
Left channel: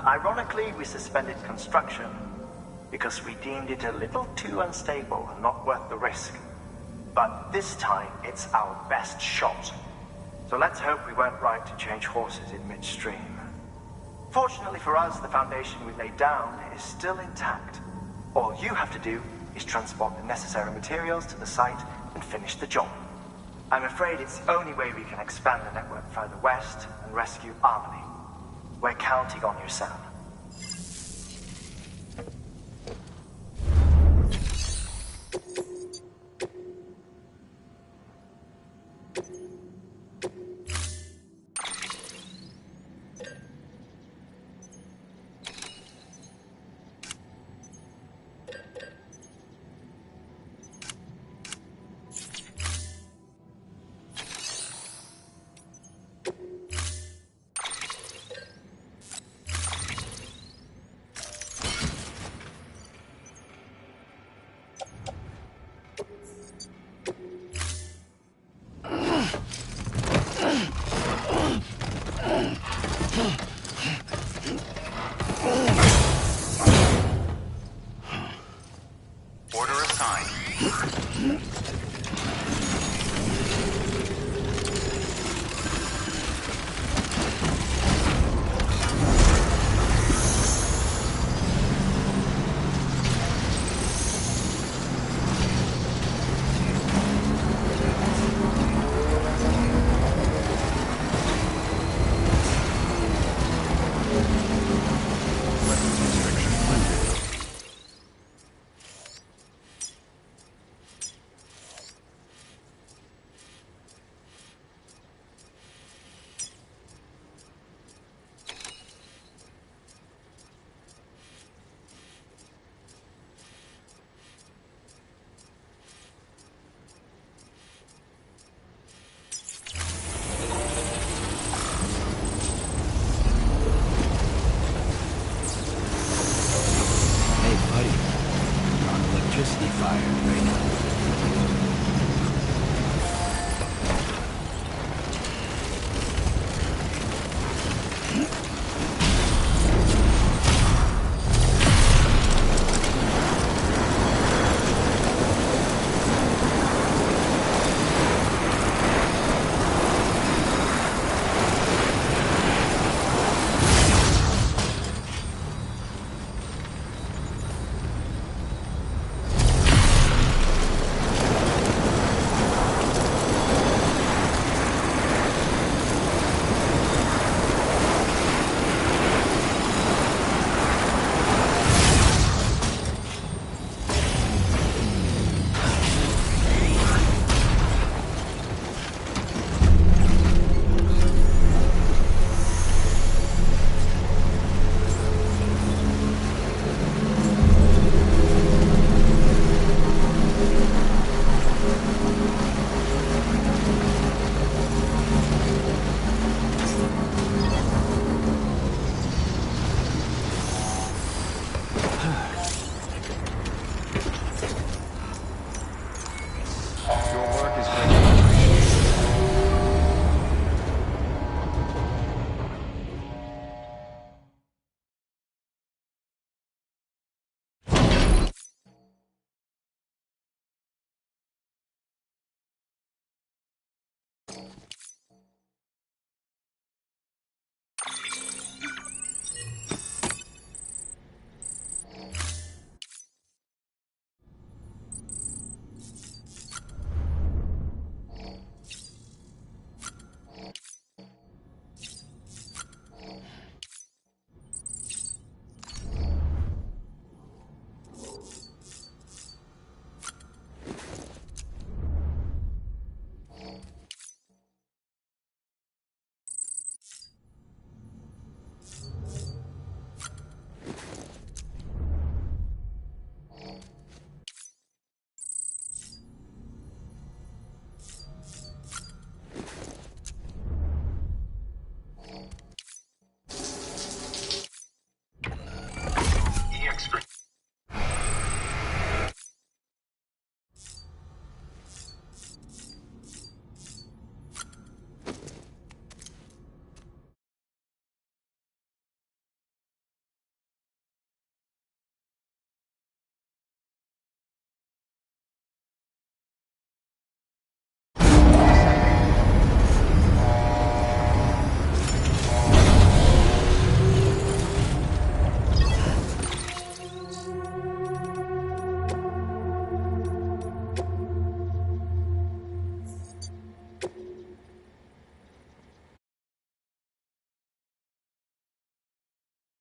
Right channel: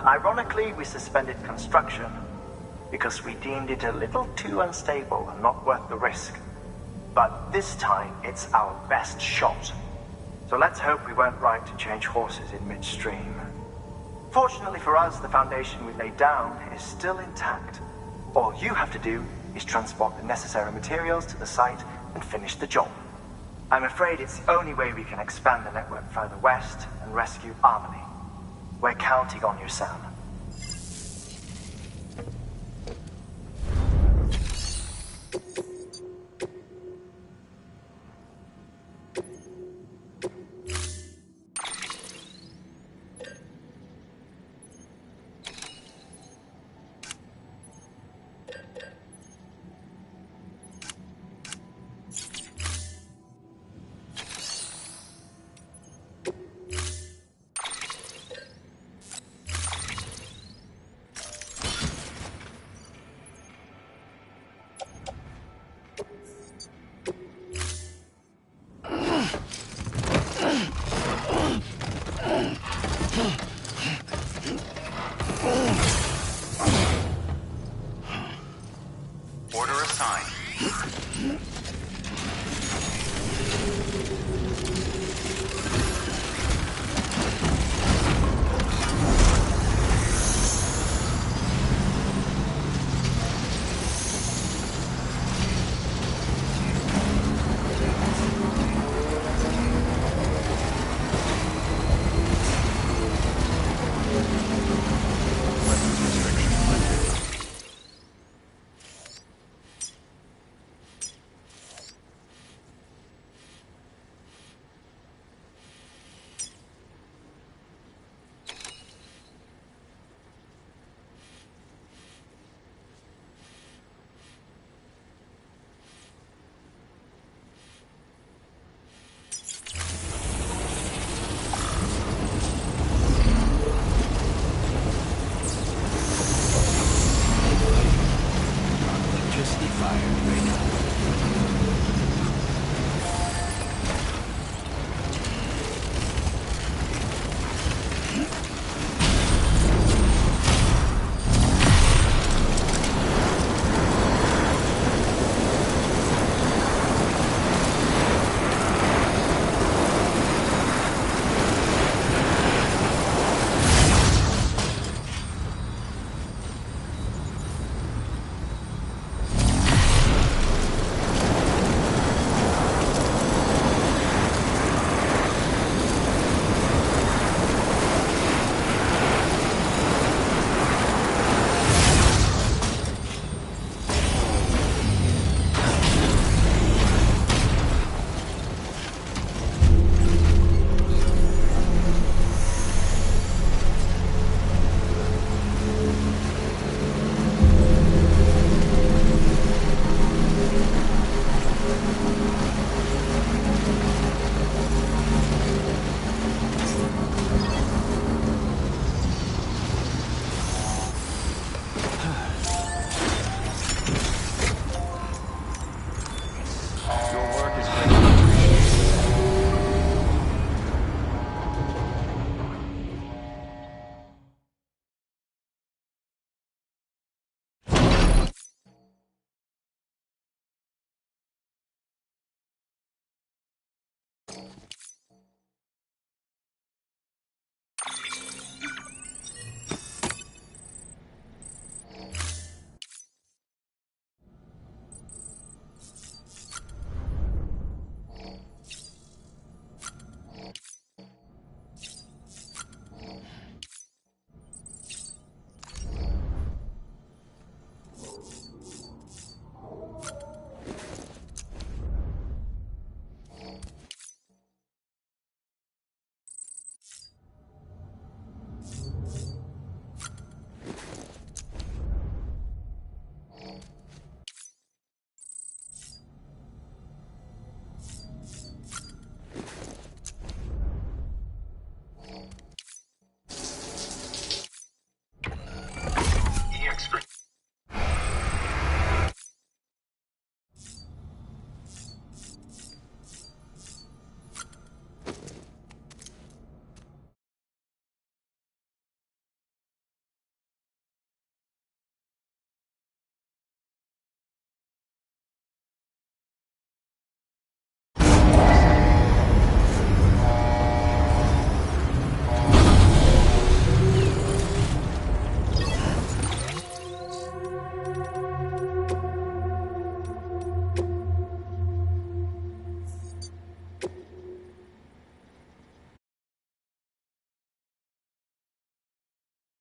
Ironically, we suspended construction because we deemed it a little too unstable and not worth the risk. But this time, it's our best shot. So let's hope we weren't right to change horses in midstream. Fortunately for us, the foundation we laid down is still intact. All you have to do is transport the necessary materials to the site and finish the job. I'm afraid it's the only way we can expand the network further west and rescue Harmony. We're counting on you, Sam.